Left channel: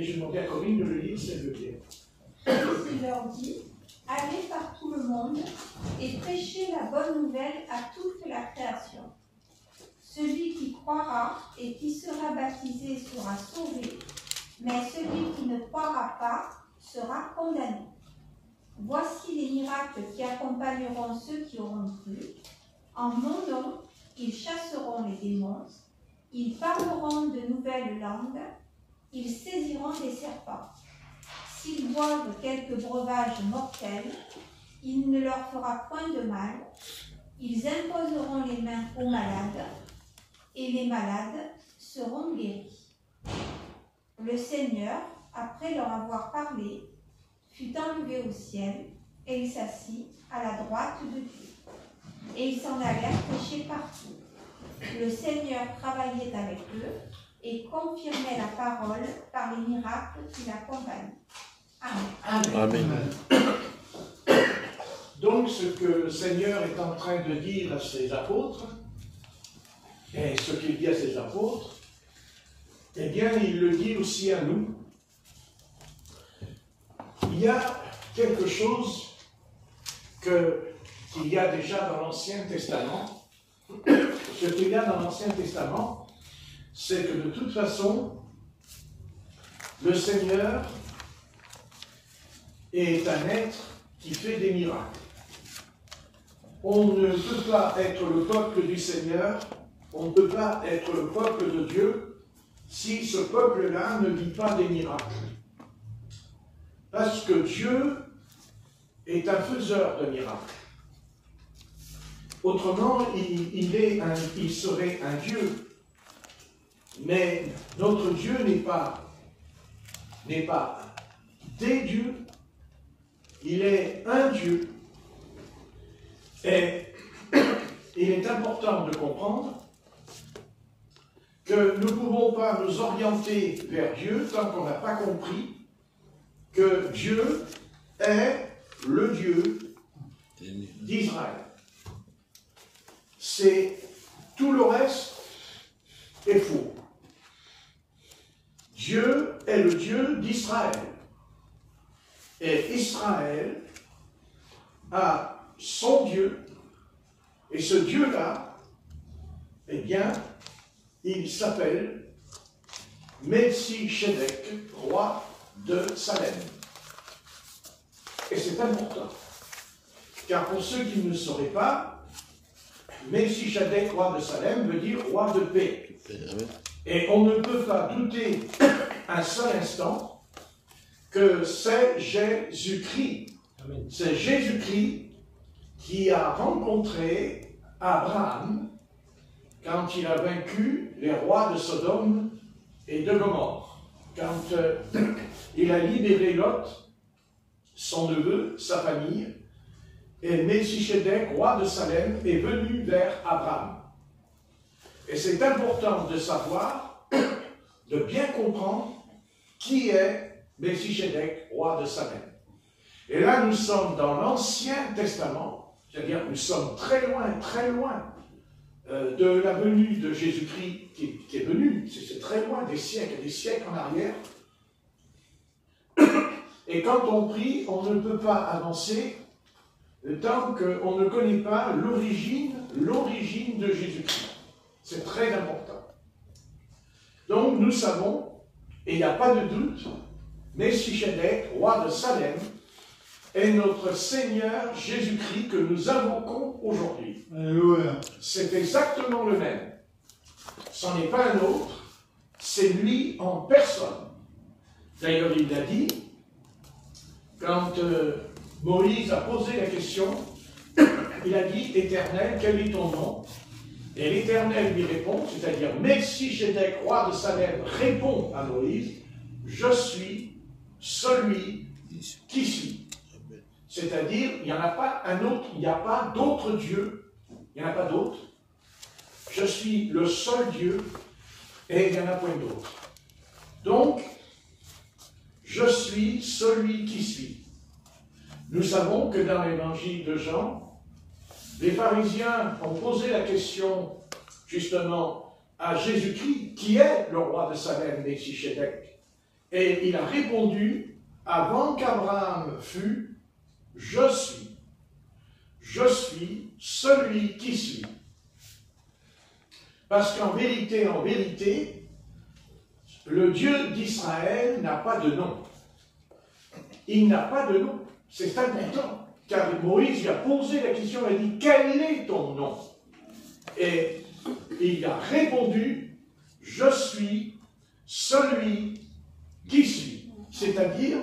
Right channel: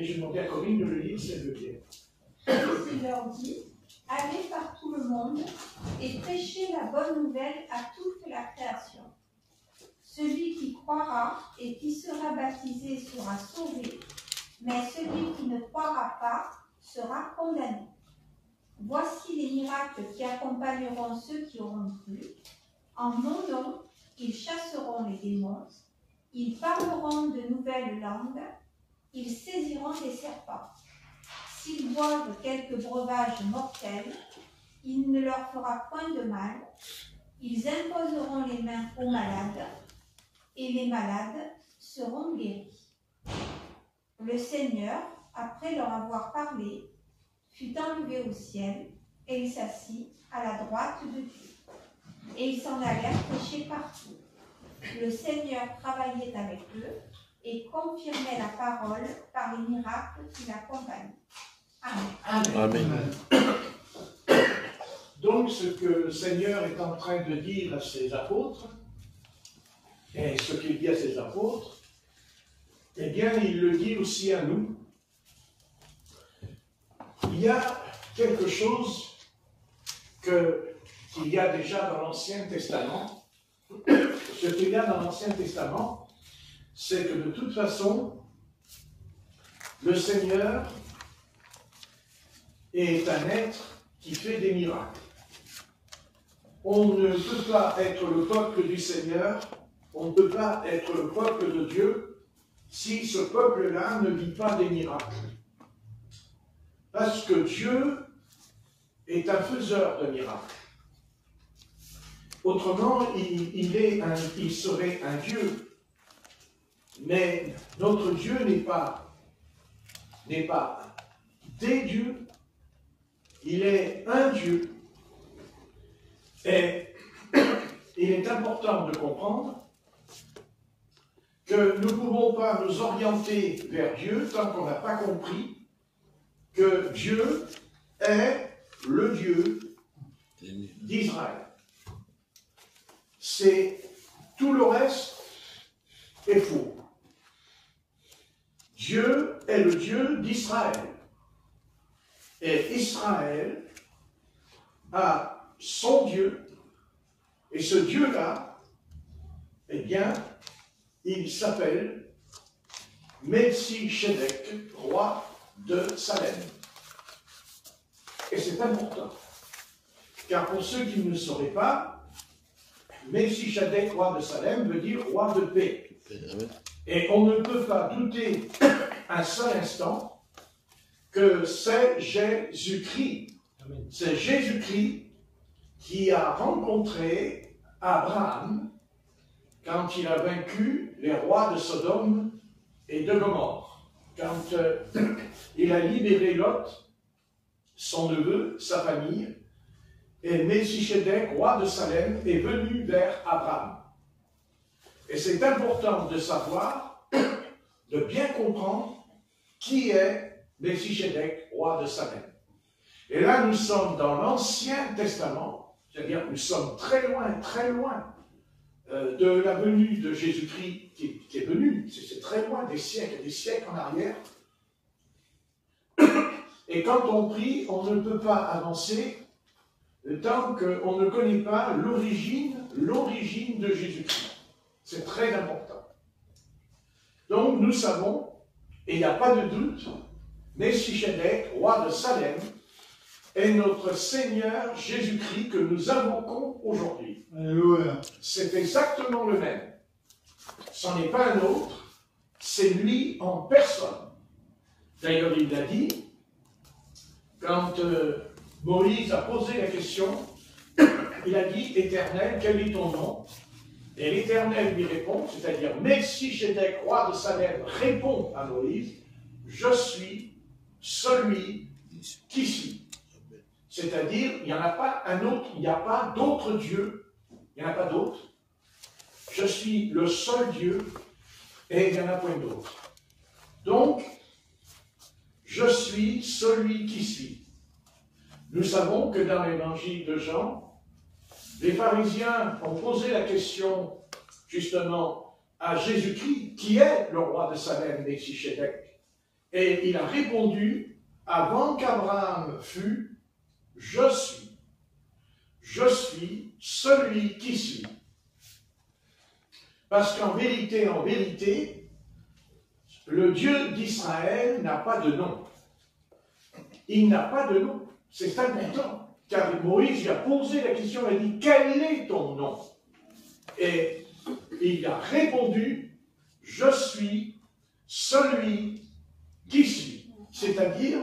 Et je demandais à Corinne de le lire, si elle veut bien. Il leur dit, allez par tout le monde et prêchez la bonne nouvelle à toute la création. Celui qui croira et qui sera baptisé sera sauvé, mais celui qui ne croira pas sera condamné. Voici les miracles qui accompagneront ceux qui auront cru. En mon nom, ils chasseront les démons, ils parleront de nouvelles langues, ils saisiront des serpents. S'ils boivent quelques breuvages mortels, il ne leur fera point de mal. Ils imposeront les mains aux malades, et les malades seront guéris. Le Seigneur, après leur avoir parlé, fut enlevé au ciel, et il s'assit à la droite de Dieu. Et ils s'en allèrent prêcher partout. Le Seigneur travaillait avec eux et confirmait la parole par les miracles qui l'accompagnaient. Amen. Amen. Donc, ce que le Seigneur est en train de dire à ses apôtres, et ce qu'il dit à ses apôtres, eh bien, il le dit aussi à nous. Il y a quelque chose qu'il y a déjà dans l'Ancien Testament. Ce qu'il y a dans l'Ancien Testament, c'est que de toute façon, le Seigneur est un être qui fait des miracles. On ne peut pas être le peuple du Seigneur, on ne peut pas être le peuple de Dieu si ce peuple-là ne vit pas des miracles. Parce que Dieu est un faiseur de miracles. Autrement, il serait un Dieu. Mais notre Dieu n'est pas des dieux, il est un Dieu. Et il est important de comprendre que nous ne pouvons pas nous orienter vers Dieu tant qu'on n'a pas compris que Dieu est le Dieu d'Israël. Tout le reste est faux. Dieu est le Dieu d'Israël. Et Israël a son Dieu. Et ce Dieu-là, eh bien, il s'appelle Melchisedec, roi de Salem. Et c'est important. Car pour ceux qui ne le sauraient pas, Melchisedec, roi de Salem, veut dire roi de paix. Et on ne peut pas douter un seul instant que c'est Jésus-Christ. C'est Jésus-Christ qui a rencontré Abraham quand il a vaincu les rois de Sodome et de Gomorrhe. Quand il a libéré Lot, son neveu, sa famille, et Melchisedec, roi de Salem, est venu vers Abraham. Et c'est important de savoir, de bien comprendre qui est Melchisedec, roi de Salem. Et là, nous sommes dans l'Ancien Testament, c'est-à-dire que nous sommes très loin de la venue de Jésus-Christ qui est venu, c'est très loin, des siècles et des siècles en arrière. Et quand on prie, on ne peut pas avancer tant qu'on ne connaît pas l'origine de Jésus-Christ. C'est très important. Donc nous savons, et il n'y a pas de doute, Melchisedec, roi de Salem, est notre Seigneur Jésus-Christ que nous invoquons aujourd'hui. C'est exactement le même. Ce n'est pas un autre, c'est lui en personne. D'ailleurs, il l'a dit, quand Moïse a posé la question, il a dit, Éternel, quel est ton nom? Et l'Éternel lui répond, c'est-à-dire Melchisedec, roi de Salem, répond à Moïse, je suis celui qui suis. C'est-à-dire, il n'y en a pas un autre, il n'y a pas d'autre Dieu, il n'y en a pas d'autre. Je suis le seul Dieu et il n'y en a point d'autre. Donc, je suis celui qui suis. Nous savons que dans l'évangile de Jean, les pharisiens ont posé la question justement à Jésus-Christ, qui est le roi de Salem, Melchisedec. Et il a répondu, avant qu'Abraham fût, je suis. Je suis celui qui suis. Parce qu'en vérité, le Dieu d'Israël n'a pas de nom. Il n'a pas de nom. C'est important. Car Moïse lui a posé la question, il a dit, quel est ton nom? Et il a répondu, je suis celui qui suis. C'est-à-dire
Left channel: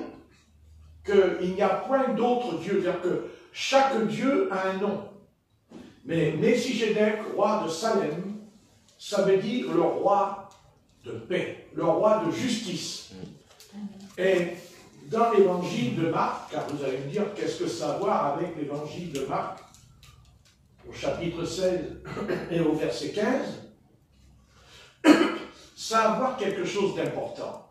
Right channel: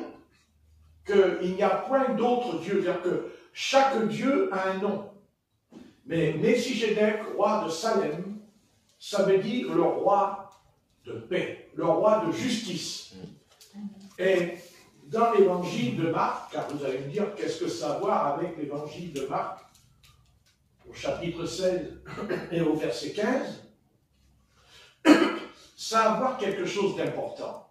qu'il n'y a point d'autre Dieu. C'est-à-dire que chaque Dieu a un nom. Mais Melchisedec, roi de Salem, ça veut dire le roi de paix, le roi de justice. Et dans l'évangile de Marc, car vous allez me dire qu'est-ce que ça a à voir avec l'évangile de Marc, au chapitre 16 et au verset 15, ça a à voir quelque chose d'important.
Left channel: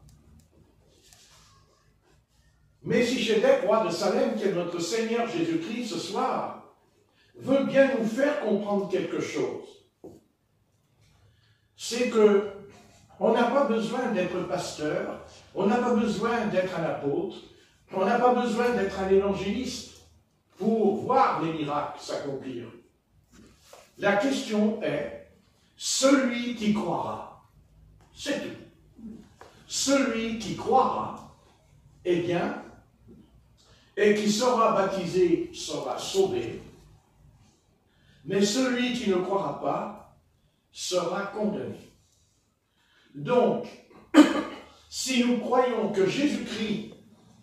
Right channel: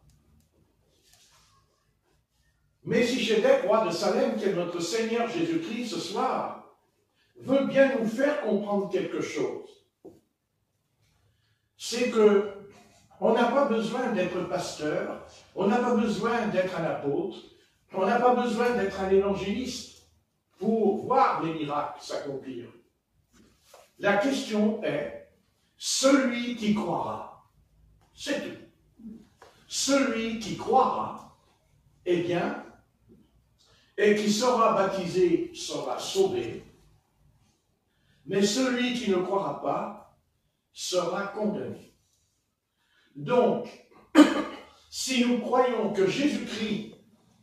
Melchisedec, roi de Salem, qui est notre Seigneur Jésus-Christ ce soir, veut bien nous faire comprendre quelque chose. C'est que on n'a pas besoin d'être pasteur, on n'a pas besoin d'être un apôtre, on n'a pas besoin d'être un évangéliste pour voir les miracles s'accomplir. La question est, celui qui croira, c'est tout. Celui qui croira, eh bien, et qui sera baptisé sera sauvé, mais celui qui ne croira pas sera condamné. Donc, si nous croyons que Jésus-Christ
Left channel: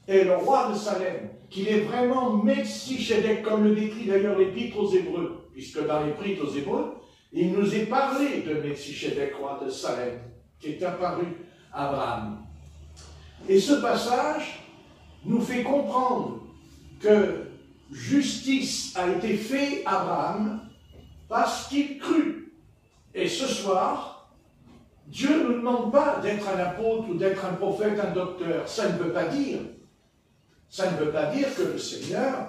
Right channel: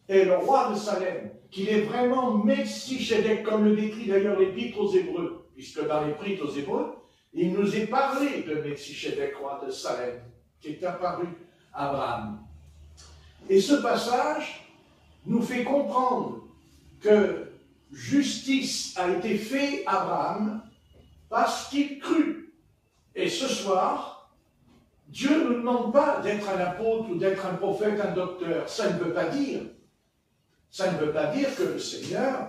est le roi de Salem, qu'il est vraiment Melchisedec, comme le décrit d'ailleurs l'Épître aux Hébreux, puisque dans l'Épître aux Hébreux, il nous est parlé de Melchisedec, roi de Salem, qui est apparu à Abraham. Et ce passage nous fait comprendre que justice a été faite à Abraham parce qu'il crut. Et ce soir, Dieu ne nous demande pas d'être un apôtre ou d'être un prophète, un docteur. Ça ne veut pas dire que le Seigneur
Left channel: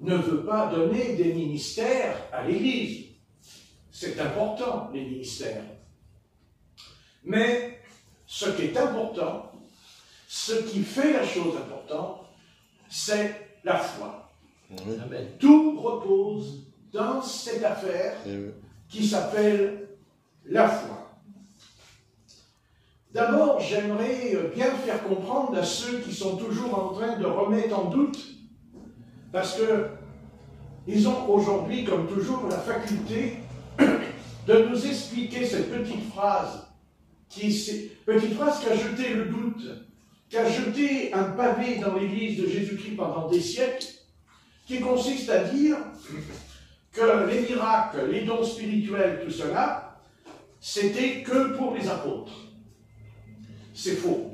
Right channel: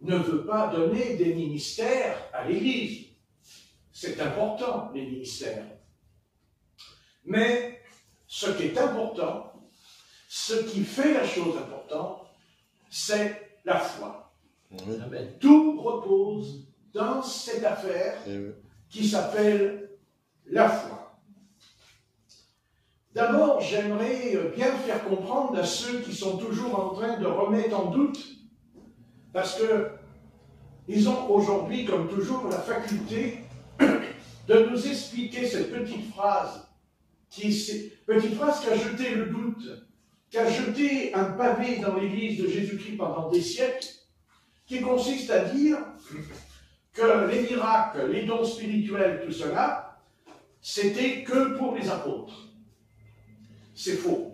ne veut pas donner des ministères à l'Église. C'est important, les ministères. Mais ce qui est important, ce qui fait la chose importante, c'est la foi. Amen. Tout repose dans cette affaire qui s'appelle la foi. D'abord, j'aimerais bien faire comprendre à ceux qui sont toujours en train de remettre en doute, parce qu'ils ont aujourd'hui, comme toujours, la faculté de nous expliquer cette petite phrase qui a jeté le doute, qui a jeté un pavé dans l'Église de Jésus-Christ pendant des siècles, qui consiste à dire que les miracles, les dons spirituels, tout cela, c'était que pour les apôtres. C'est faux.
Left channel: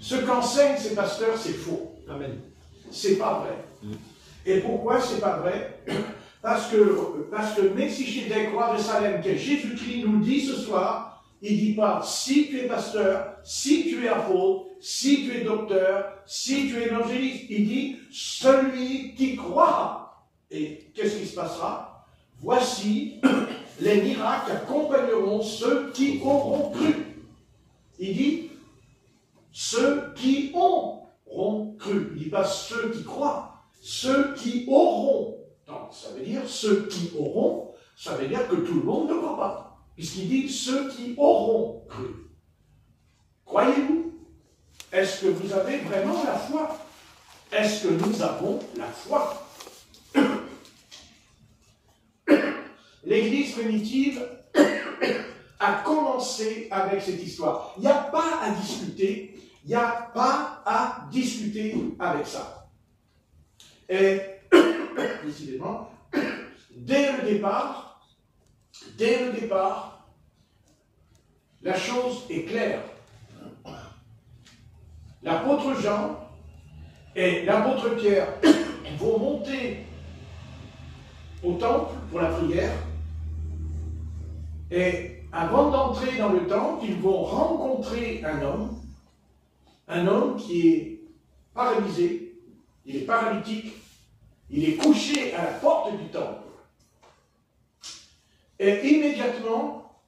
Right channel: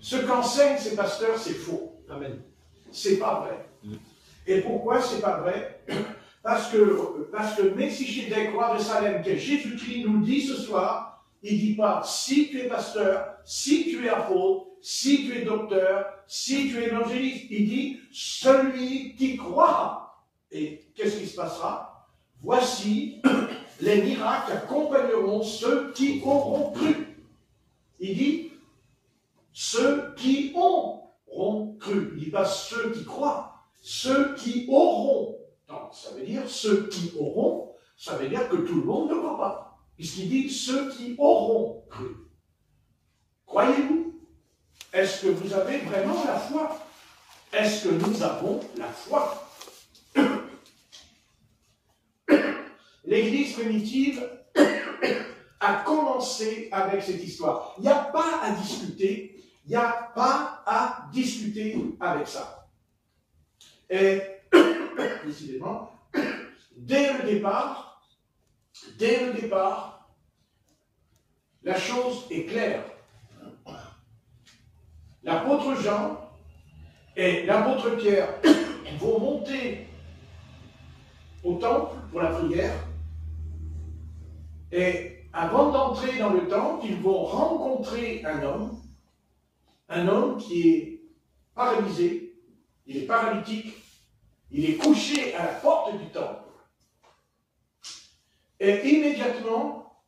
Ce qu'enseignent ces pasteurs, c'est faux. Amen. C'est pas vrai. Et pourquoi c'est pas vrai? Parce que Melchisedec, roi de Salem, que Jésus-Christ nous dit ce soir, il ne dit pas si tu es pasteur, si tu es apôtre, si tu es docteur, si tu es évangéliste. Il dit celui qui croira. Et qu'est-ce qui se passera? Voici les miracles accompagneront ceux qui auront cru. Il dit ceux qui auront cru. Il ne dit pas ceux qui croient, ceux qui auront. Donc, ça veut dire ceux qui auront, ça veut dire que tout le monde ne croit pas. Puisqu'il dit ceux qui auront cru. Croyez-vous? Est-ce que vous avez vraiment la foi? Est-ce que nous avons la foi? L'Église primitive a commencé avec cette histoire. Il n'y a pas à discuter, il n'y a pas à discuter avec ça. Et, décidément, dès le départ, la chose est claire. L'apôtre Jean et l'apôtre Pierre vont monter au temple pour la prière. Et avant d'entrer dans le temple, ils vont rencontrer un homme qui est paralysé, il est paralytique, il est couché à la porte du temple. Et immédiatement,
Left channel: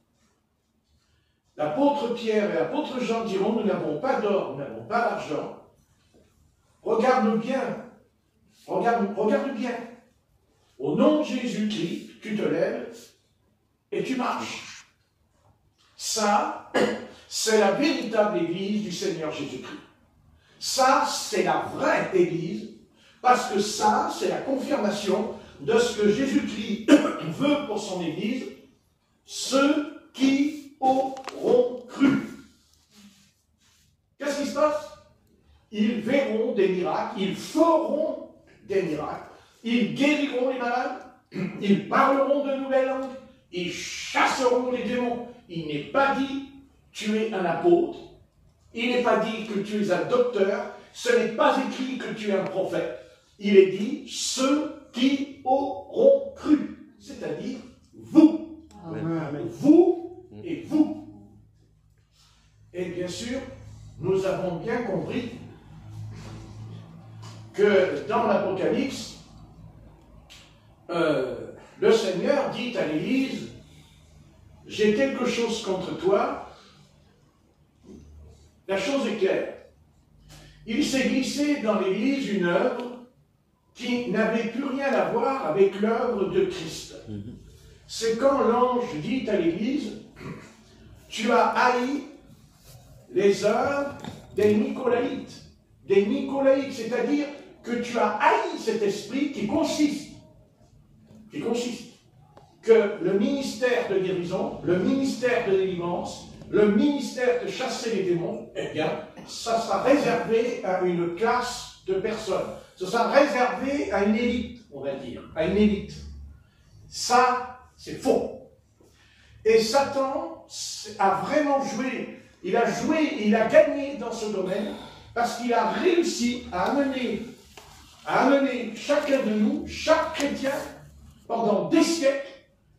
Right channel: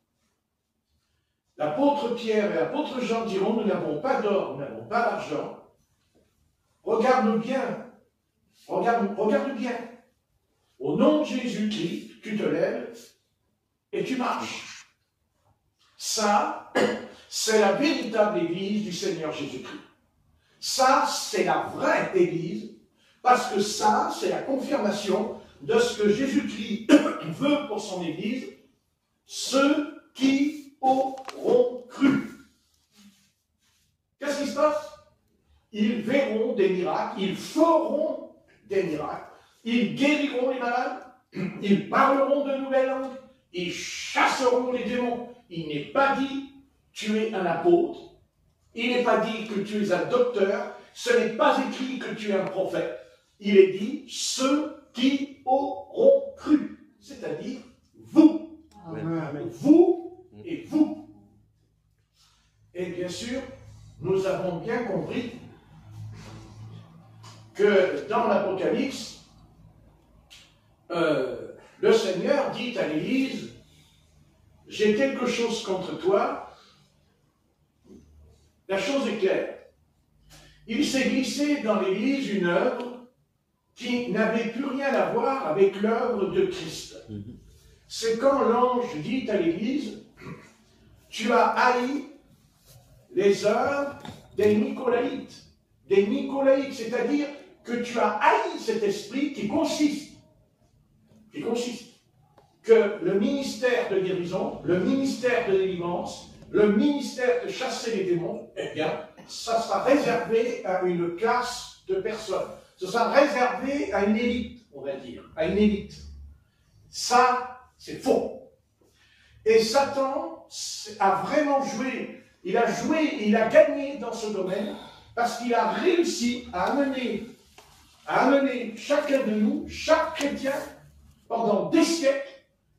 l'apôtre Pierre et l'apôtre Jean diront, nous n'avons pas d'or, nous n'avons pas d'argent. Regarde bien, regarde bien. Au nom de Jésus-Christ, tu te lèves et tu marches. Ça, c'est la véritable Église du Seigneur Jésus-Christ. Ça, c'est la vraie Église, parce que ça, c'est la confirmation de ce que Jésus-Christ veut pour son Église, ceux qui auront cru. Qu'est-ce qui se passe? Ils verront des miracles, ils feront des miracles, ils guériront les malades, ils parleront de nouvelles langues, ils chasseront les démons. Il n'est pas dit tu es un apôtre, il n'est pas dit que tu es un docteur, ce n'est pas écrit que tu es un prophète. Il est dit ceux qui auront cru, c'est-à-dire vous. Amen. Vous et vous. Et bien sûr, nous avons bien compris que dans l'Apocalypse, le Seigneur dit à l'Église, j'ai quelque chose contre toi. La chose est claire. Il s'est glissé dans l'Église une œuvre qui n'avait plus rien à voir avec l'œuvre de Christ. C'est quand l'ange dit à l'Église, tu as haï les œuvres des Nicolaïtes. Des Nicolaïtes, c'est-à-dire que tu as haï cet esprit qui consiste que le ministère de guérison, le ministère de délivrance, le ministère de chasser les démons, eh bien, ça sera réservé à une classe de personnes. Ce sera réservé à une élite, on va dire, à une élite. Ça, c'est faux. Et Satan a vraiment joué, il a gagné dans ce domaine, parce qu'il a réussi à amener chacun de nous, chaque chrétien, pendant des siècles,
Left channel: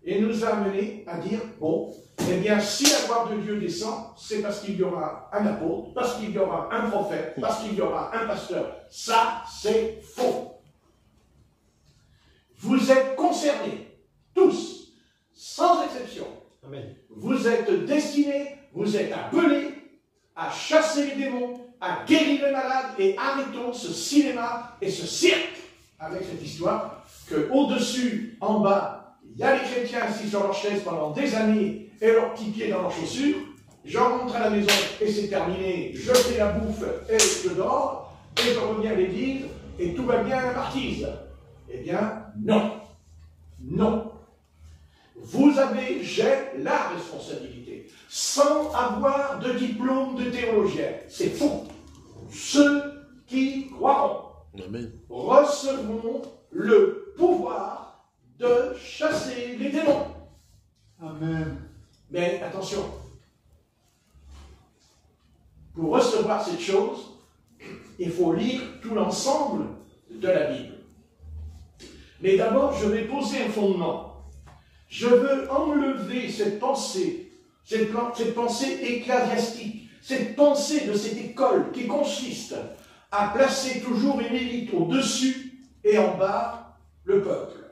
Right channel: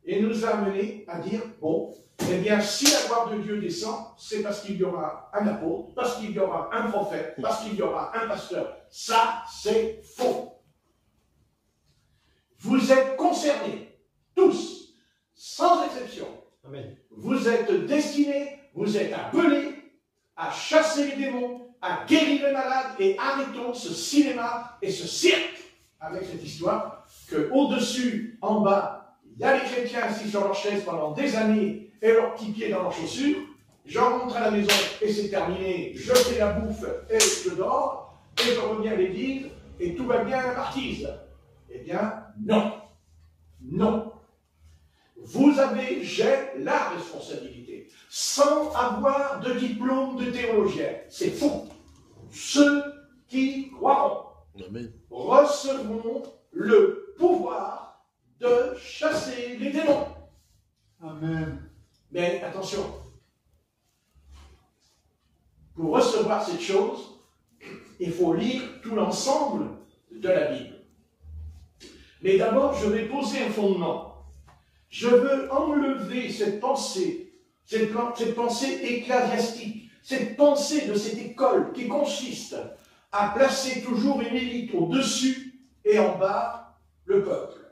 et nous a amené à dire, bon, eh bien, si la gloire de Dieu descend, c'est parce qu'il y aura un apôtre, parce qu'il y aura un prophète, parce qu'il y aura un pasteur. Ça, c'est faux. Vous êtes concernés, tous, sans exception. Amen. Vous êtes destinés, vous êtes appelés à chasser les démons, à guérir les malades, et arrêtons ce cinéma et ce cirque avec cette histoire que au-dessus, en bas, il y a les chrétiens assis sur leur chaise pendant des années et leurs petits pieds dans leurs chaussures. J'en rentre à la maison et c'est terminé. Je fais la bouffe et je dors et je reviens à l'église et tout va bien à la marquise. Eh bien, non. Non. J'ai la responsabilité, sans avoir de diplôme de théologien. C'est faux. Ceux qui croiront recevront le pouvoir de chasser les démons. Amen. Mais attention, pour recevoir cette chose, il faut lire tout l'ensemble de la Bible. Mais d'abord, je vais poser un fondement. Je veux enlever cette pensée ecclésiastique, cette pensée de cette école qui consiste à placer toujours une élite au-dessus et en bas le peuple.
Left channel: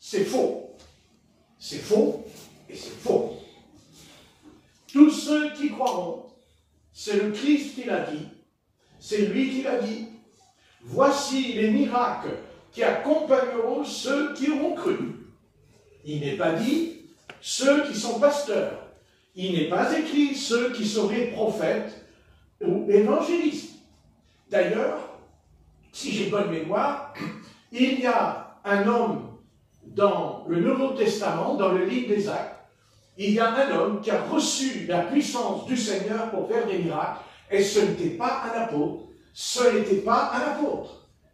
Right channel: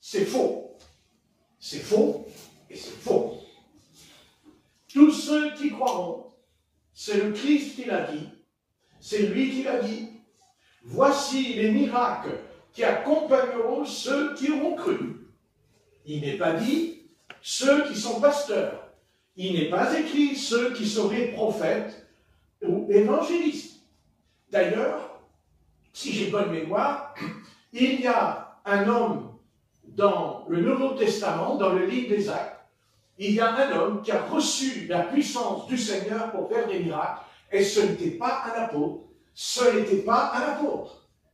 C'est faux. C'est faux et c'est faux. Tous ceux qui croiront, c'est le Christ qui l'a dit, c'est lui qui l'a dit. Voici les miracles qui accompagneront ceux qui auront cru. Il n'est pas dit ceux qui sont pasteurs. Il n'est pas écrit ceux qui seraient prophètes ou évangélistes. D'ailleurs, si j'ai bonne mémoire, il y a un homme dans le Nouveau Testament, dans le livre des Actes, il y a un homme qui a reçu la puissance du Seigneur pour faire des miracles, et ce n'était pas un apôtre,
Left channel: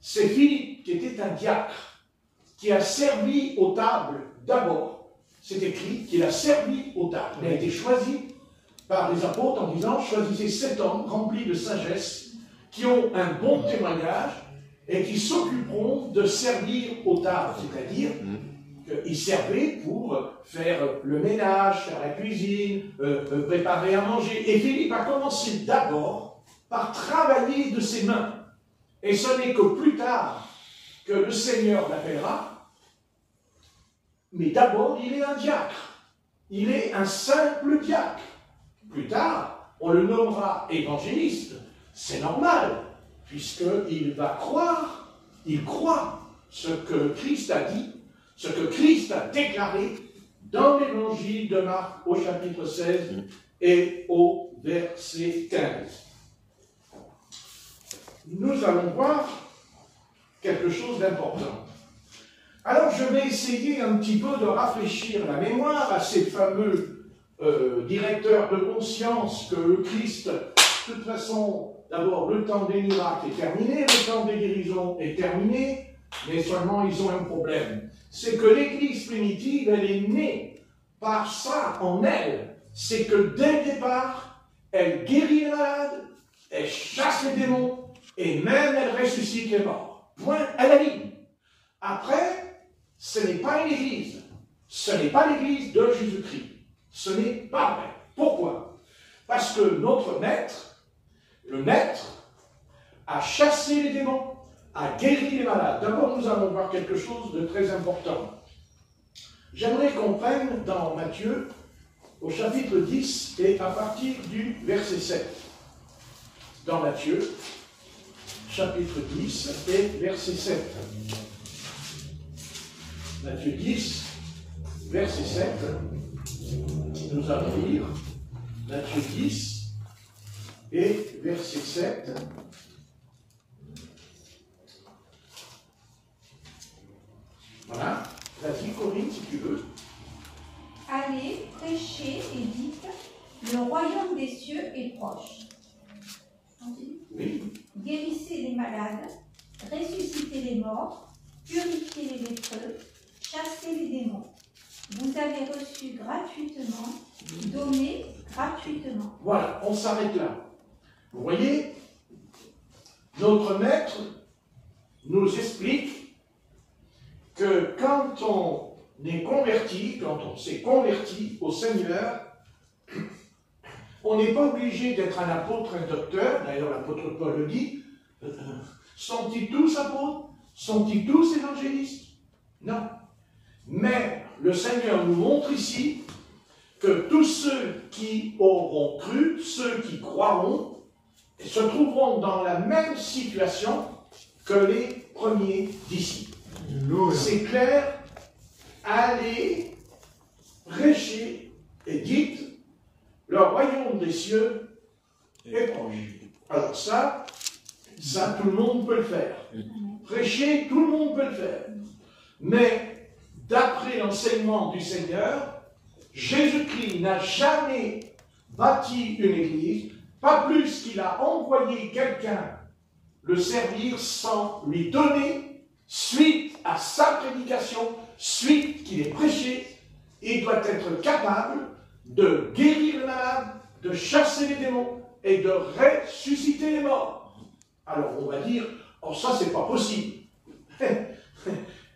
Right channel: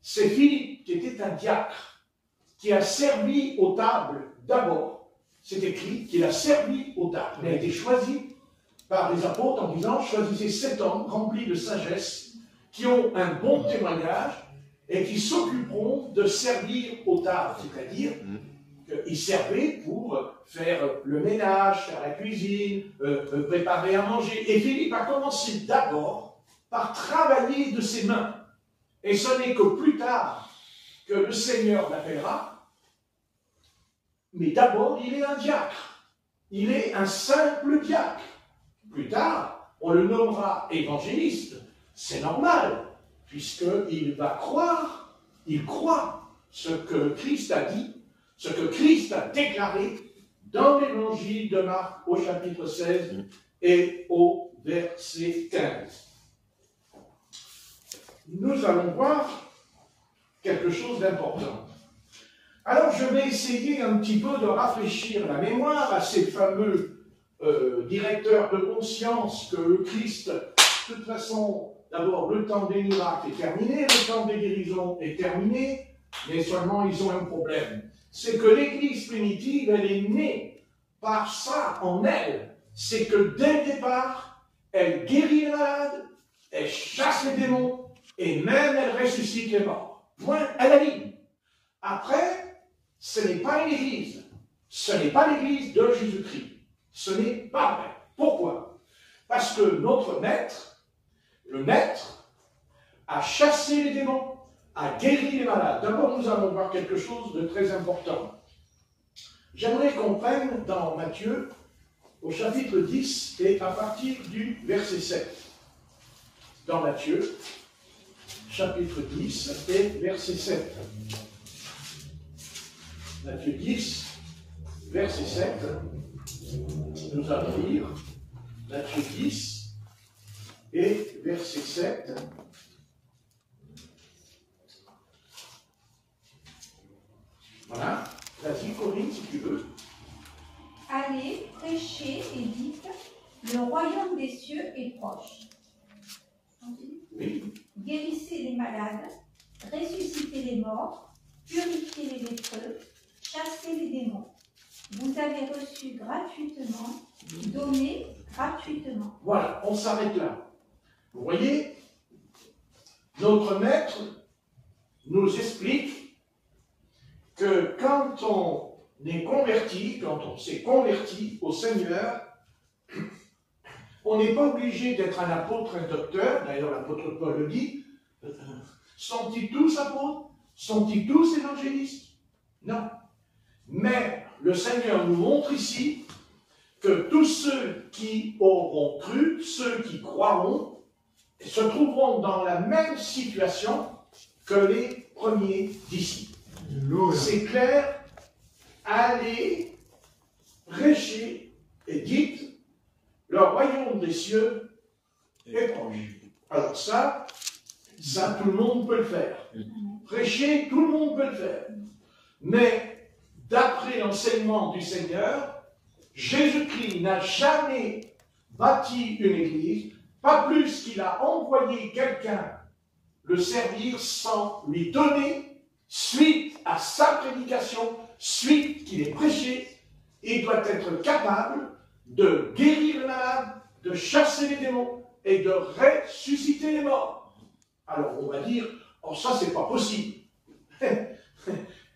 c'est Philippe qui était un diacre, qui a servi aux tables d'abord. C'est écrit qu'il a servi aux tables. Il a été choisi par les apôtres en disant, choisissez 7 hommes remplis de sagesse, qui ont un bon témoignage, et qui s'occuperont de servir aux tables, c'est-à-dire qu'ils servaient pour faire le ménage, faire la cuisine, préparer à manger. Et Philippe a commencé d'abord par travailler de ses mains. Et ce n'est que plus tard que le Seigneur l'appellera, mais d'abord il est un diacre. Il est c'est un simple diacre. Plus tard, on le nommera évangéliste. C'est normal, puisqu'il va croire, il croit ce que Christ a dit, ce que Christ a déclaré dans l'évangile de Marc au chapitre 16 et au verset 15. Nous allons voir quelque chose d'important. Alors je vais essayer un petit peu de rafraîchir la mémoire à ces fameux directeurs de conscience que le Christ, de toute façon, d'abord le temps des miracles est terminé, le temps des guérisons est terminé, mais seulement ils ont un problème. C'est que l'Église primitive, elle est née par ça en elle. C'est que dès le départ, elle guérit les malades, elle chasse les démons, et même elle ressuscite les morts. Point à la ligne. Après, ce n'est pas l'Église. Ce n'est pas l'Église de Jésus-Christ. Ce n'est pas vrai. Pourquoi? Parce que notre maître, le maître, a chassé les démons, a guéri les malades. D'abord, nous allons voir quelque chose de très important. J'aimerais qu'on prenne dans Matthieu, au chapitre 10, et à partir du verset 7. Dans Matthieu, chapitre 10 et verset 7. Matthieu 10, verset 7. Nous allons lire Matthieu 10 et verset 7. Voilà. Vas-y, Corinne, si tu veux. Allez, prêchez et dites, le royaume des cieux est proche. Oui. Guérissez les malades, ressuscitez les morts, purifiez les lépreux, chassez les démons. Vous avez reçu gratuitement, donnez gratuitement. Voilà, on s'arrête là. Vous voyez, notre maître nous explique que quand on est converti, quand on s'est converti au Seigneur, on n'est pas obligé d'être un apôtre, un docteur. D'ailleurs, l'apôtre Paul le dit. Sont-ils tous apôtres? Sont-ils tous évangélistes? Non. Mais le Seigneur nous montre ici que tous ceux qui auront cru, ceux qui croiront, se trouveront dans la même situation que les premiers disciples. C'est clair. Allez, prêchez et dites, le royaume des cieux est proche. Alors ça, tout le monde peut le faire. Prêcher, tout le monde peut le faire. Mais, d'après l'enseignement du Seigneur, Jésus-Christ n'a jamais bâti une église, pas plus qu'il a envoyé quelqu'un le servir sans lui donner, suite à sa prédication, suite qu'il ait prêché, il doit être capable de guérir les malades, de chasser les démons et de ressusciter les morts. Alors on va dire, oh ça c'est pas possible.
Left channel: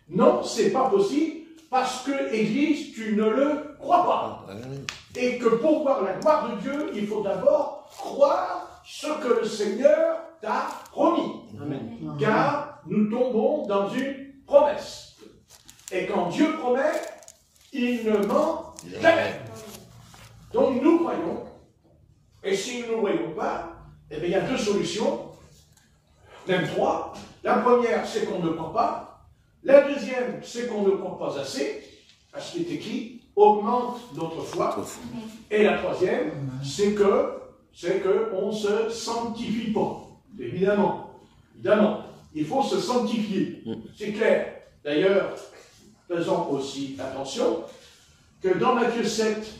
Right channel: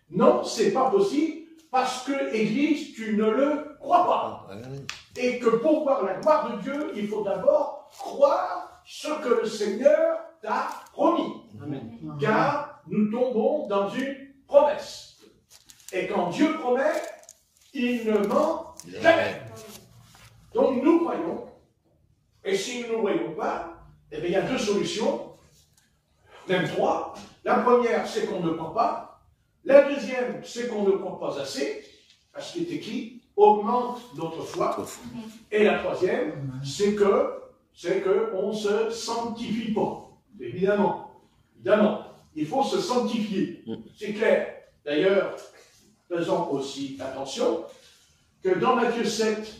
Non, c'est pas possible parce que l'Église, tu ne le crois pas. Et que pour voir la gloire de Dieu, il faut d'abord croire ce que le Seigneur t'a promis. Amen. Car nous tombons dans une promesse. Et quand Dieu promet, il ne ment jamais. Donc nous croyons, et si nous ne voyons pas, eh bien, il y a deux solutions, même trois. La première, c'est qu'on ne croit pas. La deuxième, c'est qu'on ne croit pas assez, à ce qui est écrit, augmente notre foi. Et la troisième, c'est qu'on ne se sanctifie pas. Évidemment, il faut se sanctifier. C'est clair. D'ailleurs, faisons aussi attention que dans Matthieu 7,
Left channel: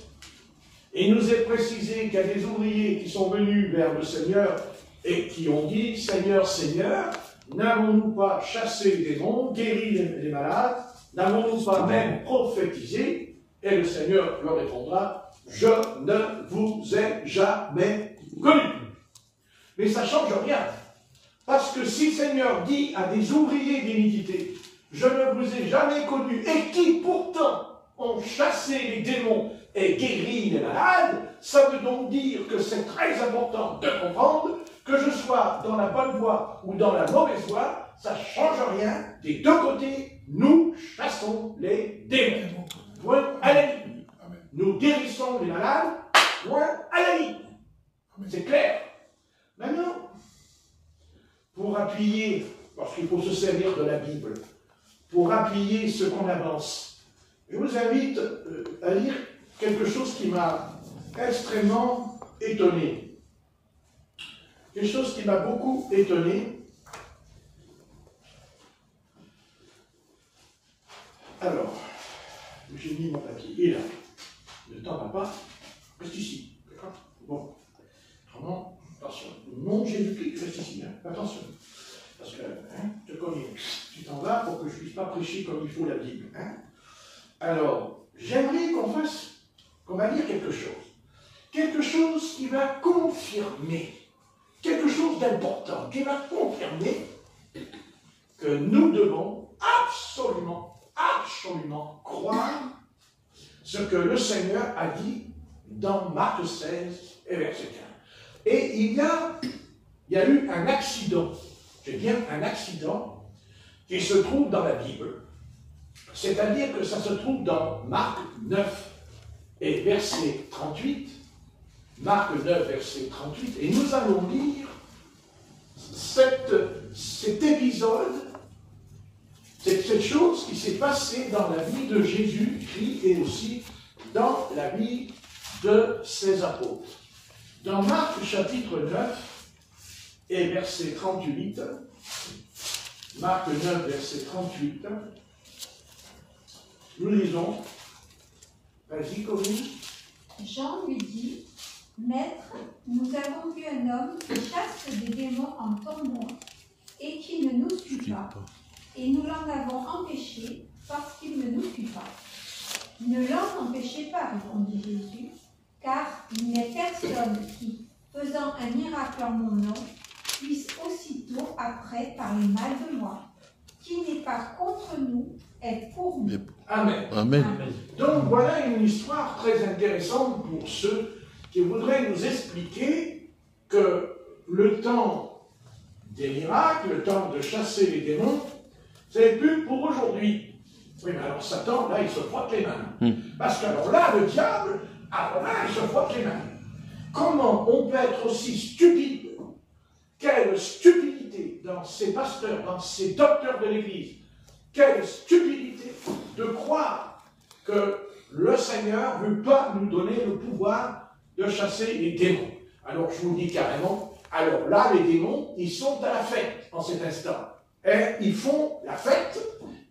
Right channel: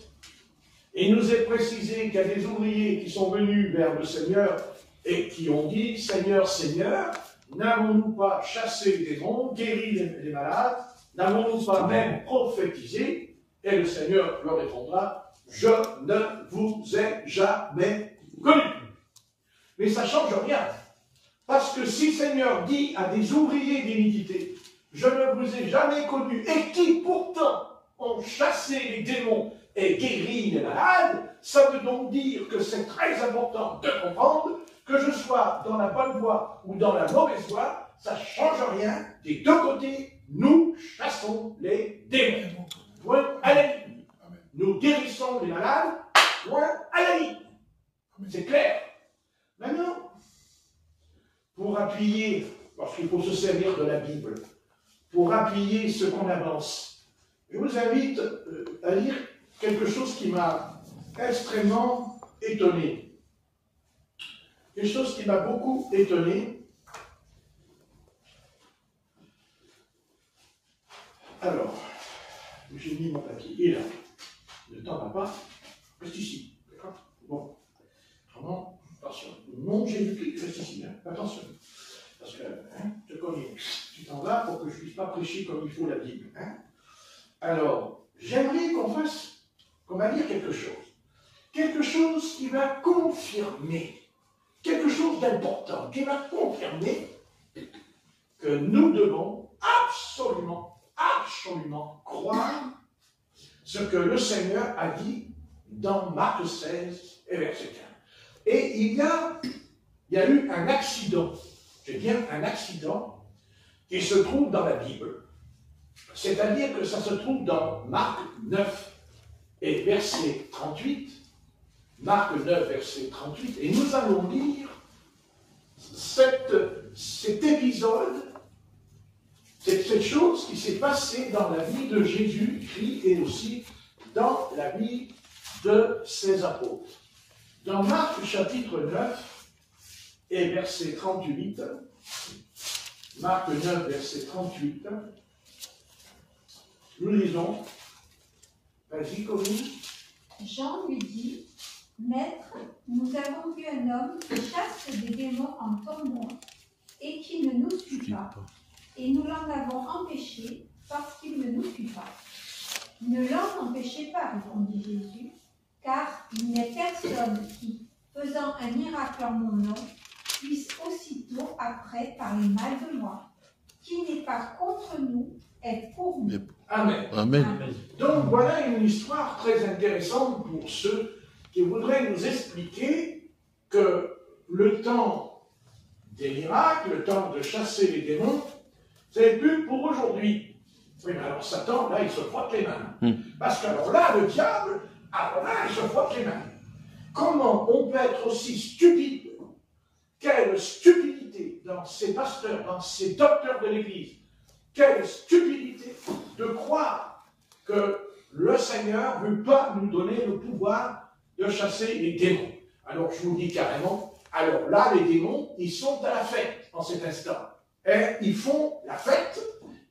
il nous est précisé qu'il y a des ouvriers qui sont venus vers le Seigneur et qui ont dit, Seigneur, Seigneur, n'avons-nous pas chassé les démons, guéri les malades, n'avons-nous pas même prophétisé? Et le Seigneur leur répondra, je ne vous ai jamais connu. Mais ça ne change rien. Parce que si le Seigneur dit à des ouvriers d'iniquité, je ne vous ai jamais connu, et qui pourtant ont chassé les démons et guéri les malades, ça veut donc dire que c'est très important de comprendre que je sois dans la bonne voie ou dans la mauvaise voie, ça ne change rien. Des deux côtés, nous chassons les démons. Point à la ligne. nous guérissons les malades, loin à la ligne. C'est clair. Maintenant, pour appuyer, parce qu'il faut se servir de la Bible, pour appuyer ce qu'on avance, je vous invite à lire quelque chose qui m'a extrêmement étonné. Quelque chose qui m'a beaucoup étonné. Alors, j'ai mis mon papier, il est là. Ne t'en va pas, reste ici. Bon, vraiment, attention. Mon Jésus-Christ, reste ici, hein. Attention. Parce que, je te connais, tu t'en vas pour que je ne puisse pas prêcher comme il faut la Bible. Hein. Alors, j'aimerais qu'on va lire quelque chose. Quelque chose qui va confirmer, quelque chose d'important, qui va confirmer que nous devons absolument croire ce que le Seigneur a dit dans Marc 16 et verset 15. Et il y a eu un accident, c'est bien un accident, qui se trouve dans la Bible. C'est-à-dire que ça se trouve dans Marc 9 et verset 38. Marc 9, verset 38. Et nous allons lire cet épisode, cette chose qui s'est passée dans la vie de Jésus-Christ et aussi dans la vie de ses apôtres. Dans Marc chapitre 9 et verset 38, Marc 9, verset 38, nous lisons. Vas-y, Corinne. Jean lui dit, Maître, nous avons vu un homme qui chasse des démons en ton nom et qui ne nous suit pas. Et nous l'en avons empêché parce qu'il ne nous suit pas. Ne l'en empêchez pas, répondit Jésus, car il n'est personne qui, faisant un miracle en mon nom, puisse aussitôt après parler mal de moi. Qui n'est pas contre nous est pour nous. Amen. Amen. Amen. Donc voilà une histoire très intéressante pour ceux qui voudraient nous expliquer que le temps des miracles, le temps de chasser les démons, c'est plus pour aujourd'hui. Oui, mais alors Satan, là, il se frotte les mains. Parce que alors là, le diable, alors là, il se frotte les mains. Comment on peut être aussi stupide? Quelle stupidité dans ces pasteurs, dans ces docteurs de l'Église, quelle stupidité de croire que le Seigneur ne veut pas nous donner le pouvoir de chasser les démons. Alors je vous dis carrément, alors là les démons, ils sont à la fête en cet instant. Et ils font la fête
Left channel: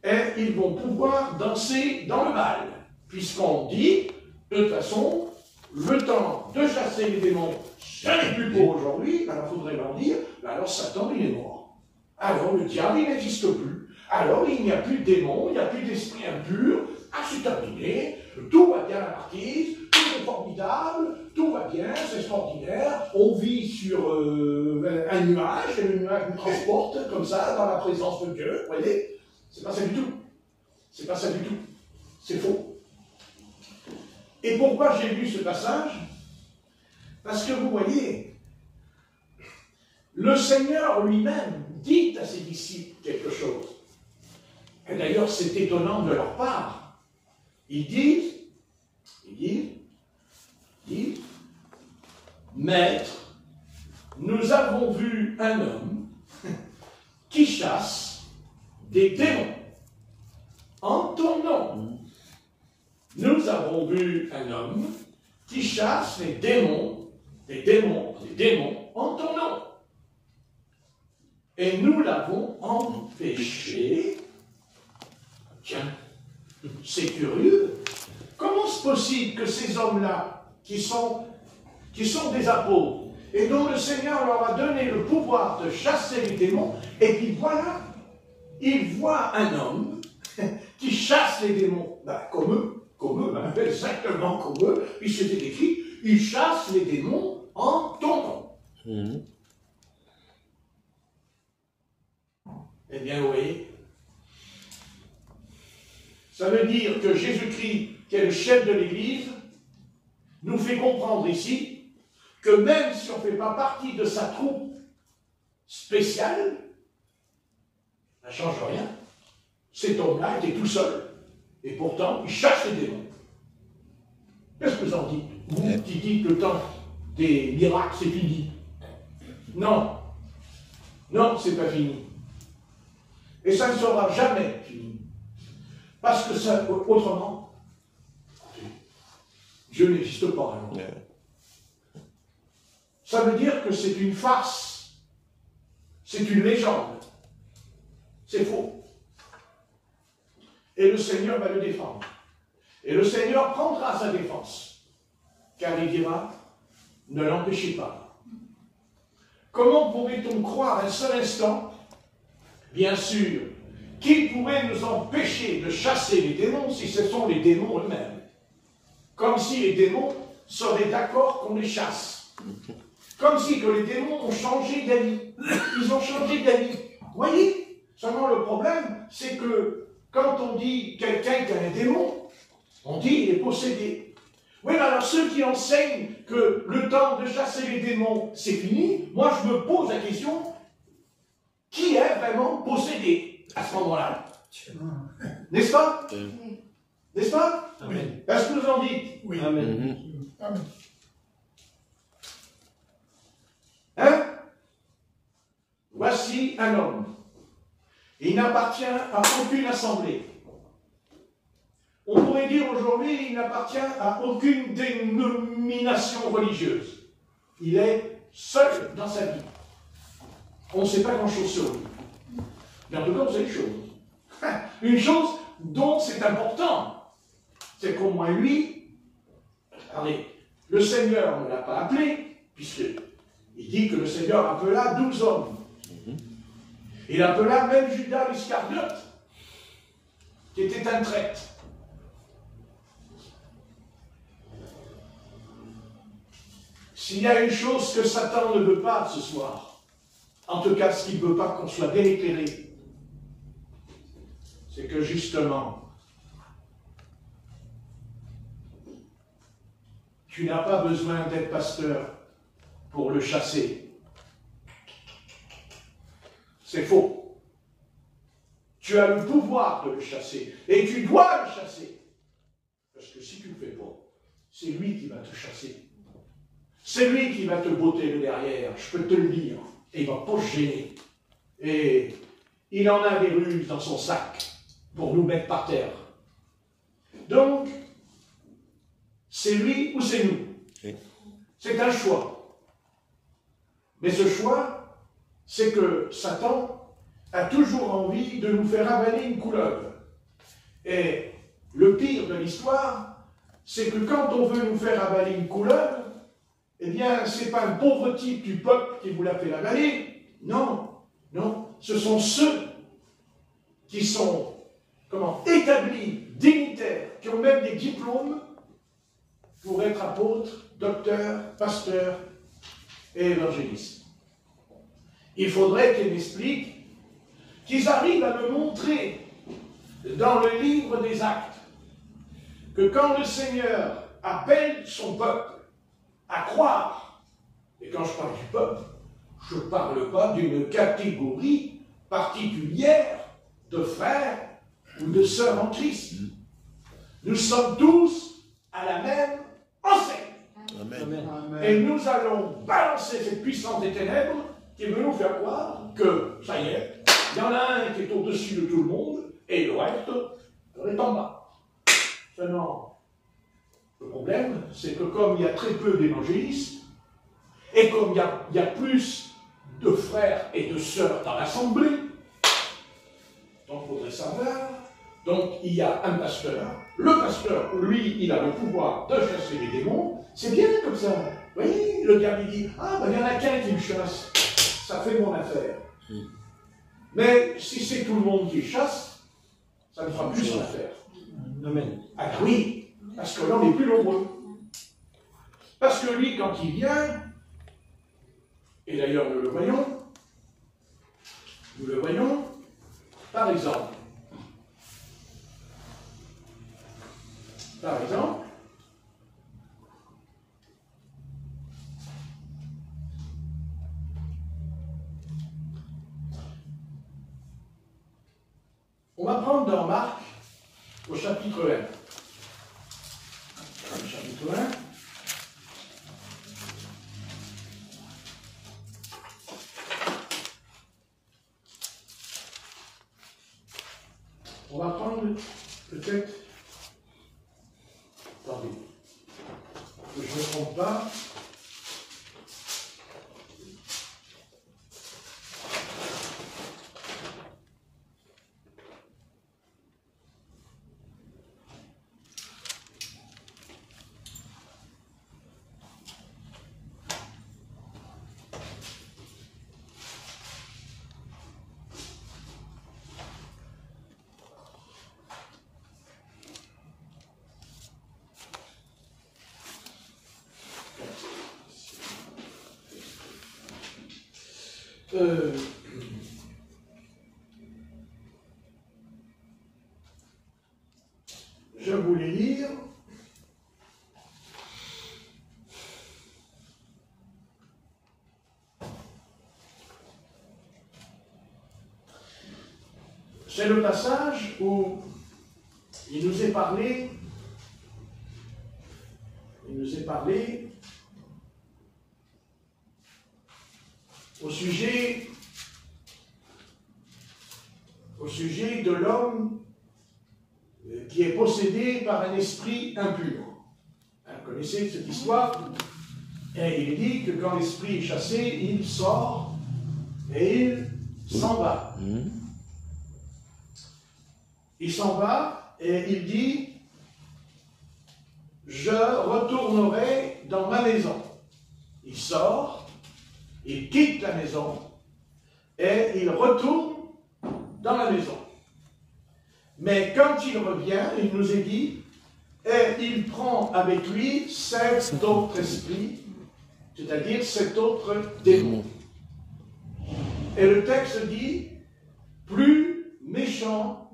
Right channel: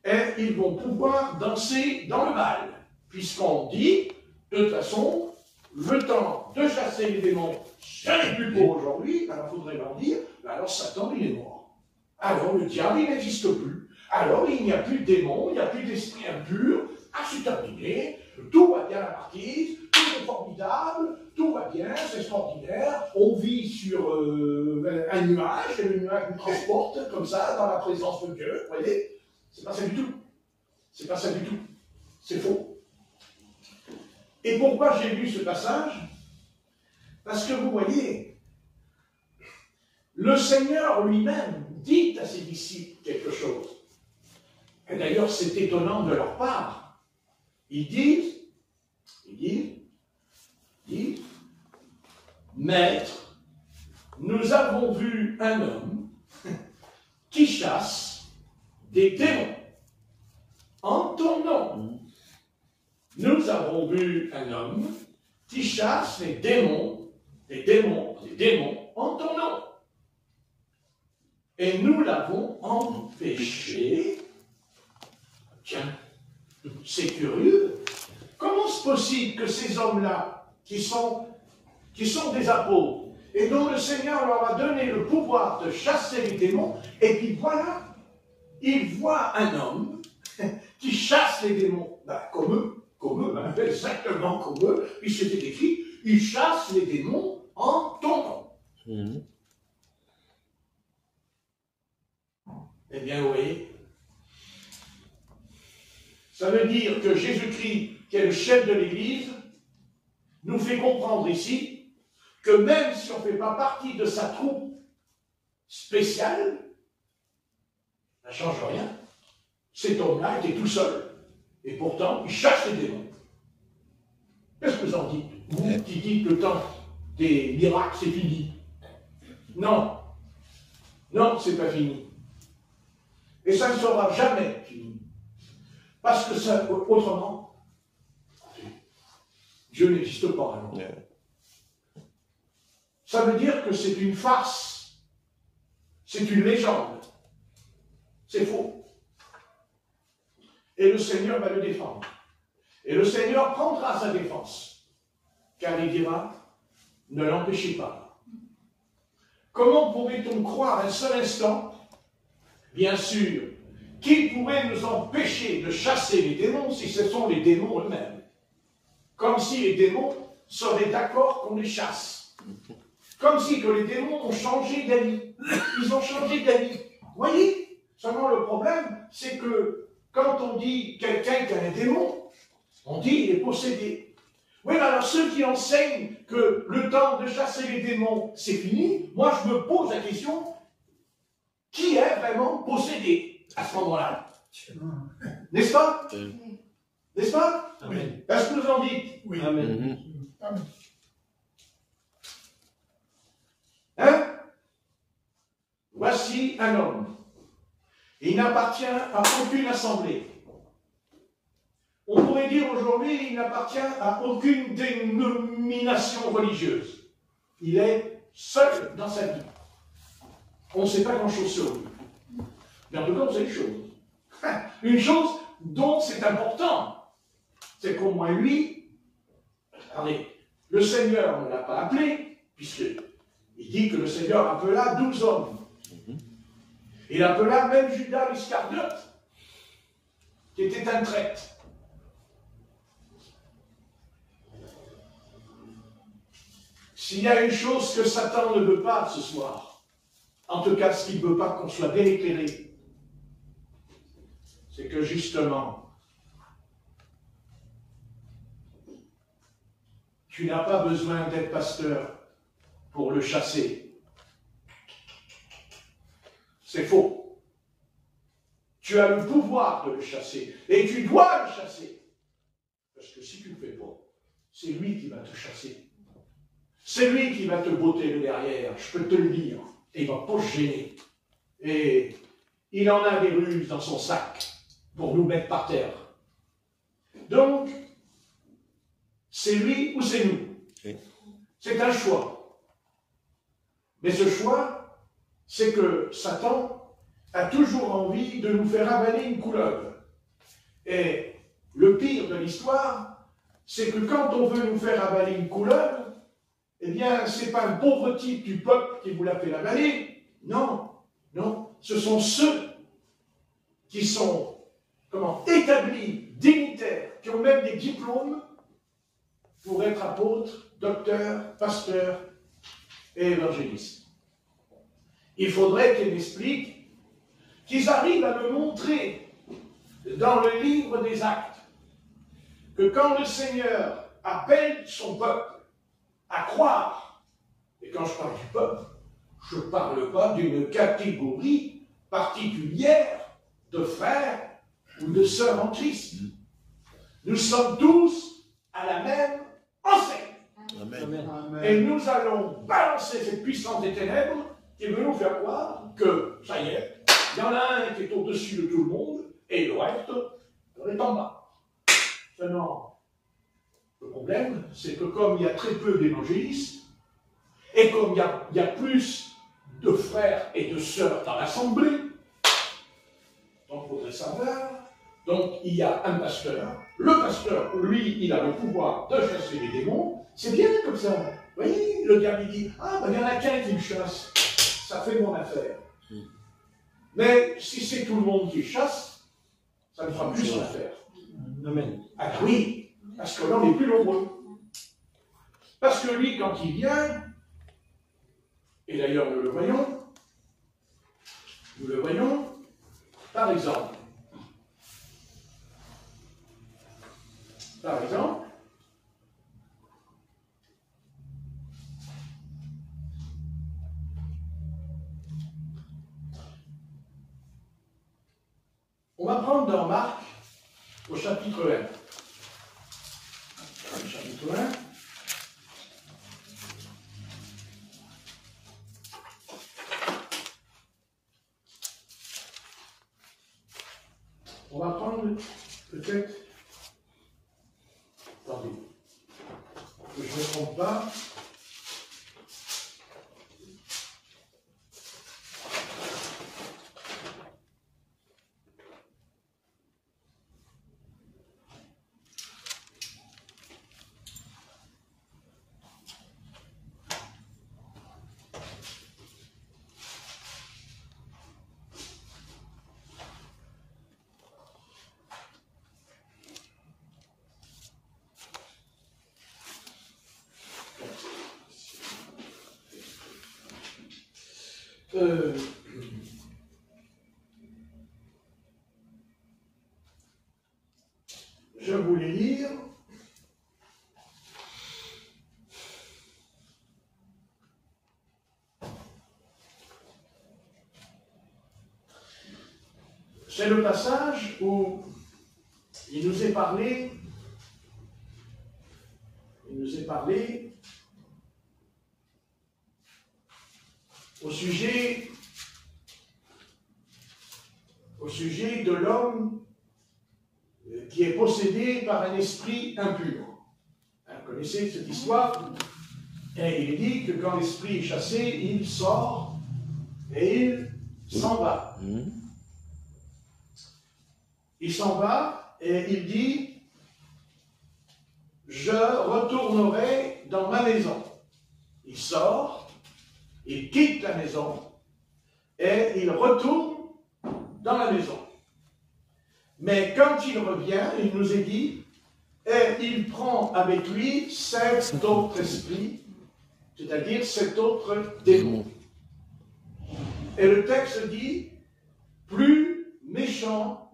et ils vont pouvoir danser dans le bal. Puisqu'on dit, de toute façon, le temps de chasser les démons, ce n'est plus pour aujourd'hui, alors il faudrait leur dire, alors Satan il est mort. Alors le diable il n'existe plus. Alors il n'y a plus de démons, il n'y a plus d'esprit impur, c'est terminé, tout va bien à la marquise, tout est formidable, tout va bien, c'est extraordinaire, on vit sur un nuage, et le nuage nous transporte comme ça dans la présence de Dieu, vous voyez, c'est pas ça du tout. C'est pas ça du tout. C'est faux. Et pourquoi j'ai lu ce passage? Parce que vous voyez, le Seigneur lui-même dit à ses disciples quelque chose. Et d'ailleurs, c'est étonnant de leur part. Ils disent, Maître, nous avons vu un homme qui chasse des démons en ton nom. Nous avons vu un homme qui chasse des démons en ton nom. Et nous l'avons empêché. Tiens, c'est curieux. Comment c'est possible que ces hommes-là, qui sont des apôtres, et dont le Seigneur leur a donné le pouvoir de chasser les démons, et puis voilà, ils voient un homme qui chasse les démons, comme eux, exactement comme eux, il s'était écrit, il chasse les démons en ton nom. Eh bien, oui. Ça veut dire que Jésus-Christ, qui est le chef de l'Église, nous fait comprendre ici que même si on ne fait pas partie de sa troupe spéciale, ça ne change rien. Cet homme-là était tout seul. Et pourtant, il chasse les démons. Qu'est-ce que vous en dites? Vous qui dites que le temps des miracles, c'est fini. Non. Non, c'est pas fini. Et ça ne sera jamais fini. Parce que ça, autrement, Dieu n'existe pas. Alors. Ça veut dire que c'est une farce. C'est une légende. C'est faux. Et le Seigneur va le défendre. Et le Seigneur prendra sa défense. Car il dira, ne l'empêchez pas. Comment pourrait-on croire un seul instant, bien sûr, qu'il pourrait nous empêcher de chasser les démons si ce sont les démons eux-mêmes? Comme si les démons seraient d'accord qu'on les chasse. Comme si que les démons ont changé d'avis. Ils ont changé d'avis. Vous voyez? Seulement le problème, c'est que quand on dit quelqu'un qui a un démon, on dit il est possédé. Oui, mais alors ceux qui enseignent que le temps de chasser les démons, c'est fini, moi je me pose la question, qui est vraiment possédé à ce moment-là? N'est-ce pas? N'est-ce pas? Amen. Est-ce que vous en dites? Oui. Amen. Amen. Hein? Voici un homme. Il n'appartient à aucune assemblée. On pourrait dire aujourd'hui, il n'appartient à aucune dénomination religieuse. Il est seul dans sa vie. On ne sait pas grand-chose sur lui. Mais en tout cas, on sait une chose. Une chose dont c'est important, c'est qu'au moins lui, allez, le Seigneur ne l'a pas appelé, puisqu'il dit que le Seigneur appela 12 hommes. Il appela même Judas l'Iscariote, qui était un traître. S'il y a une chose que Satan ne veut pas ce soir, en tout cas ce qu'il ne veut pas qu'on soit bien éclairé, c'est que justement, tu n'as pas besoin d'être pasteur pour le chasser. C'est faux. Tu as le pouvoir de le chasser. Et tu dois le chasser. Parce que si tu ne le fais pas, c'est lui qui va te chasser. C'est lui qui va te botter le derrière, je peux te le dire. Et il ne va pas se gêner. Et il en a des ruses dans son sac pour nous mettre par terre. Donc, c'est lui ou c'est nous. C'est un choix. Mais ce choix, c'est que Satan a toujours envie de nous faire avaler une couleuvre. Et le pire de l'histoire, c'est que quand on veut nous faire avaler une couleuvre, eh bien, ce n'est pas un pauvre type du peuple qui vous l'a fait avaler. Non, non, ce sont ceux qui sont, établis, dignitaires, qui ont même des diplômes pour être apôtres, docteurs, pasteurs et évangélistes. Il faudrait qu'ils m'expliquent, qu'ils arrivent à me montrer dans le livre des Actes que quand le Seigneur appelle son peuple à croire, et quand je parle du peuple, je ne parle pas d'une catégorie particulière de frères ou de sœurs en Christ. Nous sommes tous à la même enseigne. Amen. Et nous allons balancer cette puissance des ténèbres qui veut nous faire croire que, ça y est, il y en a un qui est au-dessus de tout le monde, et le reste est en bas. Seulement, le problème, c'est que comme il y a très peu d'évangélistes, et comme il y a plus de frères et de sœurs dans l'assemblée, donc il faudrait savoir, donc il y a un pasteur. Le pasteur, lui, il a le pouvoir de chasser les démons. C'est bien comme ça. Vous voyez, le gars lui dit, ah, ben il y en a qu'un qui me chasse. Ça fait mon affaire. Mais si c'est tout le monde qui chasse, ça ne fera plus son affaire. Amen. Ah ben oui, parce que là, on est plus nombreux. Parce que lui, quand il vient, et d'ailleurs nous le voyons, par exemple, on va prendre dans Marc au chapitre 1. Chapitre loin. On va prendre peut-être. Attendez. Que je ne me trompe pas. Je vais vous les lire. C'est le passage où il nous est parlé au sujet de l'homme qui est possédé par un esprit impur. Vous connaissez cette histoire? Et il est dit que quand l'esprit est chassé, il sort et il s'en va. Il s'en va et il dit: je retournerai dans ma maison. Il sort, il quitte la maison et il retourne dans la maison. Mais quand il revient, il nous est dit, et il prend avec lui 7 autres esprits, c'est-à-dire 7 autres démons. Et le texte dit, plus méchant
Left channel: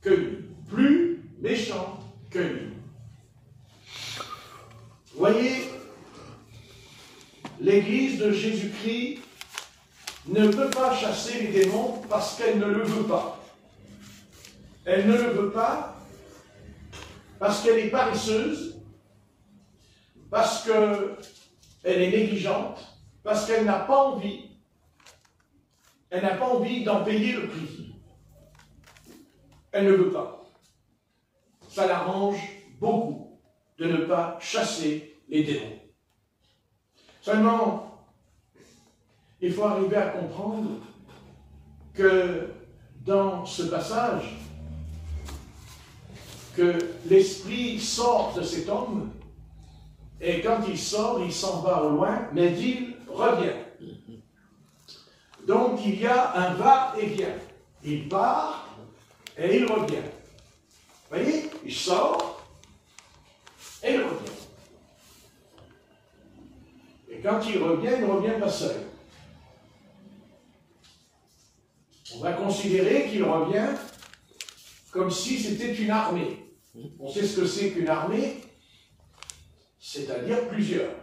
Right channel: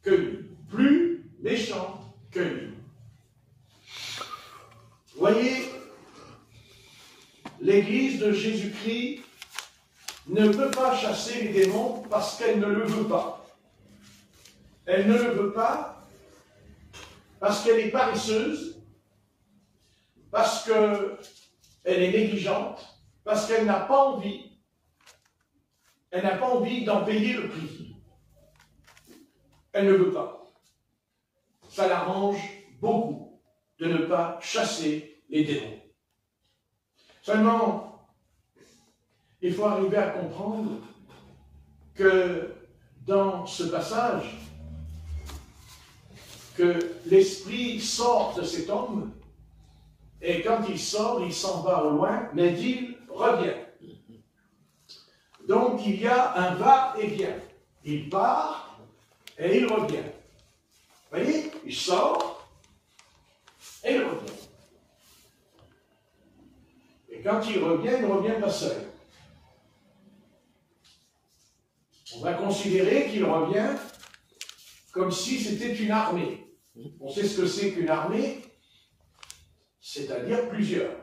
que lui. Plus méchant que lui. Voyez, l'Église de Jésus-Christ ne peut pas chasser les démons parce qu'elle ne le veut pas. Elle ne le veut pas parce qu'elle est paresseuse, parce qu'elle est négligente, parce qu'elle n'a pas envie. Elle n'a pas envie d'en payer le prix. Elle ne veut pas. Ça l'arrange beaucoup de ne pas chasser les démons. Seulement, il faut arriver à comprendre que dans ce passage, que l'esprit sort de cet homme, et quand il sort, il s'en va au loin, mais il revient. Donc il y a un va-et-vient. Il part et il revient. Vous voyez, il sort et il revient. Et quand il revient pas seul. On va considérer qu'il revient comme si c'était une armée. On sait ce que c'est qu'une armée, c'est-à-dire plusieurs.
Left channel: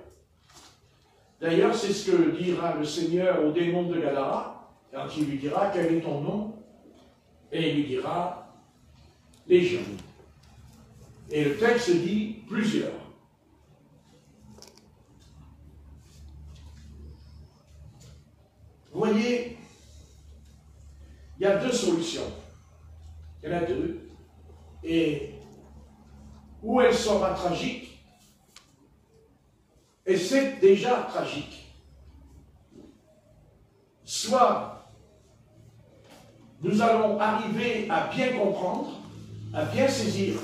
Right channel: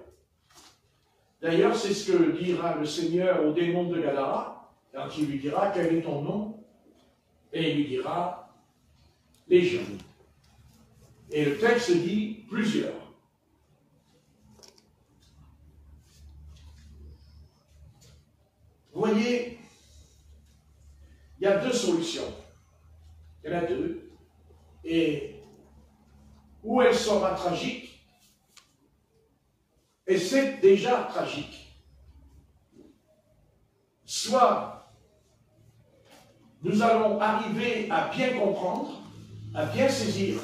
D'ailleurs, c'est ce que dira le Seigneur au démon de Gadara, quand il lui dira quel est ton nom, et il lui dira Légion. Et le texte dit plusieurs. Vous voyez, il y a 2 solutions. Il y en a 2. Et où elle sera tragique, et c'est déjà tragique. Soit nous allons arriver à bien comprendre, à bien saisir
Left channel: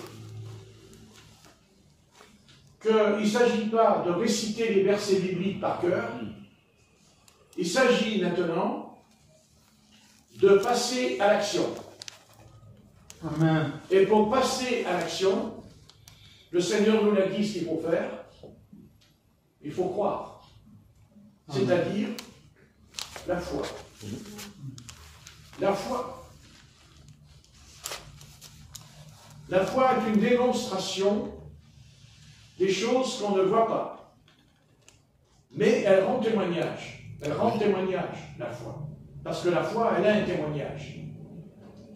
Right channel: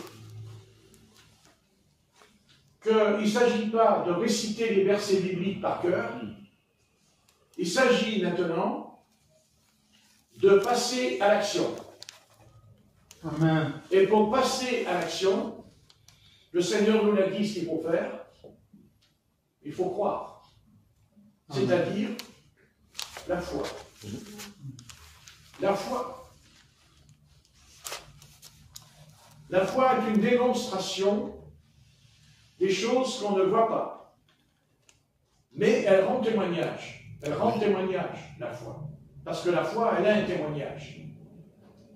qu'il ne s'agit pas de réciter les versets bibliques par cœur, il s'agit maintenant de passer à l'action. Amen. Et pour passer à l'action, le Seigneur nous l'a dit ce qu'il faut faire, il faut croire. C'est-à-dire la foi. La foi. La foi est une démonstration des choses qu'on ne voit pas. Mais elle rend témoignage. Elle rend témoignage, la foi. Parce que la foi, elle a un témoignage.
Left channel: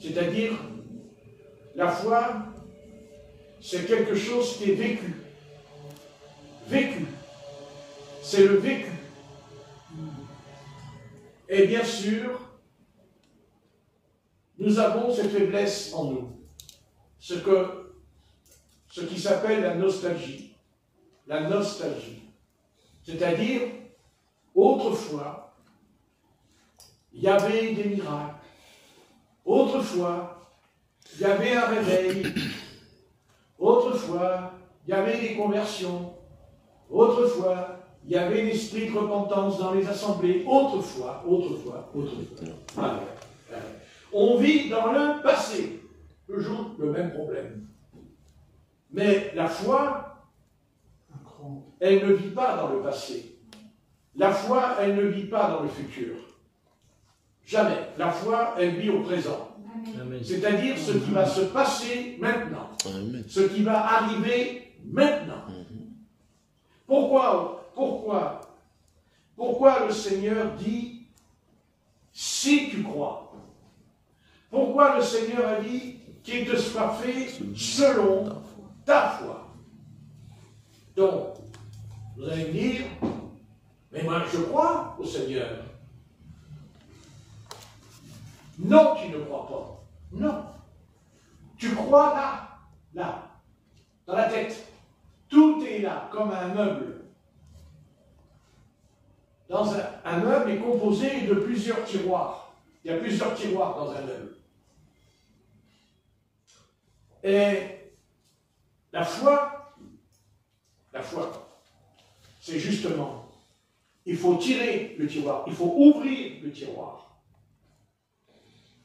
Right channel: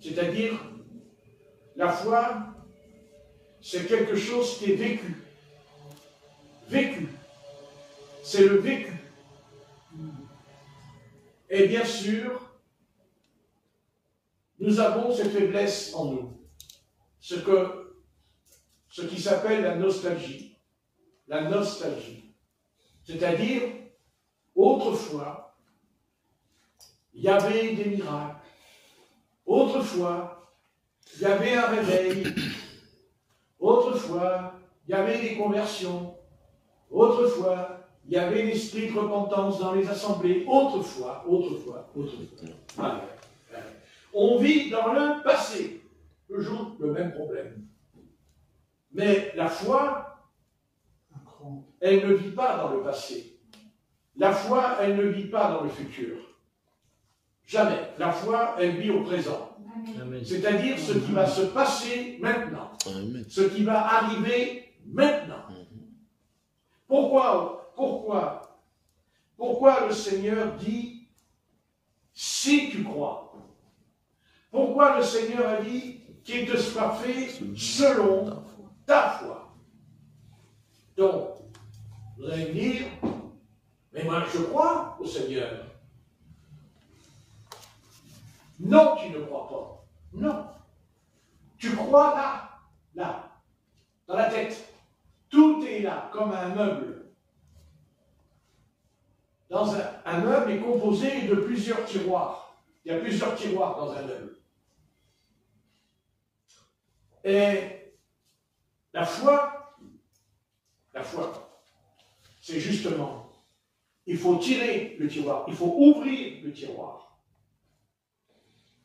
C'est-à-dire, la foi, c'est quelque chose qui est vécu. vécu. C'est le vécu. Et bien sûr, nous avons cette faiblesse en nous. Ce qui s'appelle la nostalgie. La nostalgie. C'est-à-dire, autrefois, il y avait des miracles. Autrefois, il y avait un réveil. Autrefois, il y avait des conversions. Autrefois, il y avait l'esprit de repentance dans les assemblées. Autrefois. Voilà. On vit dans le passé. Toujours le même problème. Mais la foi, elle ne vit pas dans le passé. La foi, elle ne vit pas dans le futur. Jamais. La foi, elle vit au présent. C'est-à-dire ce qui va se passer maintenant. Ce qui va arriver maintenant. Pourquoi le Seigneur dit « si tu crois ». Pourquoi le Seigneur a dit qu'il te sera fait selon ta foi. Donc, vous allez me dire, mais moi je crois au Seigneur. Non, tu ne crois pas. Non. Tu crois là, dans la tête. Tout est là, comme un meuble. Un meuble est composé de plusieurs tiroirs. Il y a plusieurs tiroirs dans un meuble. Et la foi, c'est justement, il faut tirer le tiroir, il faut ouvrir le tiroir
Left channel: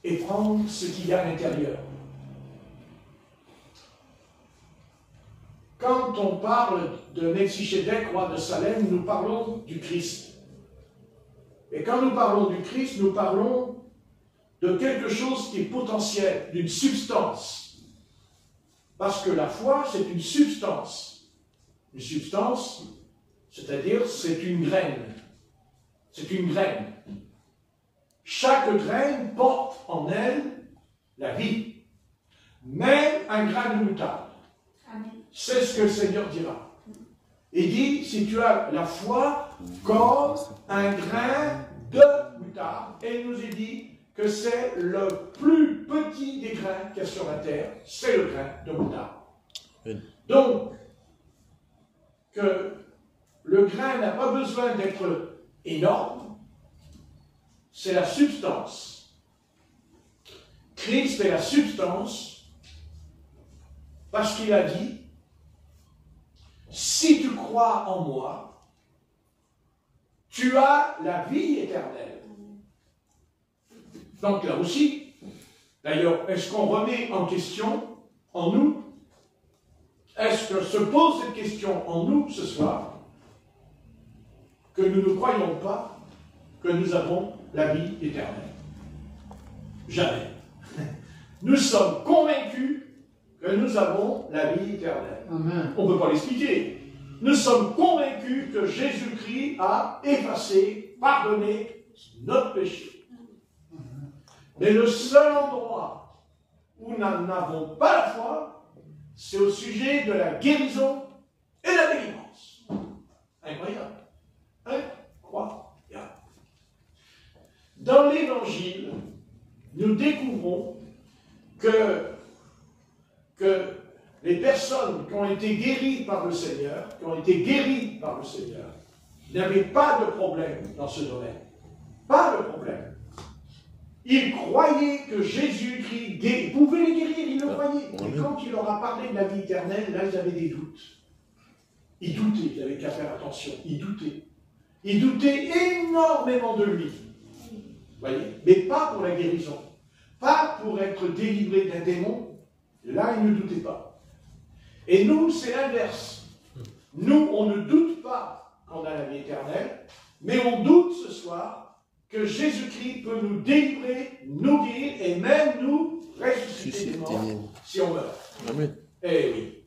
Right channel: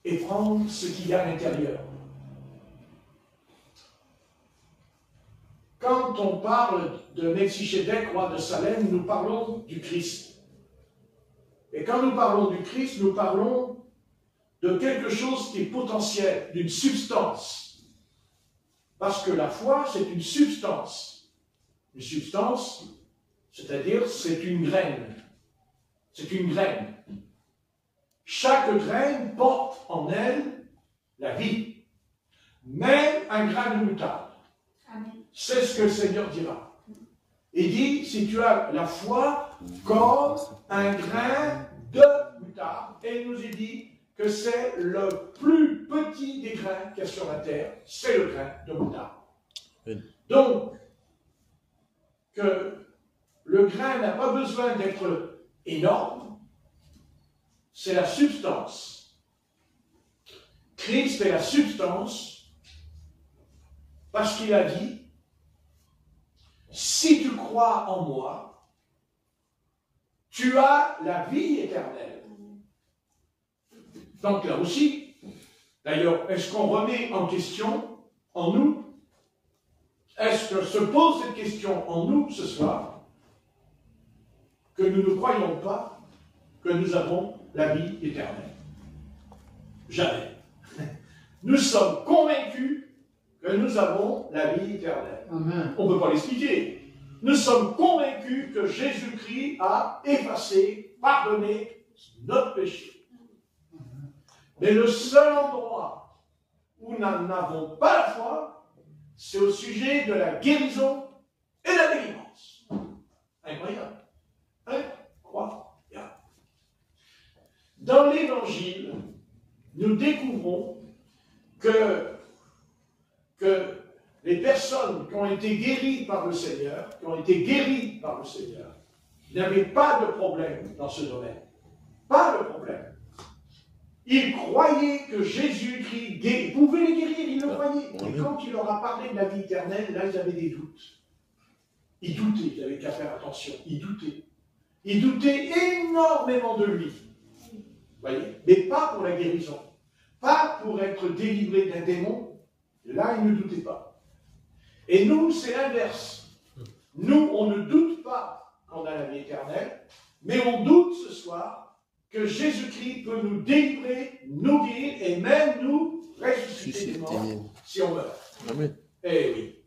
et prendre ce qu'il y a à l'intérieur. Quand on parle de Melchisédek, roi de Salem, nous parlons du Christ. Et quand nous parlons du Christ, nous parlons de quelque chose qui est potentiel, d'une substance. Parce que la foi, c'est une substance. Une substance, c'est-à-dire, c'est une graine. C'est une graine. Chaque graine porte en elle la vie. Même un grain de moutarde. C'est ce que le Seigneur dira. Il dit, si tu as la foi comme un grain de moutarde, et il nous est dit que c'est le plus petit des grains qu'il y a sur la terre, c'est le grain de moutarde. Donc, que le grain n'a pas besoin d'être énorme, c'est la substance. Christ est la substance, parce qu'il a dit, si tu crois en moi, tu as la vie éternelle. Donc là aussi, d'ailleurs, est-ce qu'on remet en question en nous? Est-ce que se pose cette question en nous ce soir, que nous ne croyons pas que nous avons la vie éternelle? Jamais. Nous sommes convaincus que nous avons la vie éternelle. Amen. On ne peut pas l'expliquer. Nous sommes convaincus que Jésus-Christ a effacé, pardonné notre péché. Mais le seul endroit où nous n'avons pas la foi, c'est au sujet de la guérison et de la délivrance. Incroyable. Incroyable. Dans l'Évangile, nous découvrons que les personnes qui ont été guéries par le Seigneur, n'avaient pas de problème dans ce domaine. Pas de problème. Ils croyaient que Jésus-Christ pouvait les guérir, ils le croyaient. Et quand il leur a parlé de la vie éternelle, là, ils avaient des doutes. Ils doutaient, il avait qu'à faire attention, ils doutaient. Ils doutaient énormément de lui. Vous voyez? Mais pas pour la guérison. Pas pour être délivré d'un démon. Là, ils ne doutaient pas. Et nous, c'est l'inverse. Nous, on ne doute pas qu'on a la vie éternelle, mais on doute ce soir que Jésus-Christ peut nous délivrer, nous guérir et même nous ressusciter des morts si on meurt. Amen. Eh oui.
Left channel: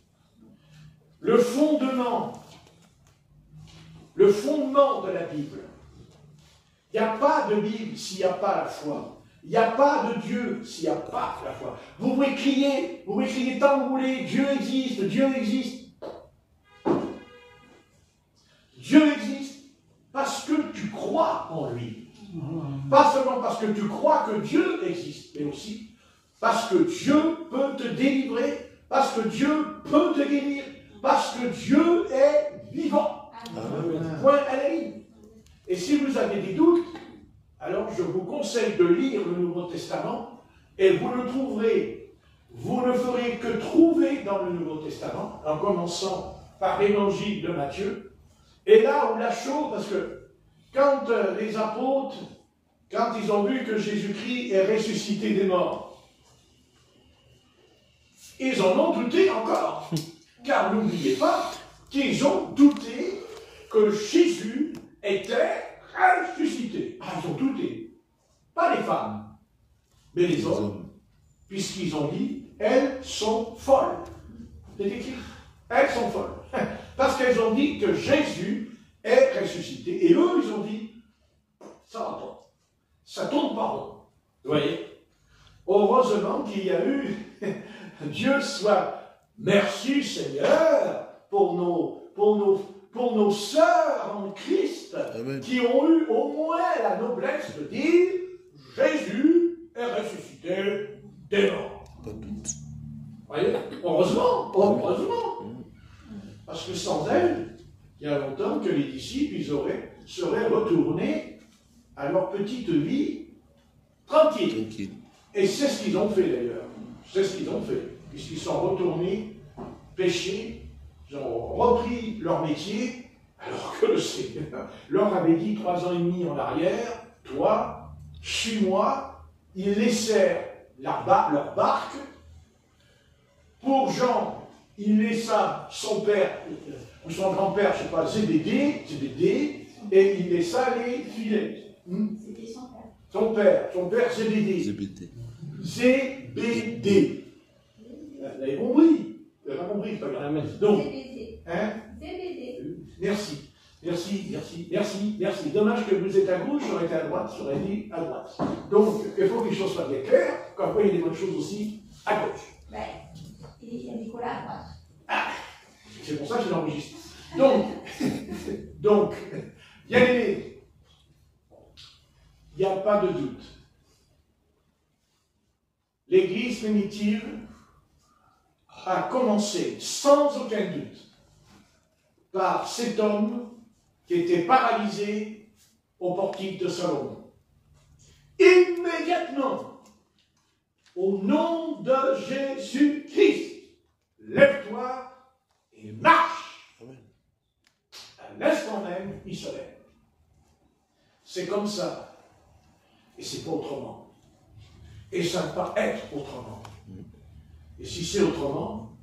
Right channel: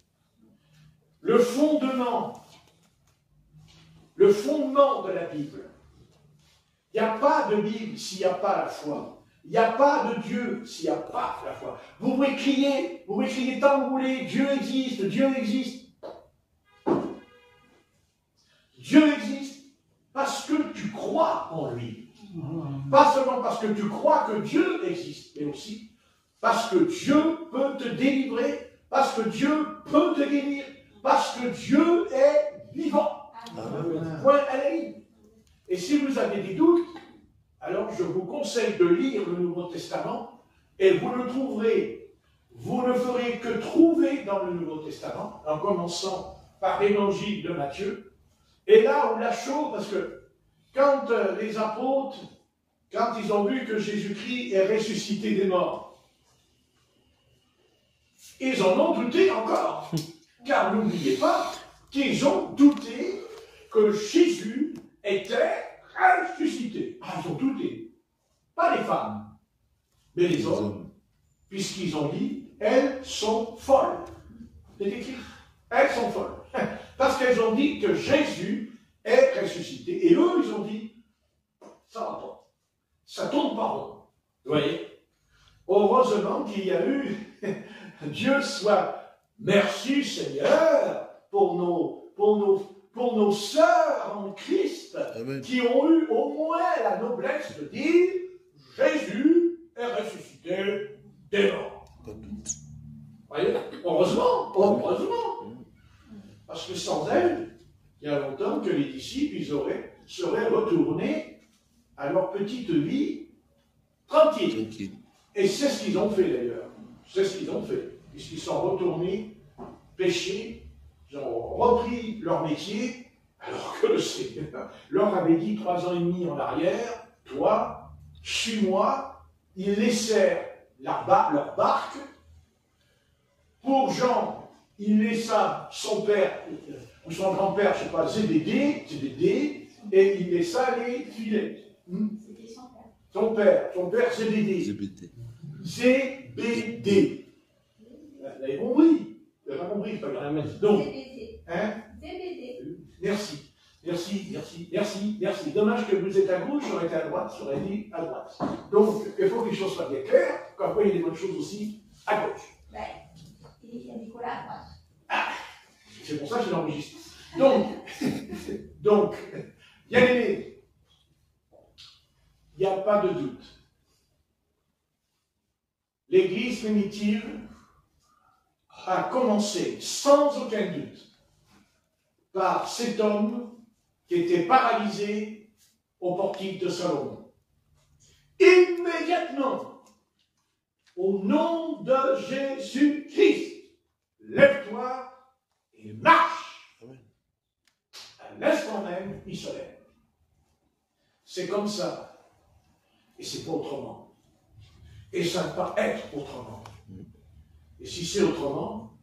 Le fondement de la Bible. Il n'y a pas de Bible s'il n'y a pas la foi. Il n'y a pas de Dieu s'il n'y a pas la foi. Vous pouvez crier tant que vous voulez, Dieu existe, Dieu existe. Dieu existe parce que tu crois en lui. Pas seulement parce que tu crois que Dieu existe, mais aussi parce que Dieu peut te délivrer, parce que Dieu peut te guérir, parce que Dieu est vivant. Point à la ligne. Et si vous avez des doutes, alors je vous conseille de lire le Nouveau Testament et vous le trouverez. Vous ne ferez que trouver dans le Nouveau Testament, en commençant par l'évangile de Matthieu. Et là où la chose, parce que quand les apôtres, quand ils ont vu que Jésus-Christ est ressuscité des morts, ils en ont douté encore. Car n'oubliez pas qu'ils ont douté que Jésus était ressuscité. Ah, ils ont douté. Pas les femmes, mais les hommes. Puisqu'ils ont dit, elles sont folles. C'est écrit, elles sont folles. Parce qu'elles ont dit que Jésus est ressuscité. Et eux, ils ont dit, ça va pas. Ça tourne pas rond. Vous voyez? Heureusement qu'il y a eu, Dieu soit merci Seigneur pour nos sœurs en Christ. Amen. Qui ont eu au moins la noblesse de dire Jésus est ressuscité des morts. Pas de doute. Vous voyez? Heureusement. Parce que sans elle, il y a longtemps que les disciples seraient retournés à leur petite vie tranquille. Et c'est ce qu'ils ont fait d'ailleurs. C'est ce qu'ils ont fait. Puisqu'ils sont retournés pécher, ils ont repris leur métier, alors que le Seigneur leur avait dit 3 ans et demi en arrière, toi, suis-moi. Ils laissèrent leur barque. Pour Jean, il laissa son père, ou son grand-père, je ne sais pas, Zébédée, et il laissa les filets. C'était son père. Son père Zébédée. Zébédée. Vous avez compris? Vous avez compris, c'est pas grave. Donc, Zébédée. Merci. Dommage que vous êtes à gauche, j'aurais été à droite, j'aurais dit à droite. Donc, il faut que les choses soient bien claires, quand il y a des bonnes choses aussi à gauche. Ben, il y a Nicolas à droite. Ah, c'est pour ça que je l'enregistre. Donc, il n'y a pas de doute. L'Église primitive a commencé sans aucun doute par cet homme qui était paralysé au portique de Salomon. Immédiatement, au nom de Jésus-Christ, lève-toi et marche. Amen. À l'instant même, il se lève. C'est comme ça. Et c'est pas autrement. Et ça ne peut pas être autrement. Et si c'est autrement,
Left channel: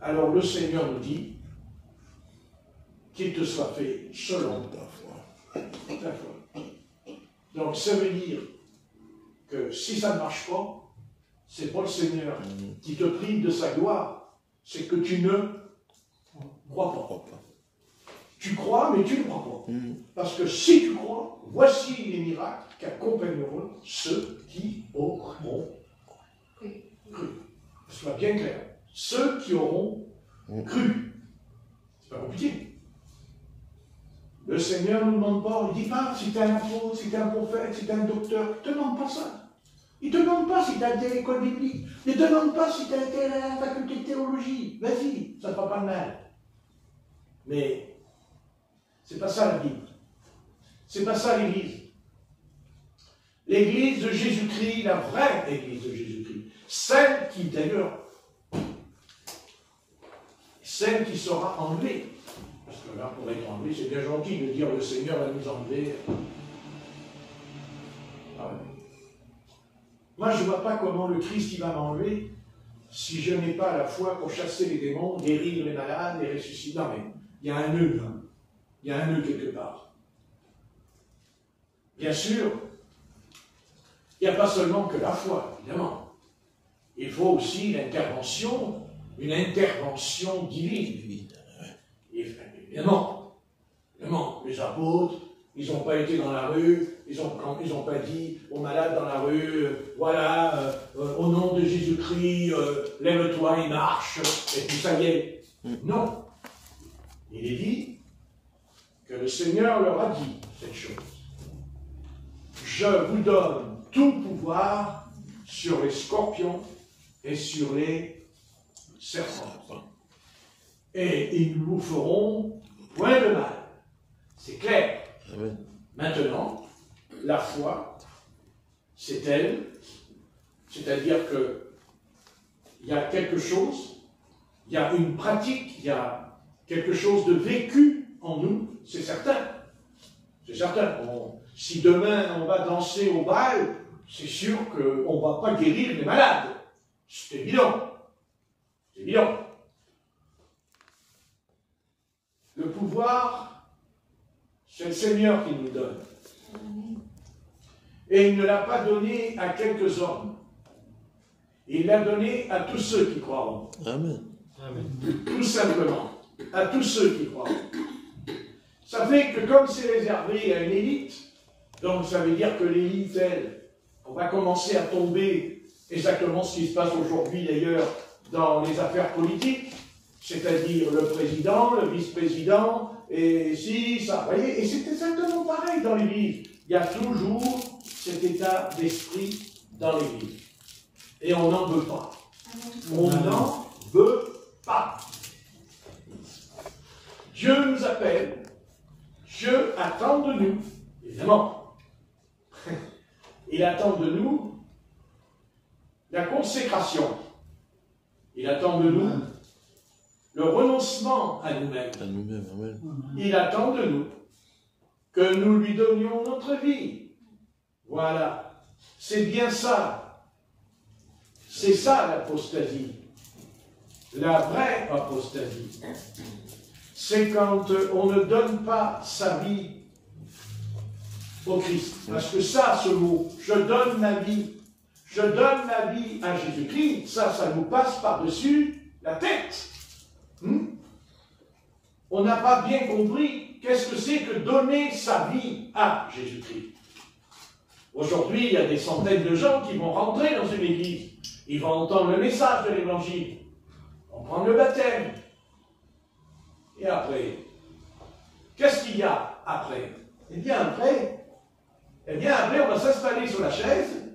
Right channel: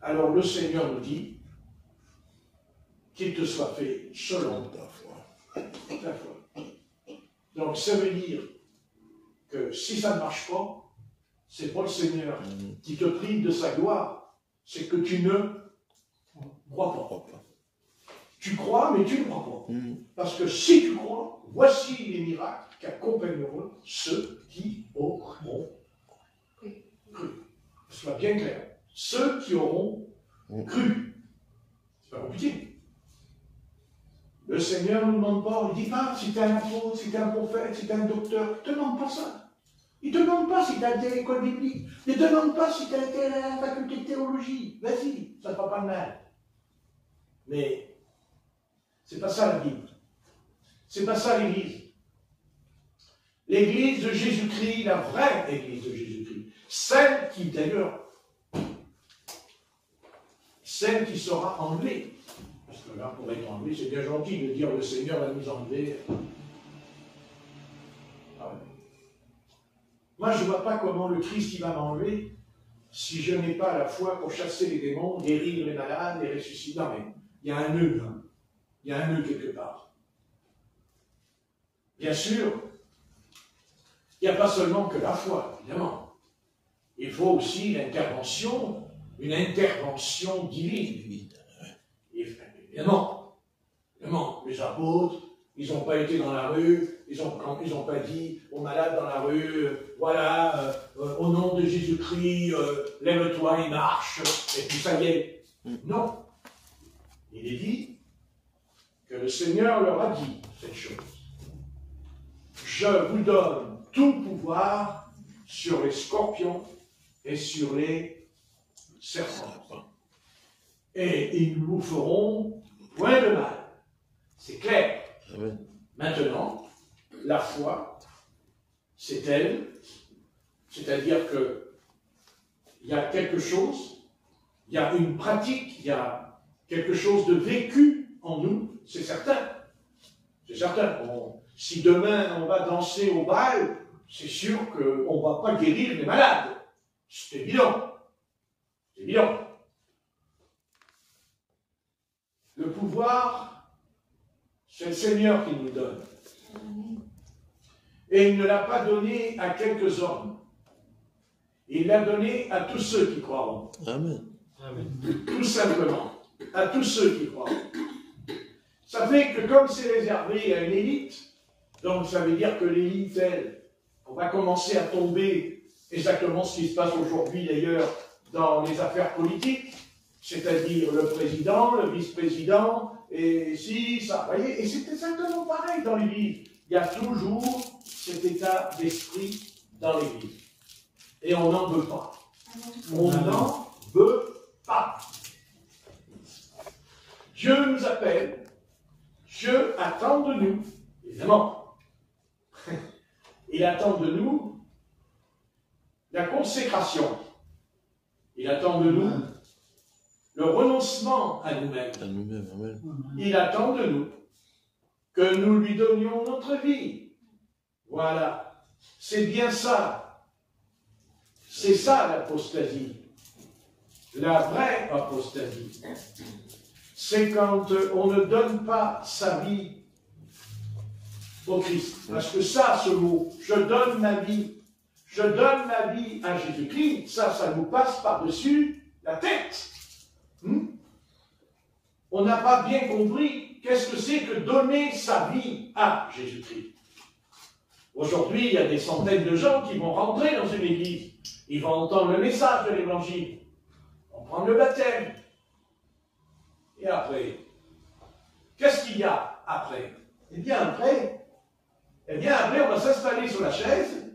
alors le Seigneur nous dit qu'il te soit fait selon ta foi. Donc ça veut dire que si ça ne marche pas, c'est pas le Seigneur qui te prive de sa gloire, c'est que tu ne crois pas. Tu crois, mais tu ne crois pas. Parce que si tu crois, voici les miracles qui accompagneront ceux qui auront cru. Ce soit bien clair. Ceux qui auront cru. C'est pas compliqué. Le Seigneur ne demande pas, il ne dit pas si tu es un apôtre, si tu es un prophète, si tu es un docteur. Il ne te demande pas ça. Il ne te demande pas si tu as été à l'école biblique. Il ne te demande pas si tu as été à la faculté de théologie. Vas-y, ça ne fait pas de mal. Mais c'est pas ça la Bible. C'est pas ça l'Église. L'Église de Jésus-Christ, la vraie Église de Jésus-Christ, celle qui d'ailleurs, celle qui sera enlevée. Parce que là, pour être enlevé, c'est bien gentil de dire le Seigneur va nous enlever. Ah ouais. Moi, je ne vois pas comment le Christ il va m'enlever si je n'ai pas la foi pour chasser les démons, guérir les malades et ressusciter. Non, mais il y a un nœud, hein. Il y a un nœud quelque part. Bien sûr, il n'y a pas seulement que la foi, évidemment. Il faut aussi l'intervention, une intervention divine. Évidemment, les apôtres, ils n'ont pas été dans la rue, ils n'ont pas dit aux malades dans la rue, voilà, au nom de Jésus-Christ, lève-toi et marche, et puis ça y est. Non. Il est dit, le Seigneur leur a dit cette chose. Je vous donne tout pouvoir sur les scorpions et sur les serpents. Et ils ne vous feront point de mal. C'est clair. Maintenant, la foi, c'est elle. C'est-à-dire qu'il y a quelque chose, il y a une pratique, il y a quelque chose de vécu en nous, c'est certain. C'est certain. Si demain on va danser au bal, c'est sûr qu'on ne va pas guérir les malades. C'est évident. C'est évident. Le pouvoir, c'est le Seigneur qui nous le donne. Et il ne l'a pas donné à quelques hommes. Il l'a donné à tous ceux qui croient. Amen. Tout simplement. À tous ceux qui croient. Ça fait que comme c'est réservé à une élite, donc ça veut dire que l'élite, elle, on va commencer à tomber exactement ce qui se passe aujourd'hui d'ailleurs dans les affaires politiques, c'est-à-dire le président, le vice-président, et si, ça, vous voyez, et c'est exactement pareil dans l'Église. Il y a toujours cet état d'esprit dans l'Église. Et on n'en veut pas. On n'en veut pas. Dieu nous appelle. Dieu attend de nous, évidemment. Il attend de nous la consécration. Il attend de nous le renoncement à nous-mêmes. Il attend de nous que nous lui donnions notre vie. Voilà. C'est bien ça. C'est ça l'apostasie. La vraie apostasie. C'est quand on ne donne pas sa vie au Christ. Parce que ça, ce mot, je donne ma vie à Jésus-Christ, ça nous passe par-dessus la tête. On n'a pas bien compris qu'est-ce que c'est que donner sa vie à Jésus-Christ. Aujourd'hui, il y a des centaines de gens qui vont rentrer dans une église. Ils vont entendre le message de l'évangile. On prend le baptême. Et après, qu'est-ce qu'il y a après? Eh bien, après, on va s'installer sur la chaise.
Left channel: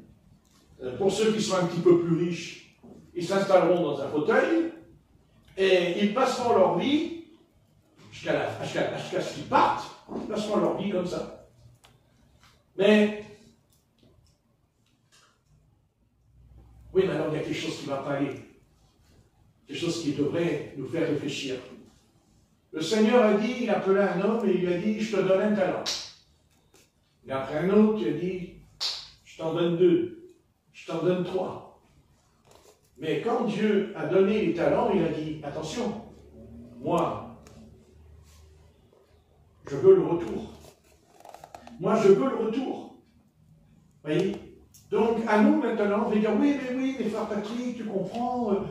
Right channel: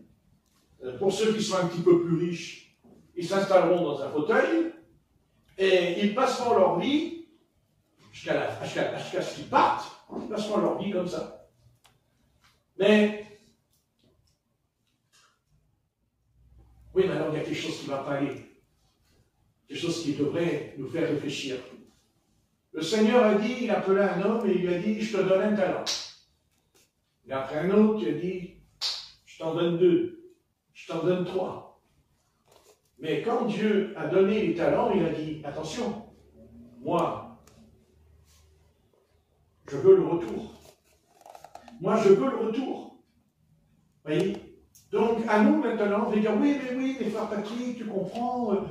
Pour ceux qui sont un petit peu plus riches, ils s'installeront dans un fauteuil et ils passeront leur vie jusqu'à ce qu'ils partent. Ils passeront leur vie comme ça. Mais, oui, maintenant, il y a quelque chose qui ne va pas aller. Quelque chose qui devrait nous faire réfléchir. Le Seigneur a dit, il appela un homme et il lui a dit, je te donne un talent. Il a pris un autre, il a dit, je t'en donne 2, je t'en donne 3. Mais quand Dieu a donné les talents, il a dit, attention, moi, je veux le retour. Moi, je veux le retour. Vous voyez? Donc, à nous maintenant, on va dire, oui, mais frère Patrick, tu comprends,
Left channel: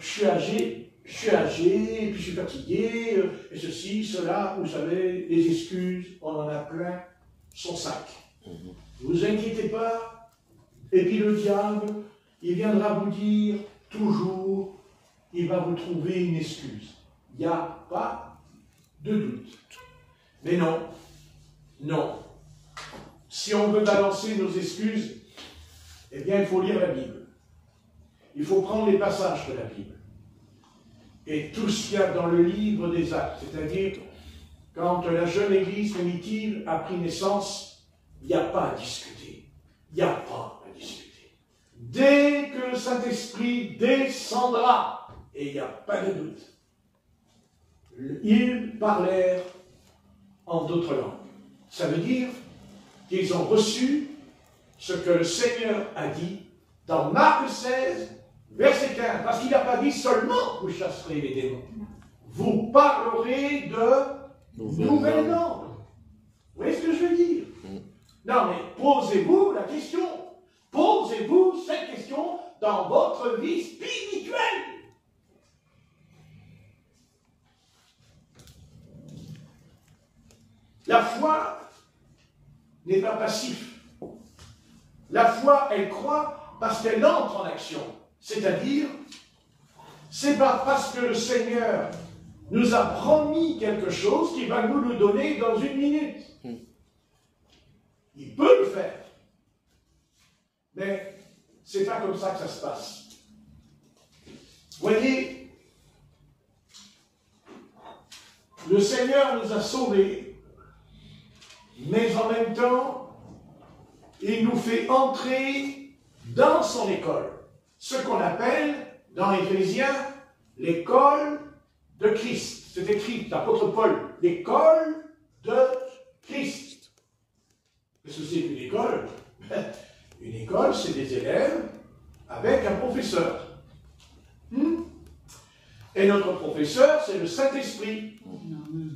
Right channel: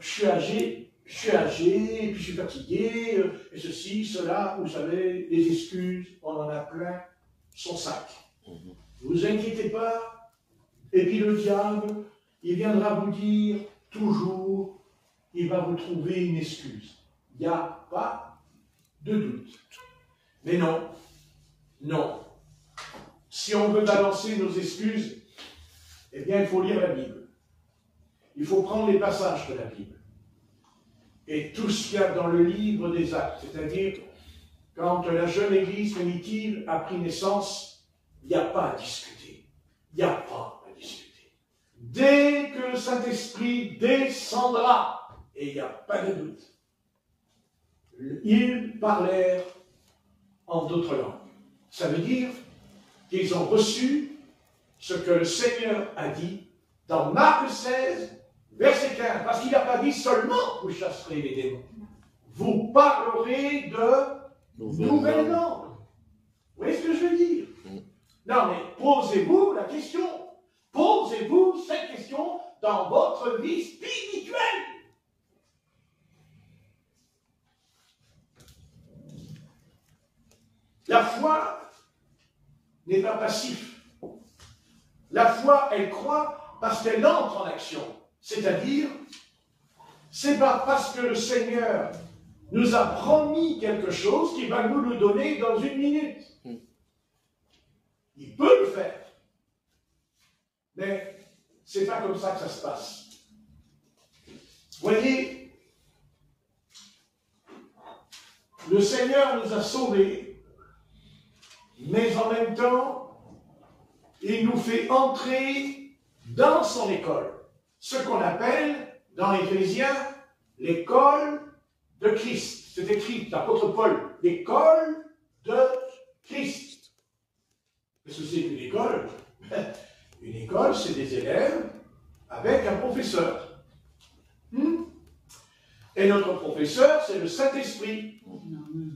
je suis âgé, et puis je suis fatigué, et ceci, cela, vous savez, les excuses, on en a plein son sac. Ne vous inquiétez pas, et puis le diable, il viendra vous dire, toujours, il va vous trouver une excuse. Il n'y a pas de doute. Mais non, non. Si on veut balancer nos excuses, eh bien, il faut lire la Bible. Il faut prendre les passages de la Bible. Et tout ce qu'il y a dans le livre des Actes, c'est-à-dire, quand la jeune église primitive a pris naissance, il n'y a pas à discuter. Il n'y a pas à discuter. Dès que le Saint-Esprit descendra, et il n'y a pas de doute, ils parlèrent en d'autres langues. Ça veut dire qu'ils ont reçu ce que le Seigneur a dit dans Marc 16, verset 15, parce qu'il n'a pas dit seulement vous chasserez les démons. Vous parlerez de nouvelles langues. Vous voyez ce que je veux dire? Non, mais posez-vous la question. Posez-vous cette question dans votre vie spirituelle. La foi n'est pas passive. La foi, elle croit parce qu'elle entre en action. C'est-à-dire, c'est pas parce que le Seigneur nous a promis quelque chose qui va nous le donner dans une minute. Il peut le faire. Mais ce n'est pas comme ça que ça se passe. Voyez, le Seigneur nous a sauvés, mais en même temps, il nous fait entrer dans son école. Ce qu'on appelle, dans l'Éphésiens, l'école de Christ. C'est écrit, l'apôtre Paul, l'école de Christ. Qu'est-ce que c'est qu'une école? Une école, c'est des élèves avec un professeur. Et notre professeur, c'est le Saint-Esprit.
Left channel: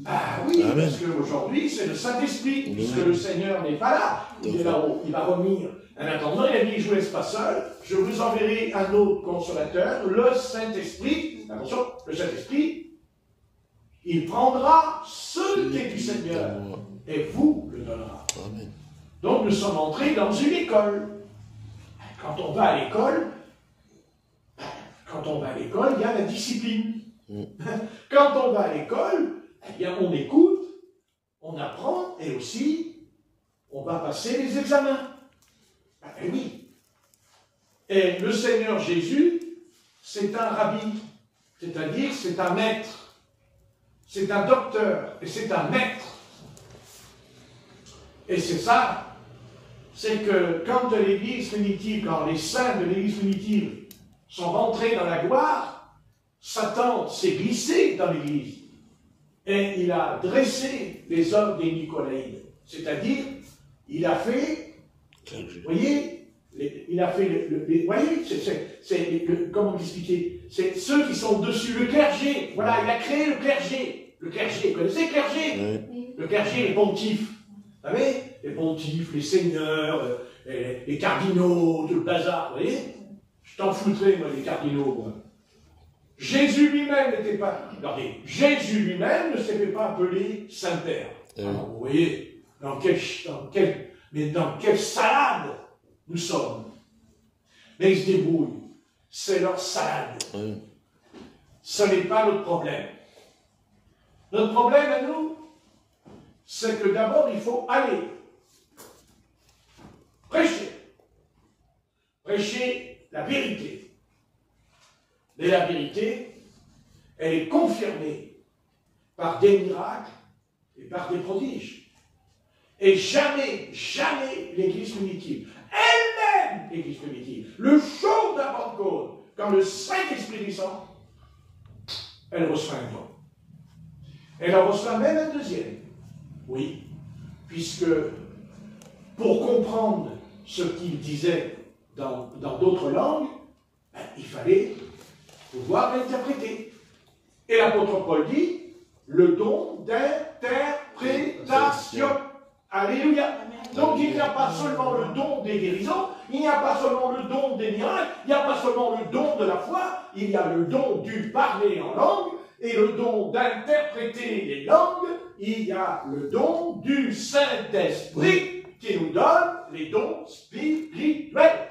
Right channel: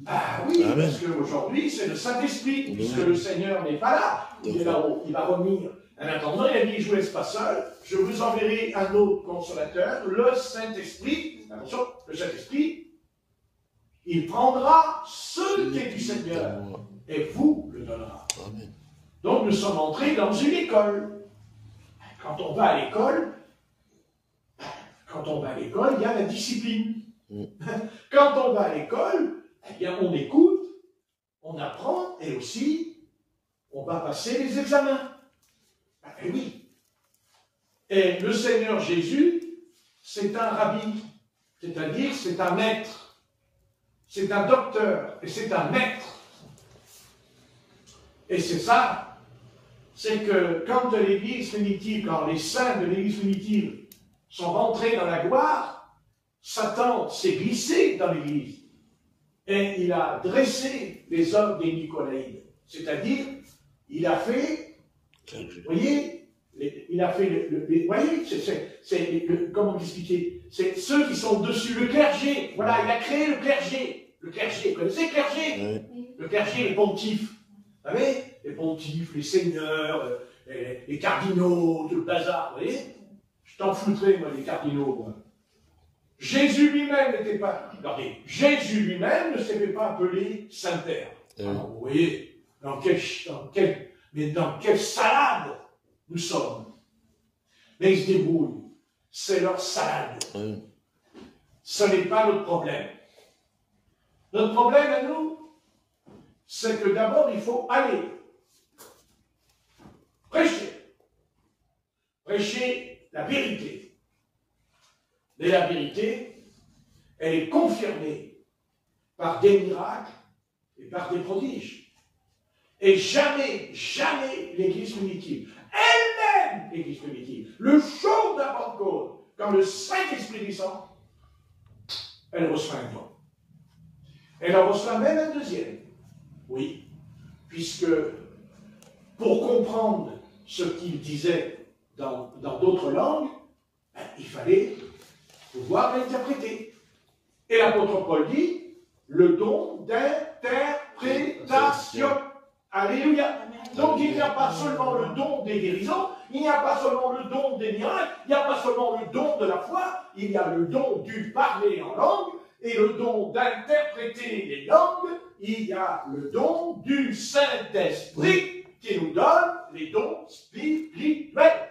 Ah oui, parce qu'aujourd'hui, c'est le Saint-Esprit, puisque le Seigneur n'est pas là. Il est là-haut, il va revenir. En attendant, il a dit, je ne vous laisse pas seul, je vous enverrai un autre consolateur, le Saint-Esprit. Attention, le Saint-Esprit, il prendra ce qui est du Seigneur et vous le donnera. Donc nous sommes entrés dans une école. Quand on va à l'école, il y a la discipline. Quand on va à l'école, eh bien, on écoute, on apprend et aussi on va passer les examens. Et oui. Et le Seigneur Jésus, c'est un rabbi, c'est-à-dire c'est un maître, c'est un docteur et c'est un maître. Et c'est ça, c'est que quand l'Église primitive, quand les saints de l'Église primitive sont rentrés dans la gloire, Satan s'est glissé dans l'Église et il a dressé les hommes des Nicolaïdes. C'est-à-dire, il a fait, vous voyez, il a fait, vous voyez, comment expliquer? C'est ceux qui sont dessus, le clergé. Voilà, il a créé le clergé. Le clergé, vous connaissez le clergé? Le clergé, les pontifes. Vous savez, les pontifes, les seigneurs, les cardinaux, tout le bazar, vous voyez? Je t'en foutrais, moi, les cardinaux. Moi. Jésus lui-même n'était pas... Regardez, Jésus lui-même ne s'était pas appelé Saint-Père. Vous voyez, dans quelle salade nous sommes. Mais ils se débrouillent. C'est leur salade. Ce n'est pas notre problème. Notre problème à nous, c'est que d'abord, il faut aller prêcher. Prêcher la vérité. Mais la vérité, elle est confirmée par des miracles et par des prodiges. Et jamais, jamais l'Église primitive, elle-même l'Église primitive, le jour de la Pentecôte, quand le Saint-Esprit descend, elle reçoit un don. Elle en reçoit même un deuxième. Oui, puisque pour comprendre ce qu'il disait dans d'autres langues, il fallait pouvoir l'interpréter. Et l'apôtre Paul dit, le don d'interprétation. Alléluia. Donc il n'y a pas seulement le don des guérisons, il n'y a pas seulement le don des miracles, il n'y a pas seulement le don de la foi, il y a le don du parler en langue, et le don d'interpréter les langues, il y a le don du Saint-Esprit qui nous donne les dons spirituels.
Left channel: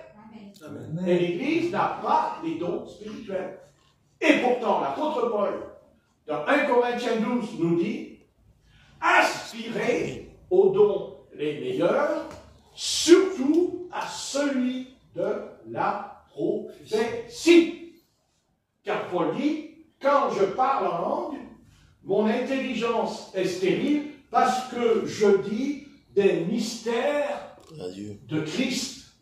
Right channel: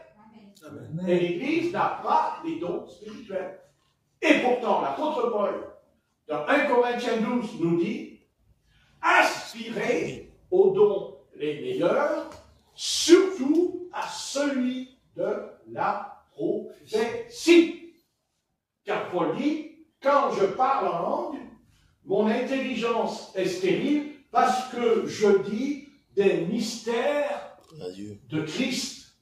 Amen. Et l'Église n'a pas les dons spirituels. Et pourtant, l'apôtre Paul, dans 1 Corinthiens 12, nous dit, aspirez aux dons les meilleurs, surtout à celui de la prophétie. Car Paul dit, quand je parle en langue, mon intelligence est stérile parce que je dis des mystères de Christ.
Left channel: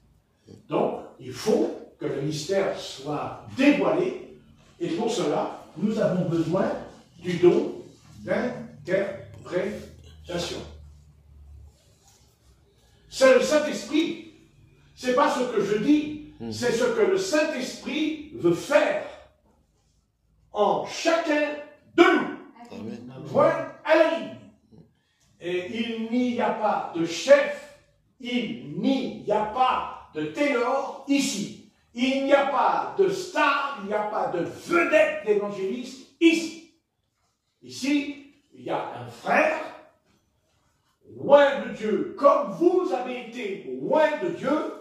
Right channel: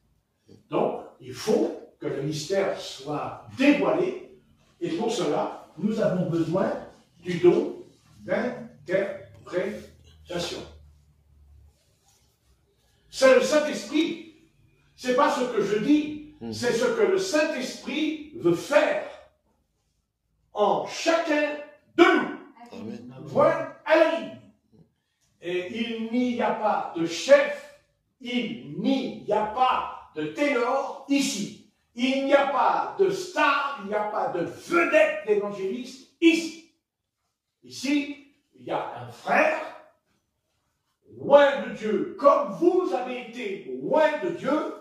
Donc, il faut que le mystère soit dévoilé, et pour cela, nous avons besoin du don d'interprétation. C'est le Saint-Esprit. Ce n'est pas ce que je dis, c'est ce que le Saint-Esprit veut faire en chacun de nous. Point à la ligne. Et il n'y a pas de chef, il n'y a pas de ténor ici. Il n'y a pas de star, il n'y a pas de vedette d'évangéliste ici. Ici, il y a un frère, loin de Dieu, comme vous avez été loin de Dieu,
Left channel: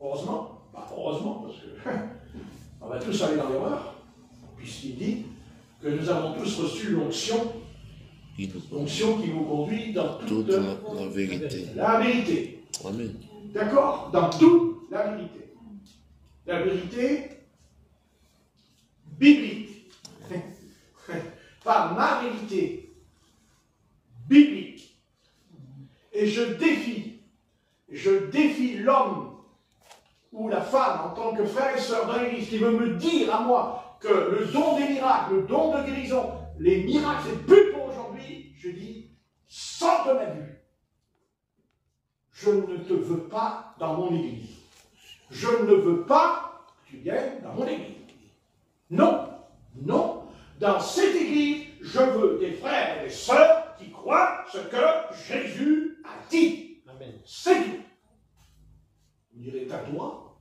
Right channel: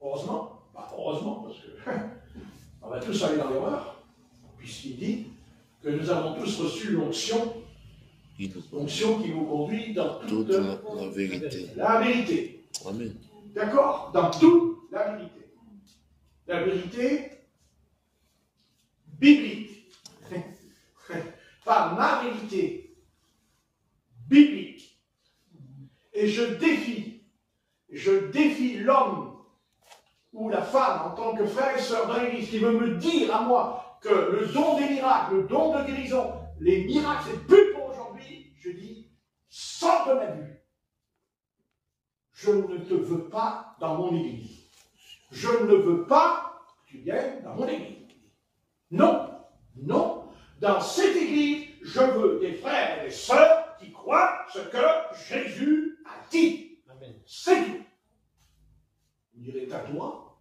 heureusement, pas heureusement, parce que on va tous aller dans l'erreur, puisqu'il dit, que nous avons tous reçu l'onction qui nous conduit dans toute la vérité. La vérité. Amen. D'accord? Dans toute la vérité. La vérité biblique. Pas ma vérité. Biblique. Et je défie l'homme ou la femme en tant que frère et sœur dans l'Église qui veut me dire à moi que le don des miracles, le don de guérison, les miracles, c'est plus pour aujourd'hui. Je dis, sors de ma vue. Je ne te veux pas dans mon Église. Je ne veux pas que tu viennes dans mon Église. Non, non. Dans cette Église, je veux des frères et des sœurs qui croient ce que Jésus a dit. Amen. C'est tout. Vous direz, t'as le droit?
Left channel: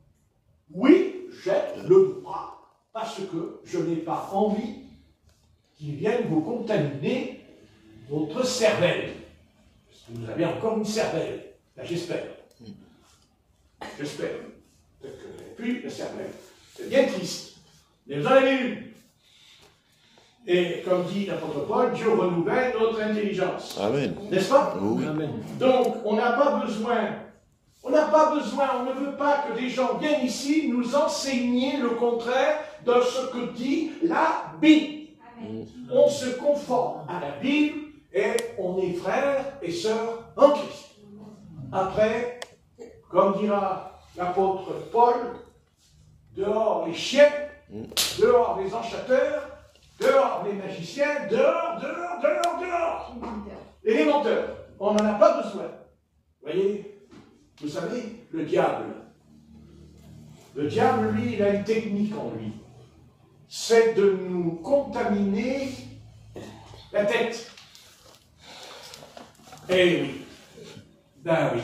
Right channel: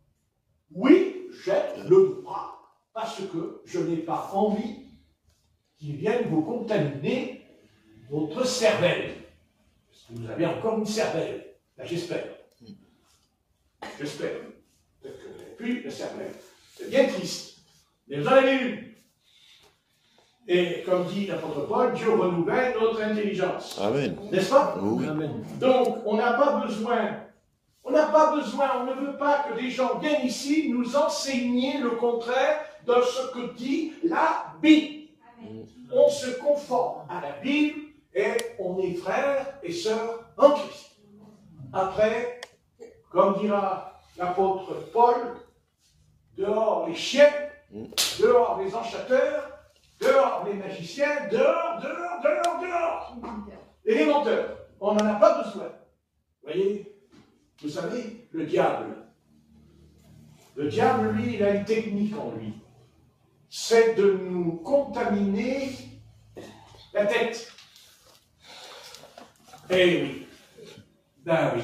Oui, j'ai le droit, parce que je n'ai pas envie qu'ils viennent vous contaminer votre cervelle. Parce que vous avez encore une cervelle. Ben, j'espère. J'espère. Peut-être que vous n'avez plus la cervelle. C'est bien triste. Mais vous en avez une. Et comme dit l'apôtre Paul, Dieu renouvelle notre intelligence. Amen. N'est-ce pas? Oui. Amen. Donc, on n'a pas besoin, on ne veut pas que des gens viennent ici nous enseigner le contraire de ce que dit la Bible. Amen. On se conforme à la Bible et on est frères et sœurs en Christ. Après, comme dira l'apôtre Paul, dehors les chiens, dehors les enchanteur, dehors les magiciens, dehors. Et les menteurs, on n'en a pas besoin. Vous voyez, vous savez, le diable, lui, il a une technique en lui. C'est de nous contaminer la tête. Eh oui. Ben oui.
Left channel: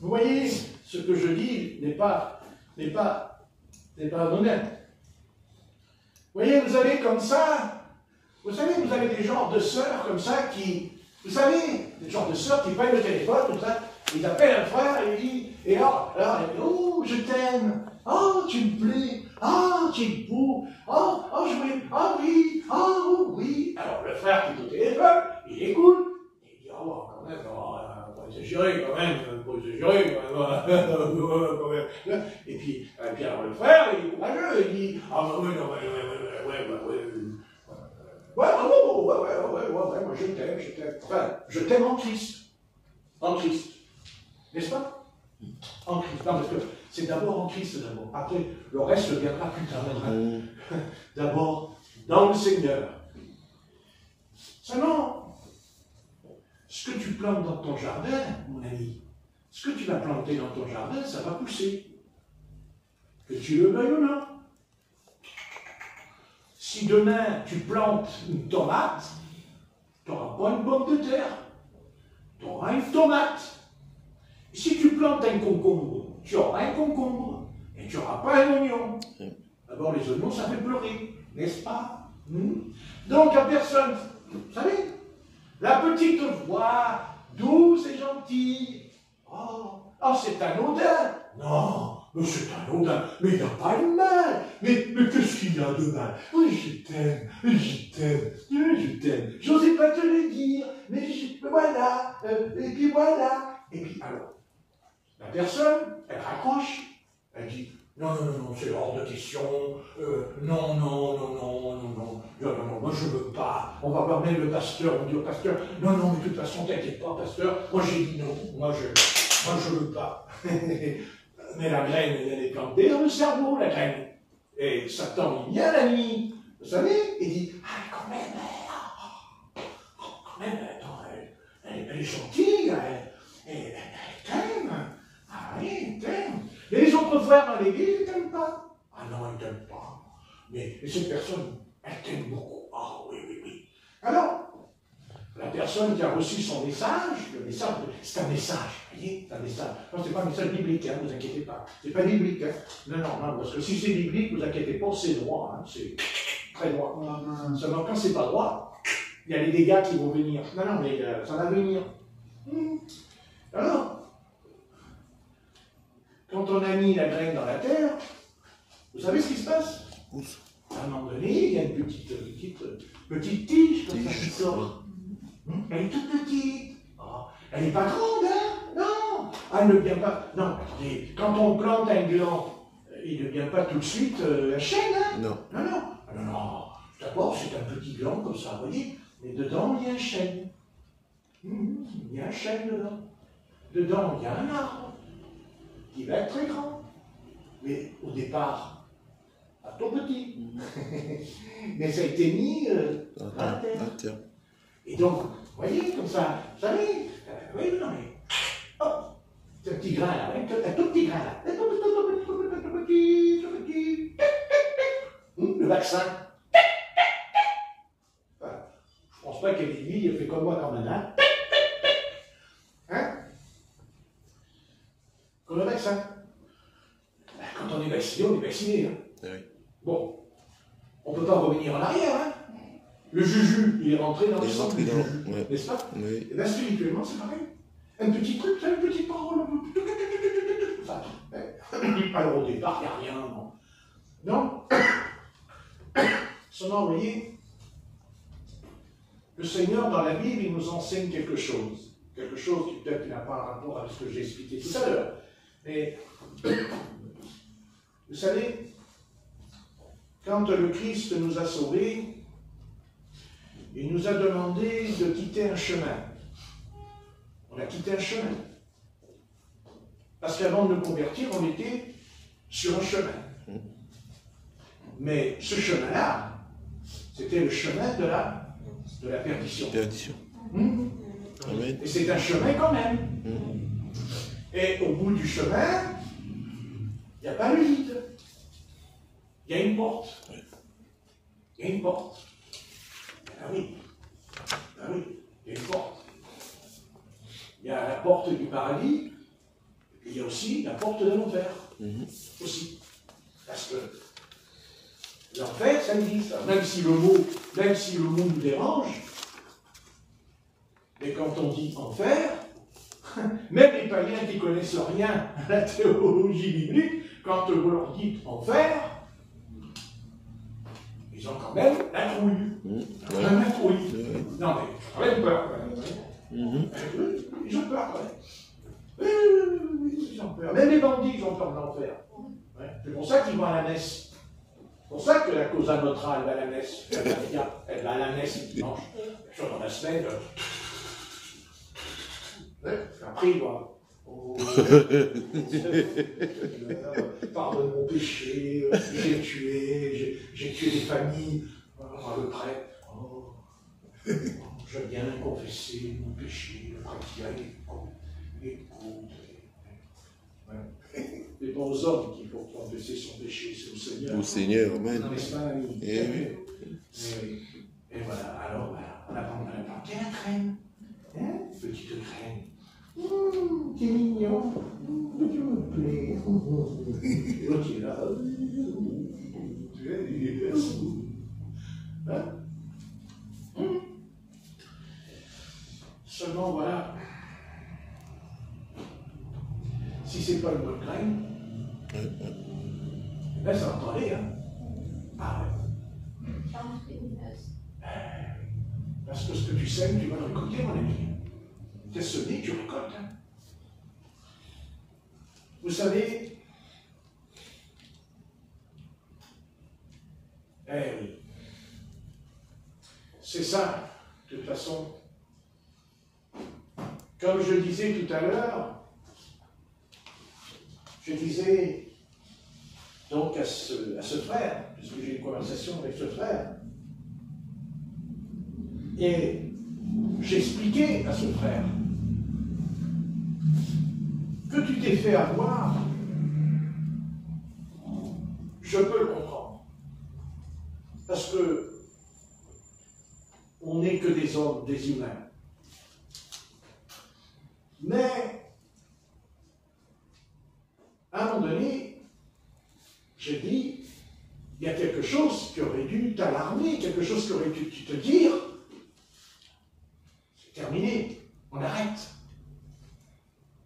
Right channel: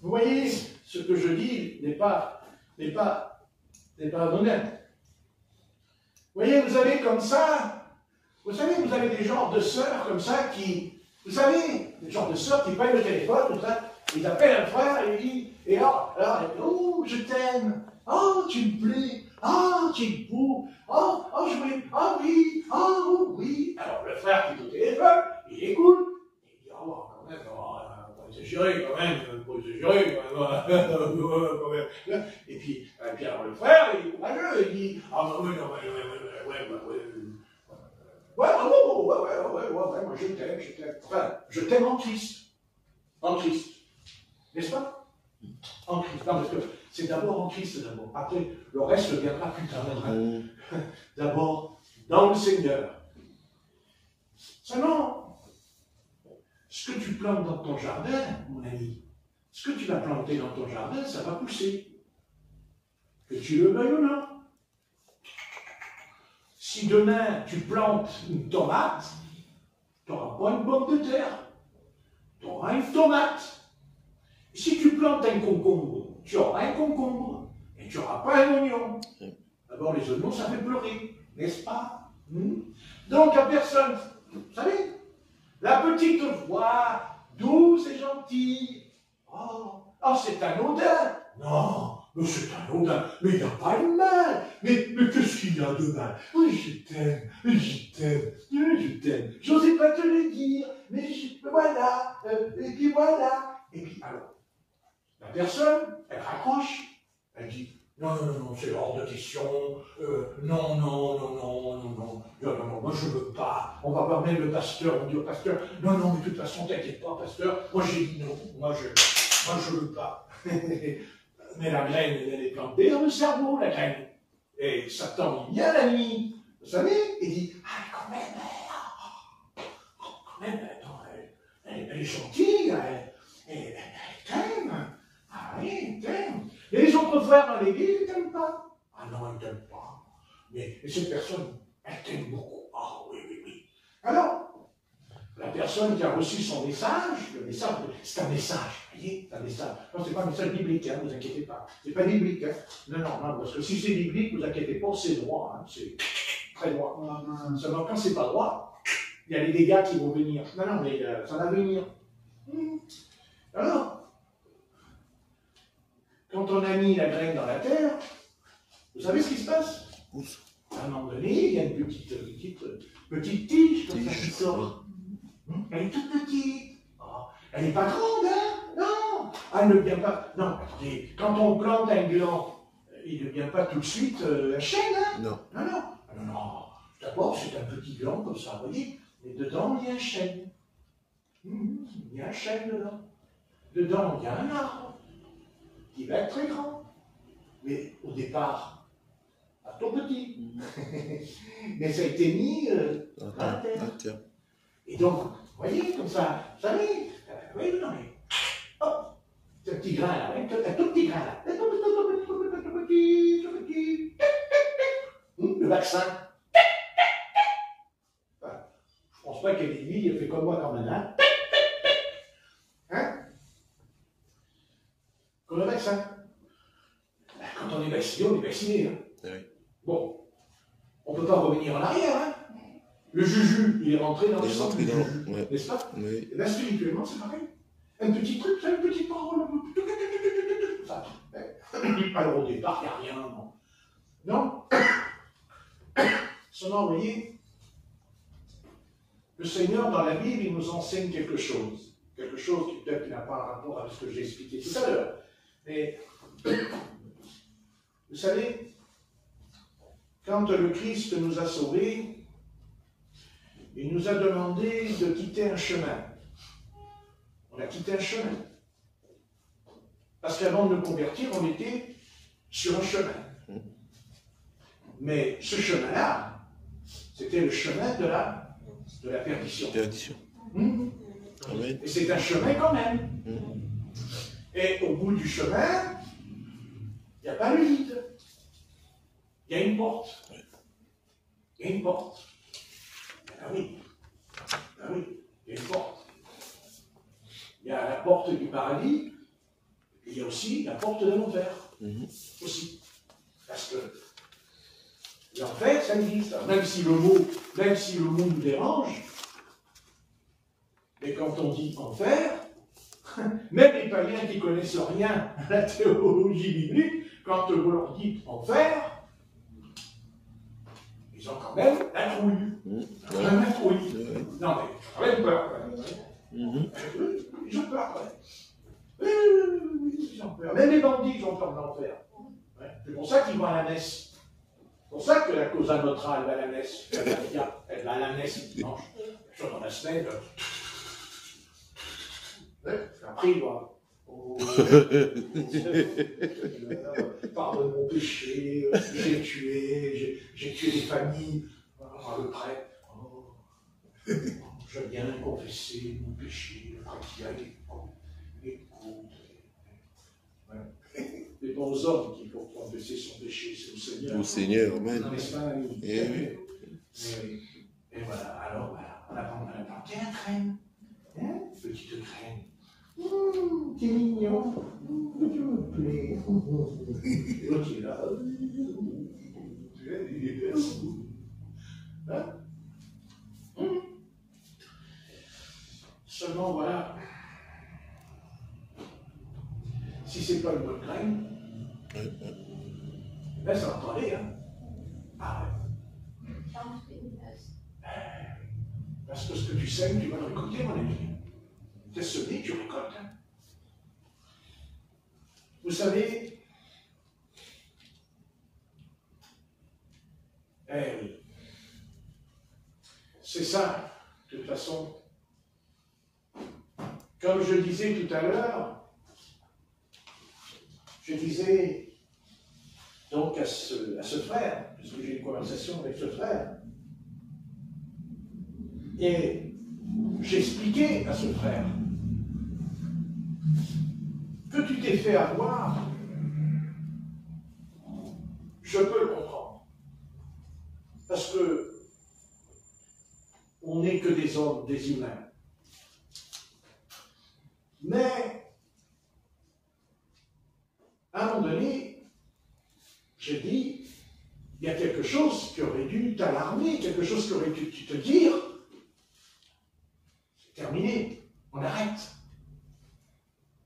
Vous voyez, ce que je dis n'est pas honnête. Vous voyez, vous avez comme ça, vous avez des genres de sœurs comme ça qui, vous savez, des genres de sœurs qui prennent le téléphone, tout ça, ils appellent un frère et ils disent, et alors, oh, je t'aime, oh, tu me plais, oh, tu es beau, oh, oui, oh, oui. Alors le frère qui est au téléphone, il écoute, il dit, oh, quand même, faut exagérer quand même. Et puis alors le frère, il est courageux, il dit, ah non, ouais, moi je t'aime, enfin, je t'aime en Christ, n'est-ce pas? En Christ, non, parce que c'est d'abord en Christ d'abord, après le reste viendra plus tard, d'abord dans le Seigneur. Seulement, ce que tu plantes dans ton jardin, mon ami, ce que tu vas planter dans ton jardin, ça va pousser. Que tu le veuilles ou non. Si demain tu plantes une tomate, tu n'auras pas une pomme de terre. Tu auras une tomate. Et si tu plantes un concombre, tu auras un concombre. Et tu n'auras pas un oignon. D'abord, les oignons, ça fait pleurer, n'est-ce pas? Donc, la personne, vous savez, la petite voix, douce et gentille. Oh, c'est anodin. Non, mais c'est anodin. Mais il n'y a pas de mal. Mais qu'est-ce qu'il y a de mal? Je t'aime. Je n'osais pas te le dire. Mais voilà. Et puis voilà. Et puis alors, la personne, elle raccroche. Elle dit, non, c'est hors de question. Non, moi je veux pas. On va voir même le pasteur. On dit au pasteur, non, mais de toute façon, t'inquiète pas, pasteur. Moi j'ai dit non. Moi je veux pas. Mais la graine, elle est plantée dans le cerveau, la graine. Et Satan, il vient la nuit. Vous savez, il dit, quand même, attends, elle est gentille, elle t'aime. Ah oui, elle t'aime. Et les autres frères dans l'église, ils t'aiment pas. Ah non, ils t'aiment pas. Mais cette personne, elle t'aime beaucoup. Ah oui. Alors, la personne qui a reçu son message, le message, c'est un message, vous voyez, c'est un message. Non, c'est pas un message biblique, hein, vous inquiétez pas. C'est pas biblique, hein. Non, parce que si c'est biblique, vous inquiétez pas, c'est droit, hein, c'est très droit. Seulement quand c'est pas droit, il y a les dégâts qui vont venir. Non, mais ça va venir. Alors, quand on a mis la graine dans la terre, vous savez ce qui se passe? À un moment donné, il y a une petite tige comme ça qui sort. Elle est toute petite. Oh, elle n'est pas grande, hein? Non. Elle ne vient pas. Non, attendez, quand on plante un gland, il ne vient pas tout de suite la chaîne, hein? Non. Non. D'abord, c'est un petit gland comme ça, vous voyez, mais dedans, il y a un chêne. Il y a un chêne dedans. Dedans, il y a un arbre qui va être très grand. Mais au départ, pas tout petit. Mais ça a été mis à la terre. Et donc, vous voyez, comme ça, vous savez, vous voyez, non mais, hop, c'est un petit grain là, un tout petit grain là, tout petit, le vaccin. Voilà. Je pense pas qu'elle est lui, il a fait comme moi quand même, hein. Hein? Comme le vaccin. Quand on est vacciné, on est vacciné, hein. Oui. Bon, on ne peut pas revenir en arrière, hein. Le juju, il est rentré dans le sang du juju, ouais. n'est-ce pas? Oui. Et bien spirituellement, c'est pareil. Un petit truc, c'est une petite parole. Alors au départ, il n'y a rien, non. Non. Seulement, vous voyez, le Seigneur, dans la Bible, il nous enseigne quelque chose. Quelque chose qui peut-être n'a pas un rapport avec ce que j'ai expliqué tout à l'heure. Mais, vous savez, quand le Christ nous a sauvés, il nous a demandé de quitter un chemin. On a quitté un chemin. Parce qu'avant de nous convertir, on était sur un chemin. Mais ce chemin-là, c'était le chemin de la perdition. Et c'est un chemin quand même. Et au bout du chemin, il n'y a pas le vide. Il y a une porte. Il y a une porte. Ah oui, il y a une porte. Il y a la porte du paradis, et il y a aussi la porte de l'enfer. Aussi. Parce que l'enfer, ça existe. Même si le mot nous dérange, mais quand on dit enfer, même les païens qui ne connaissent rien à la théologie biblique, quand vous leur dites enfer, ils ont quand même la trouille. La trouille. Non, mais quand même peur. Ils ont peur quand même. Oui, ils ont peur. Même les bandits, ils ont peur de l'enfer. C'est pour ça qu'ils vont à la messe. C'est pour ça que la Cosa Nostra, elle va à la messe. Elle va à la messe le dimanche. Sur dans la semaine. Après, il va. Pardonne mon péché, j'ai tué des familles. Le prêtre, je viens confesser mon péché. Le prêtre qui écoute. C'est pas aux hommes qu'il faut confesser son péché, c'est au Seigneur. Au Seigneur, amen. Et voilà, alors voilà, on apprend à la planter la graine. Hein? Petite graine. T'es mignon. Tu me plais. L'autre est là. Il est perçu. Hein? Seulement, voilà. Si c'est pas une bonne graine, ben ça va aller, hein. Ah ouais. Parce que ce que tu sèmes, tu vas le récolter, mon ami. Tu as semé, tu récoltes. Hein. Vous savez, c'est ça, de toute façon. Comme je disais tout à l'heure, je disais donc à ce frère, puisque j'ai une conversation avec ce frère, et j'expliquais à ce frère que tu t'es fait avoir, je peux le comprendre. Parce que on n'est que des hommes, des humains. Mais, à un moment donné, j'ai dit, il y a quelque chose qui aurait dû t'alarmer, quelque chose qui aurait dû te dire, c'est terminé, on arrête.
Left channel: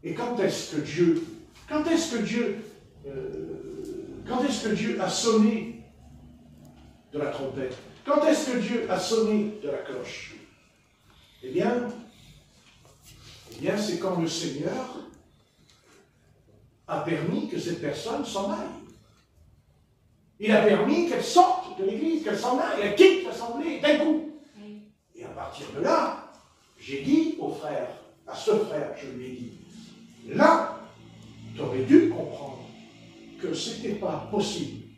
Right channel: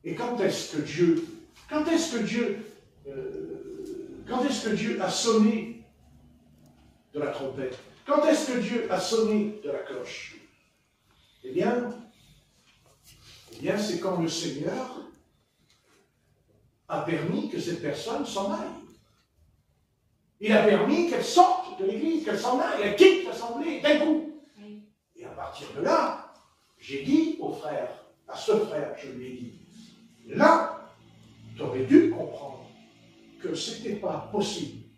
Et quand est-ce que Dieu a sonné de la trompette? Quand est-ce que Dieu a sonné de la cloche? Eh bien c'est quand le Seigneur a permis que cette personne s'en aille. Il a permis qu'elle sorte de l'église, qu'elle s'en aille, elle quitte l'assemblée d'un coup. Et à partir de là, j'ai dit au frère, à ce frère, je lui ai dit, là, tu aurais dû comprendre que ce n'était pas possible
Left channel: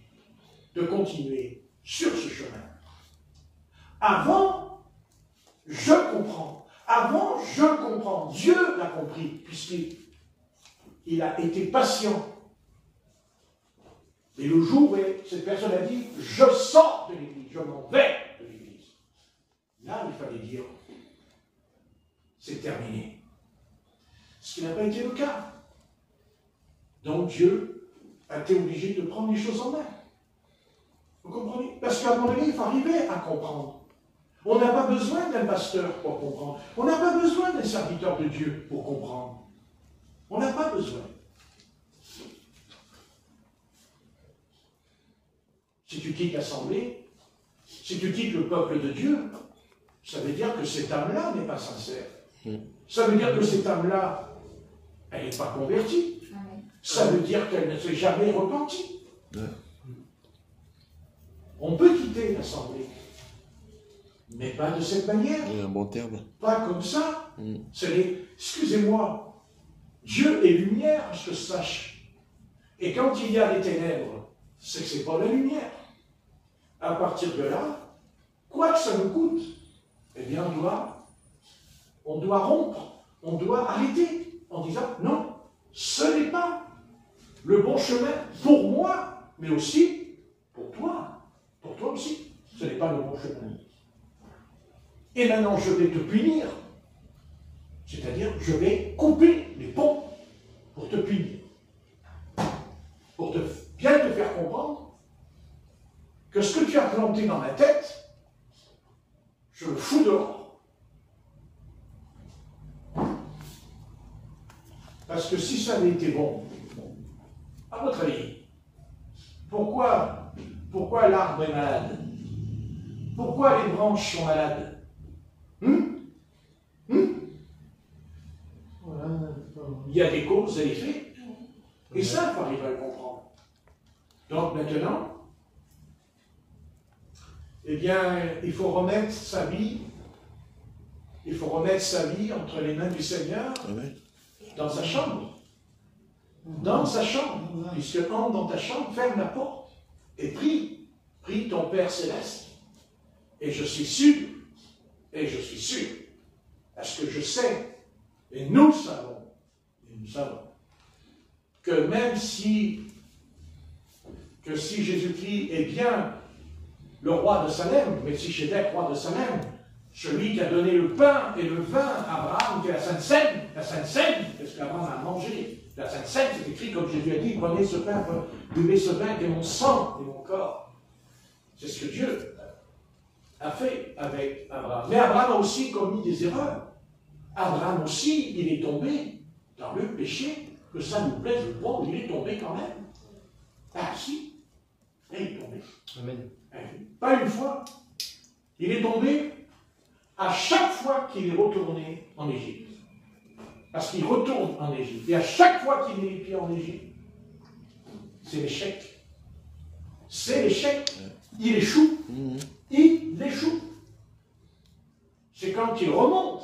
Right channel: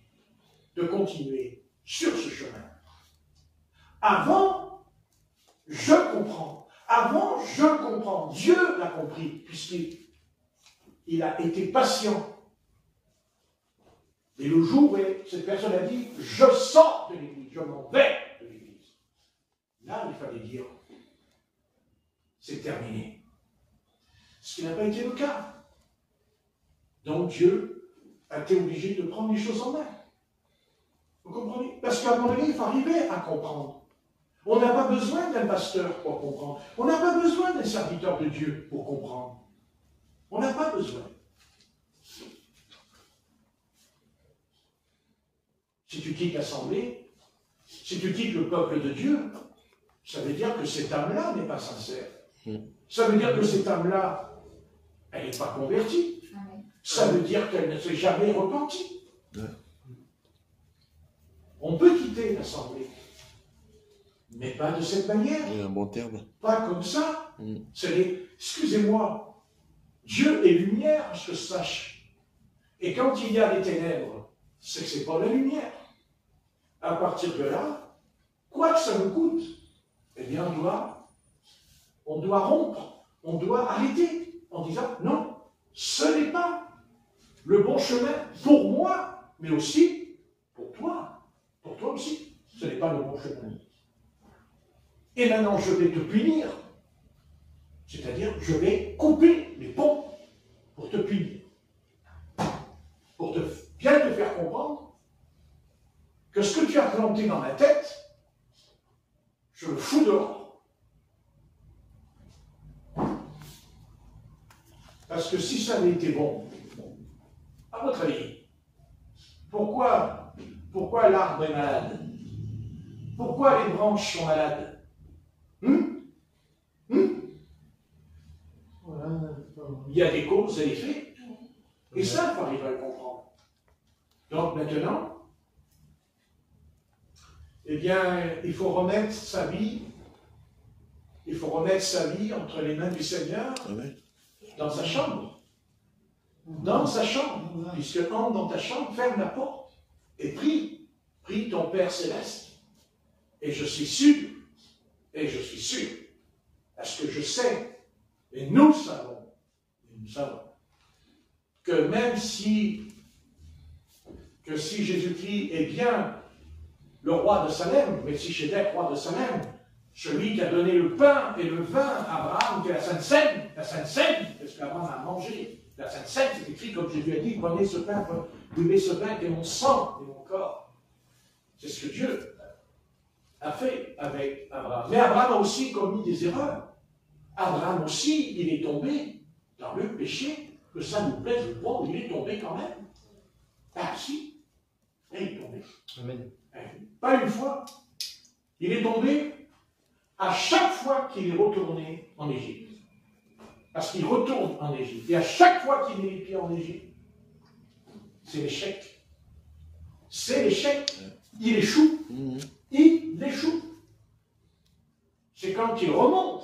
de continuer sur ce chemin. Avant, je comprends. Avant, je comprends. Dieu l'a compris, puisqu'il a été patient. Et le jour où cette personne a dit, je sors de l'église, je m'en vais de l'église. Là, il fallait dire, c'est terminé. Ce qui n'a pas été le cas. Donc Dieu a été obligé de prendre les choses en main. Vous comprenez? Parce qu'à un moment donné, il faut arriver à comprendre. On n'a pas besoin d'un pasteur pour comprendre. On n'a pas besoin d'un serviteur de Dieu pour comprendre. On n'a pas besoin. Si tu quittes l'assemblée, si tu quittes le peuple de Dieu, ça veut dire que cette âme-là n'est pas sincère. Ça veut dire que cette âme-là, elle n'est pas convertie. Ça veut dire qu'elle ne s'est jamais repentie. On peut quitter l'assemblée, mais pas de cette manière. Un bon terme. Pas comme ça. Excusez-moi, Dieu est lumière, à ce que je sache. Et quand il y a les ténèbres, c'est que ce n'est pas la lumière. À partir de là, quoi que ça nous coûte, eh bien on doit rompre, on doit arrêter en disant non, ce n'est pas le bon chemin pour moi, mais aussi pour toi aussi, ce n'est pas le bon chemin. Et maintenant je vais te punir, c'est-à-dire je vais couper les ponts pour te punir, pour bien te faire comprendre que ce que tu as planté dans ma tête, je le fous dehors. Parce que si ça avait été bon, à votre avis, pourquoi l'arbre est malade? Pourquoi les branches sont malades? Il y a des causes et effets. Et ça, il faut arriver à le comprendre. Donc maintenant, eh bien, il faut remettre sa vie entre les mains du Seigneur, dans sa chambre. Dans sa chambre. Puisque entre dans ta chambre, ferme la porte et prie ton Père Céleste. Et je suis sûr, parce que je sais, et nous savons, que même si Jésus-Christ est bien le roi de Salem, Melchisédek, roi de Salem, celui qui a donné le pain et le vin à Abraham, qui est la Sainte Seine, parce qu'Abraham a mangé la Sainte Seine, c'est écrit comme Jésus a dit, prenez ce pain, buvez ce pain qui est mon sang et mon corps. C'est ce que Dieu a fait avec Abraham. Mais Abraham a aussi commis des erreurs. Abraham aussi, il est tombé dans le péché, que ça nous plaise ou pas, il est tombé quand même. Ah si, il est tombé. Amen. Pas une fois. Il est tombé à chaque fois qu'il est retourné en Égypte. Parce qu'il retourne en Égypte. Et à chaque fois qu'il est les pieds en Égypte, c'est l'échec. C'est l'échec. Il échoue. Il échoue. C'est quand il remonte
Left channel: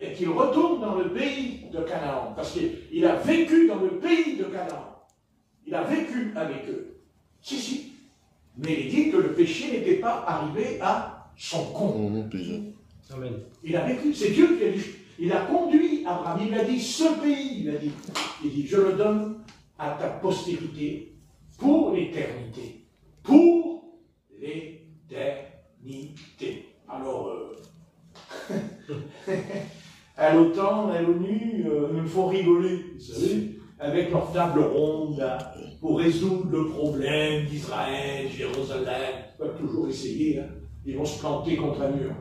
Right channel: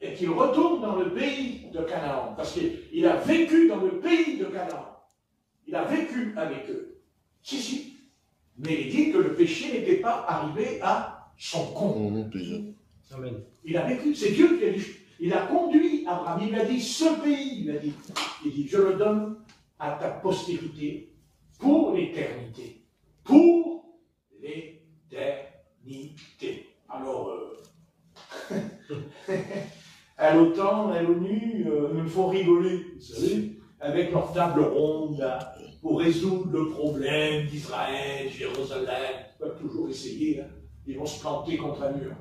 et qu'il retourne dans le pays de Canaan. Parce qu'il a vécu dans le pays de Canaan. Il a vécu avec eux. Si. Mais il dit que le péché n'était pas arrivé à son comble. Amen. Il a vécu, c'est Dieu qui a dit. Il a conduit Abraham, il a dit, ce pays, il dit, je le donne à ta postérité pour l'éternité. Pour l'éternité. Alors, à l'OTAN, à l'ONU, nous font rigoler, vous savez, avec leur table ronde, là, pour résoudre le problème d'Israël, Jérusalem. Ils peuvent toujours essayer, hein. Ils vont se planter contre un mur.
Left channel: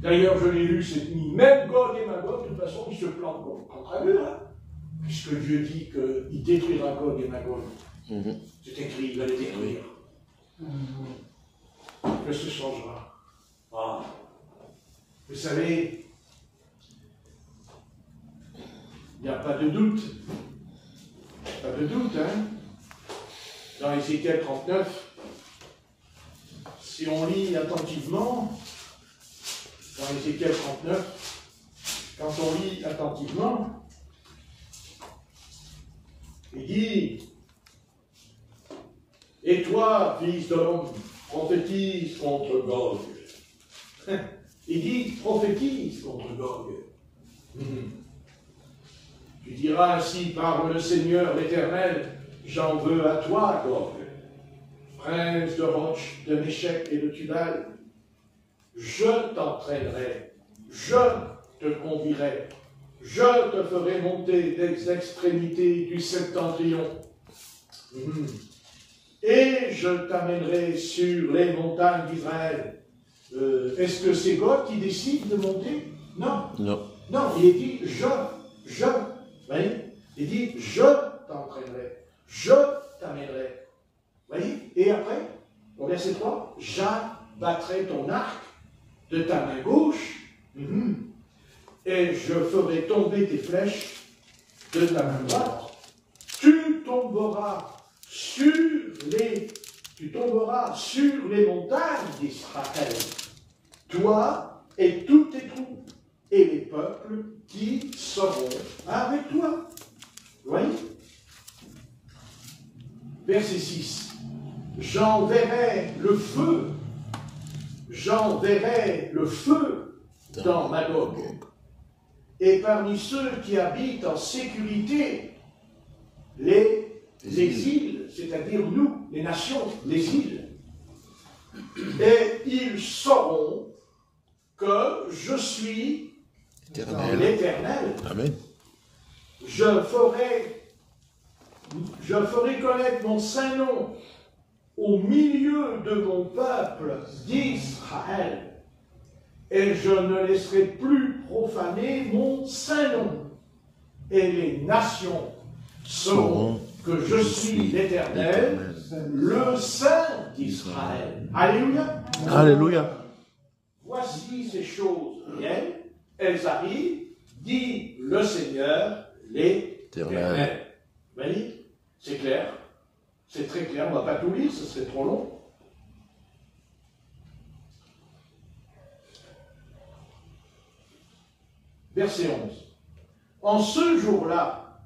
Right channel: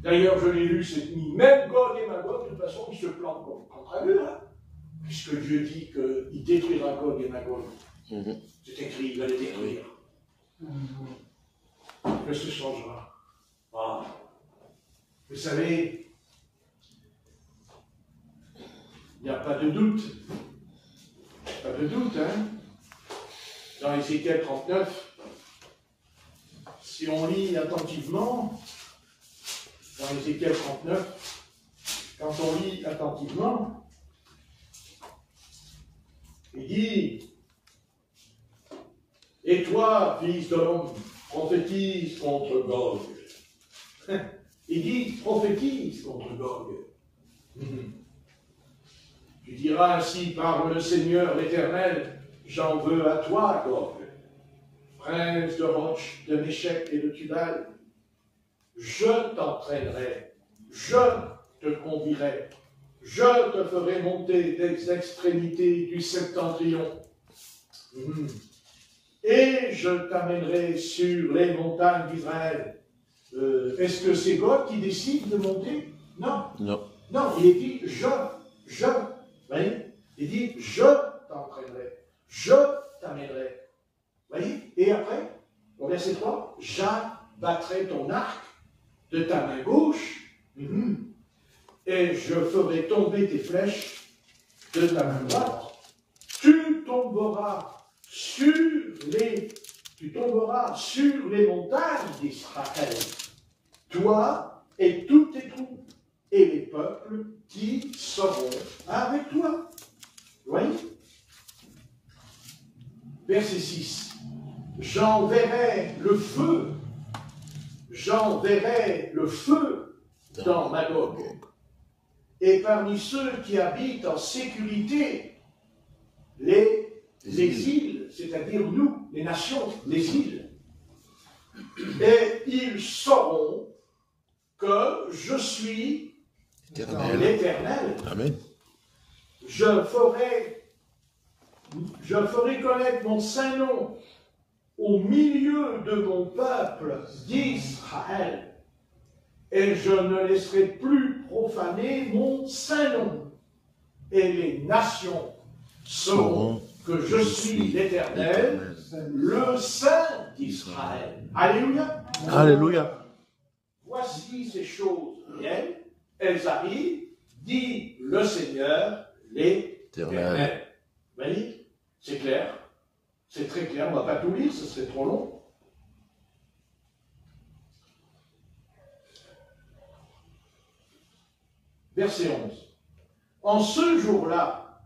D'ailleurs, je l'ai lu cette nuit, même Gog et Magog, de toute façon, ils se plantent contre un mur, hein, puisque Dieu dit qu'il détruira Gog et Magog. C'est écrit, il va les détruire. que ce changera. Ah. Vous savez, il n'y a pas de doute. Pas de doute, hein. Dans Ézéchiel 39, si on lit attentivement, dans Ézéchiel 39, quand on lit attentivement, il dit, et toi, fils de l'homme, prophétise contre Gog. Il dit, prophétise contre Gog. Tu diras ainsi, parle le Seigneur l'Éternel, j'en veux à toi, Gog, prince de Roche, de Méchec et de Tubal. Je t'entraînerai, je te conduirai, je te ferai monter des extrémités du septentrion. Et je t'amènerai sur les montagnes d'Israël. Est-ce que c'est Gog qui décide de monter? Non. Non. Non, il dit je. Vous voyez? Il dit je t'entraînerai, je t'amènerai. Vous voyez? Et après, au verset 3, j'abattrai ton arc de ta main gauche, et je ferai tomber tes flèches de ta main droite. Tu tomberas sur les montagnes d'Israël, toi et tous tes troupes, et les peuples qui seront avec toi. Vous voyez? Verset 6. J'enverrai le feu dans Magog, et parmi ceux qui habitent en sécurité, les îles, c'est-à-dire nous, les nations, les îles, et ils sauront que je suis l'Éternel. Amen. Je ferai connaître mon saint nom au milieu de mon peuple d'Israël, et je ne laisserai plus profaner mon saint nom, et les nations sauront que je suis l'Éternel, le Saint d'Israël. Alléluia. Alléluia. Voici ces choses viennent, elles arrivent, dit le Seigneur, l'Éternel. Vous voyez? C'est clair. C'est très clair. On ne va pas tout lire, ce serait trop long. Verset 11. En ce jour-là,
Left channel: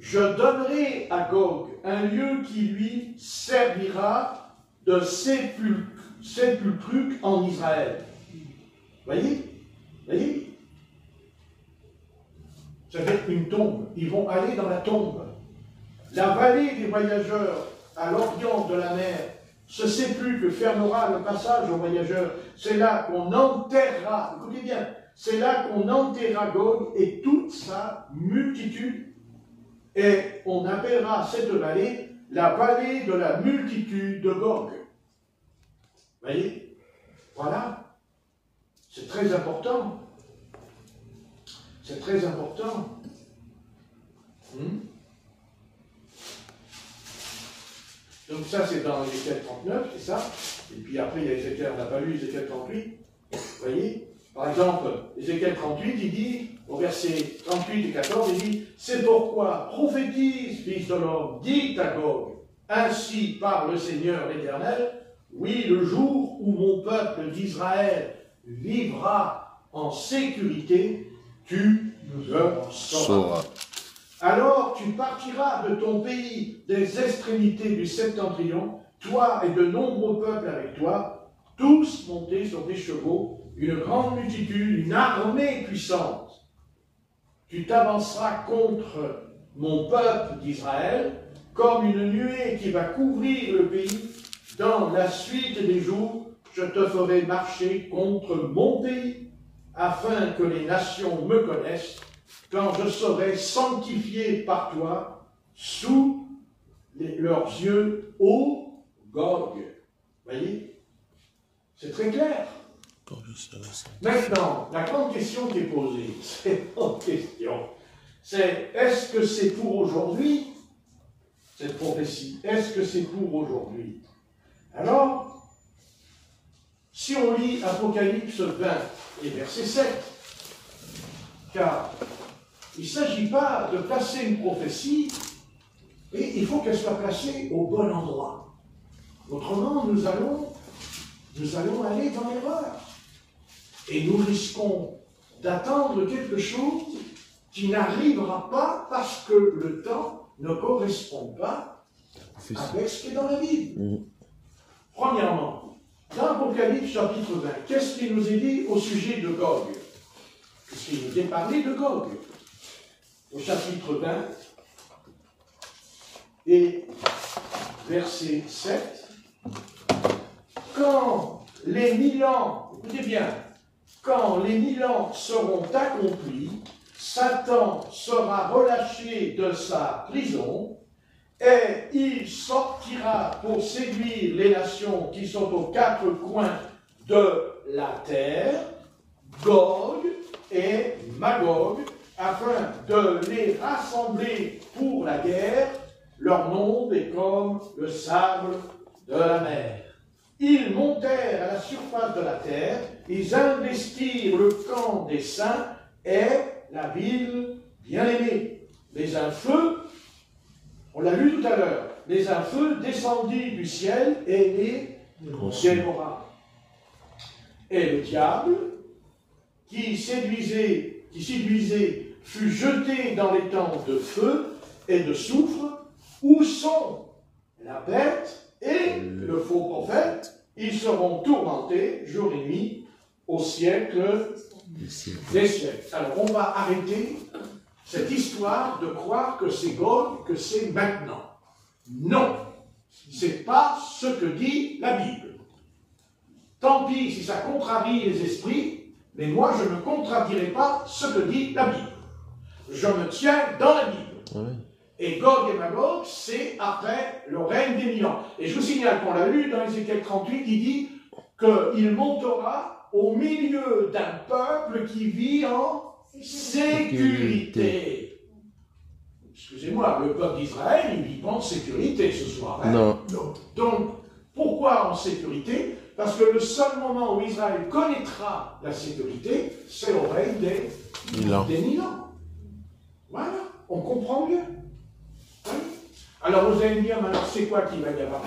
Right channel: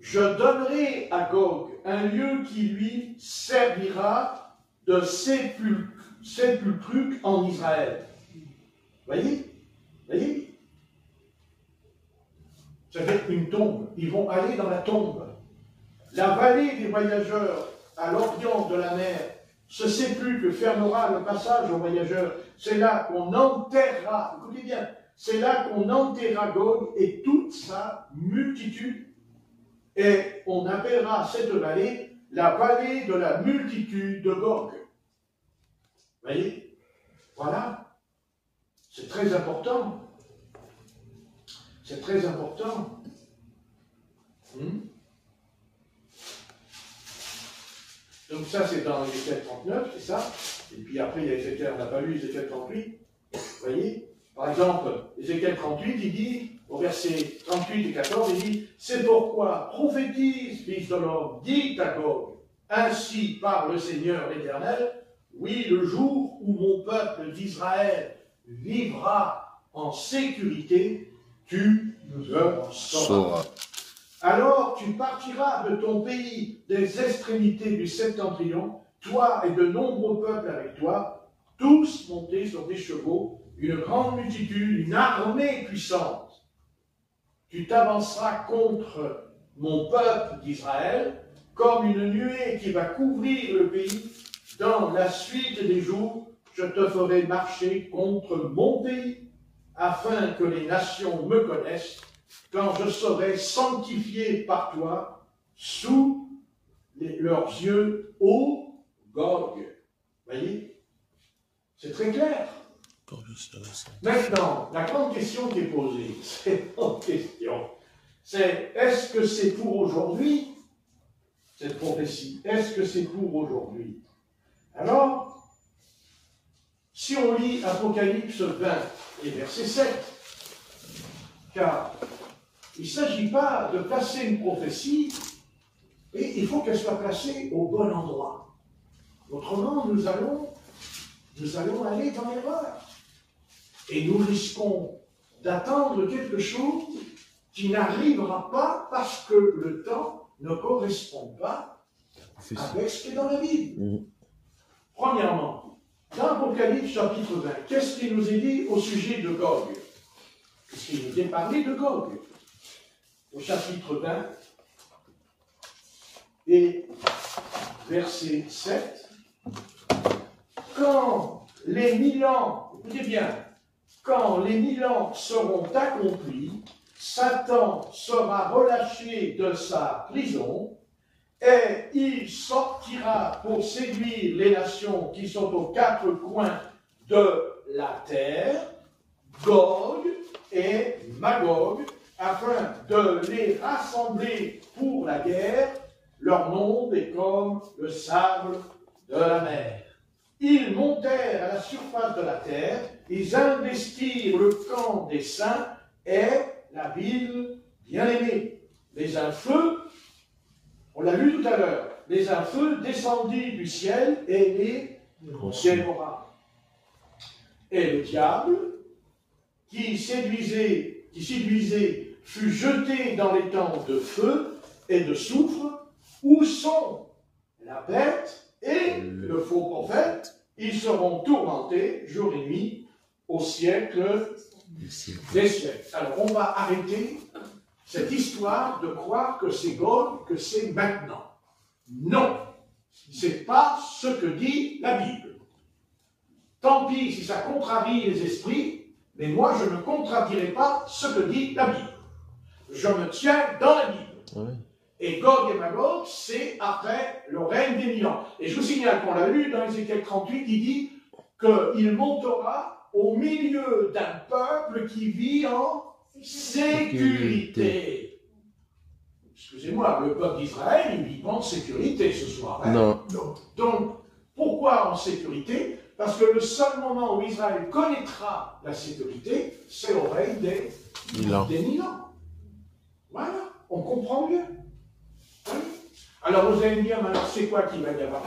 je donnerai à Gog un lieu qui lui servira de sépulcre en Israël. Voyez? Voyez? Ça va être une tombe. Ils vont aller dans la tombe. La vallée des voyageurs à l'orient de la mer, ce sépulcre fermera le passage aux voyageurs. C'est là qu'on enterrera, écoutez bien, c'est là qu'on enterrera Gog et toute sa multitude. Et on appellera cette vallée la vallée de la multitude de Gog. Voyez? Voilà. C'est très important. C'est très important. Donc ça, c'est dans Ézéchiel 39, c'est ça. Et puis après, il y a Ézéchiel, on n'a pas lu Ézéchiel 38. Vous voyez? Par exemple, Ézéchiel 38, il dit, au verset 38 et 14, il dit, c'est pourquoi prophétise, fils de l'homme, dit à Gog, ainsi parle le Seigneur l'Éternel, oui, le jour où mon peuple d'Israël vivra en sécurité, tu le sauras. Alors tu partiras de ton pays, des extrémités du septentrion, toi et de nombreux peuples avec toi, tous montés sur des chevaux, une grande multitude, une armée puissante. Tu t'avanceras contre mon peuple d'Israël, comme une nuée qui va couvrir le pays. Dans la suite des jours, je te ferai marcher contre mon pays, afin que les nations me connaissent, quand je serai sanctifié par toi sous leurs yeux, ô Gog. Voyez? C'est très clair. Maintenant, la grande question qui est posée, c'est est-ce que c'est pour aujourd'hui, cette prophétie, est-ce que c'est pour aujourd'hui? Alors, si on lit Apocalypse 20 et verset 7, car il ne s'agit pas de placer une prophétie, et il faut qu'elle soit placée au bon endroit. Autrement, nous allons aller dans l'erreur. Et nous risquons d'attendre quelque chose qui n'arrivera pas parce que le temps ne correspond pas avec ce qui est dans la Bible. Premièrement, dans Apocalypse chapitre 20, qu'est-ce qui nous est dit au sujet de Gog? Puisqu'il nous est parlé de Gog. Au chapitre 20 et verset 7, quand les 1000 ans, écoutez bien, quand les 1000 ans seront accomplis, Satan sera relâché de sa prison et il sortira pour séduire les nations qui sont aux quatre coins de la terre, Gog et Magog, afin de les rassembler pour la guerre. Leur nombre est comme le sable de la mer. Ils montèrent à la surface de la terre, ils investirent le camp des saints et la ville bien-aimée. Mais un feu, on l'a lu tout à l'heure, mais un feu descendit du ciel et les dévora. Et le diable, qui séduisait, fut jeté dans les temps de feu et de soufre, où sont la bête et le faux prophète. Ils seront tourmentés jour et nuit au siècle des siècles. Alors on va arrêter cette histoire de croire que c'est Gog, que c'est maintenant. Non, ce n'est pas ce que dit la Bible. Tant pis si ça contrarie les esprits, mais moi je ne contradierai pas ce que dit la Bible. Je me tiens dans la Bible. Oui. Et Gog et Magog, c'est après le règne des 1000 ans. Et je vous signale qu'on l'a lu dans Ézéchiel 38, il dit qu'il montera au milieu d'un peuple qui vit en sécurité. Excusez-moi, le peuple d'Israël, il ne vit pas en sécurité ce soir. Hein? Non. Donc, pourquoi en sécurité? Parce que le seul moment où Israël connaîtra la sécurité, c'est au règne des 1000 ans. Voilà, on comprend bien. Oui. Alors vous allez me dire, alors c'est quoi qu'il va y avoir?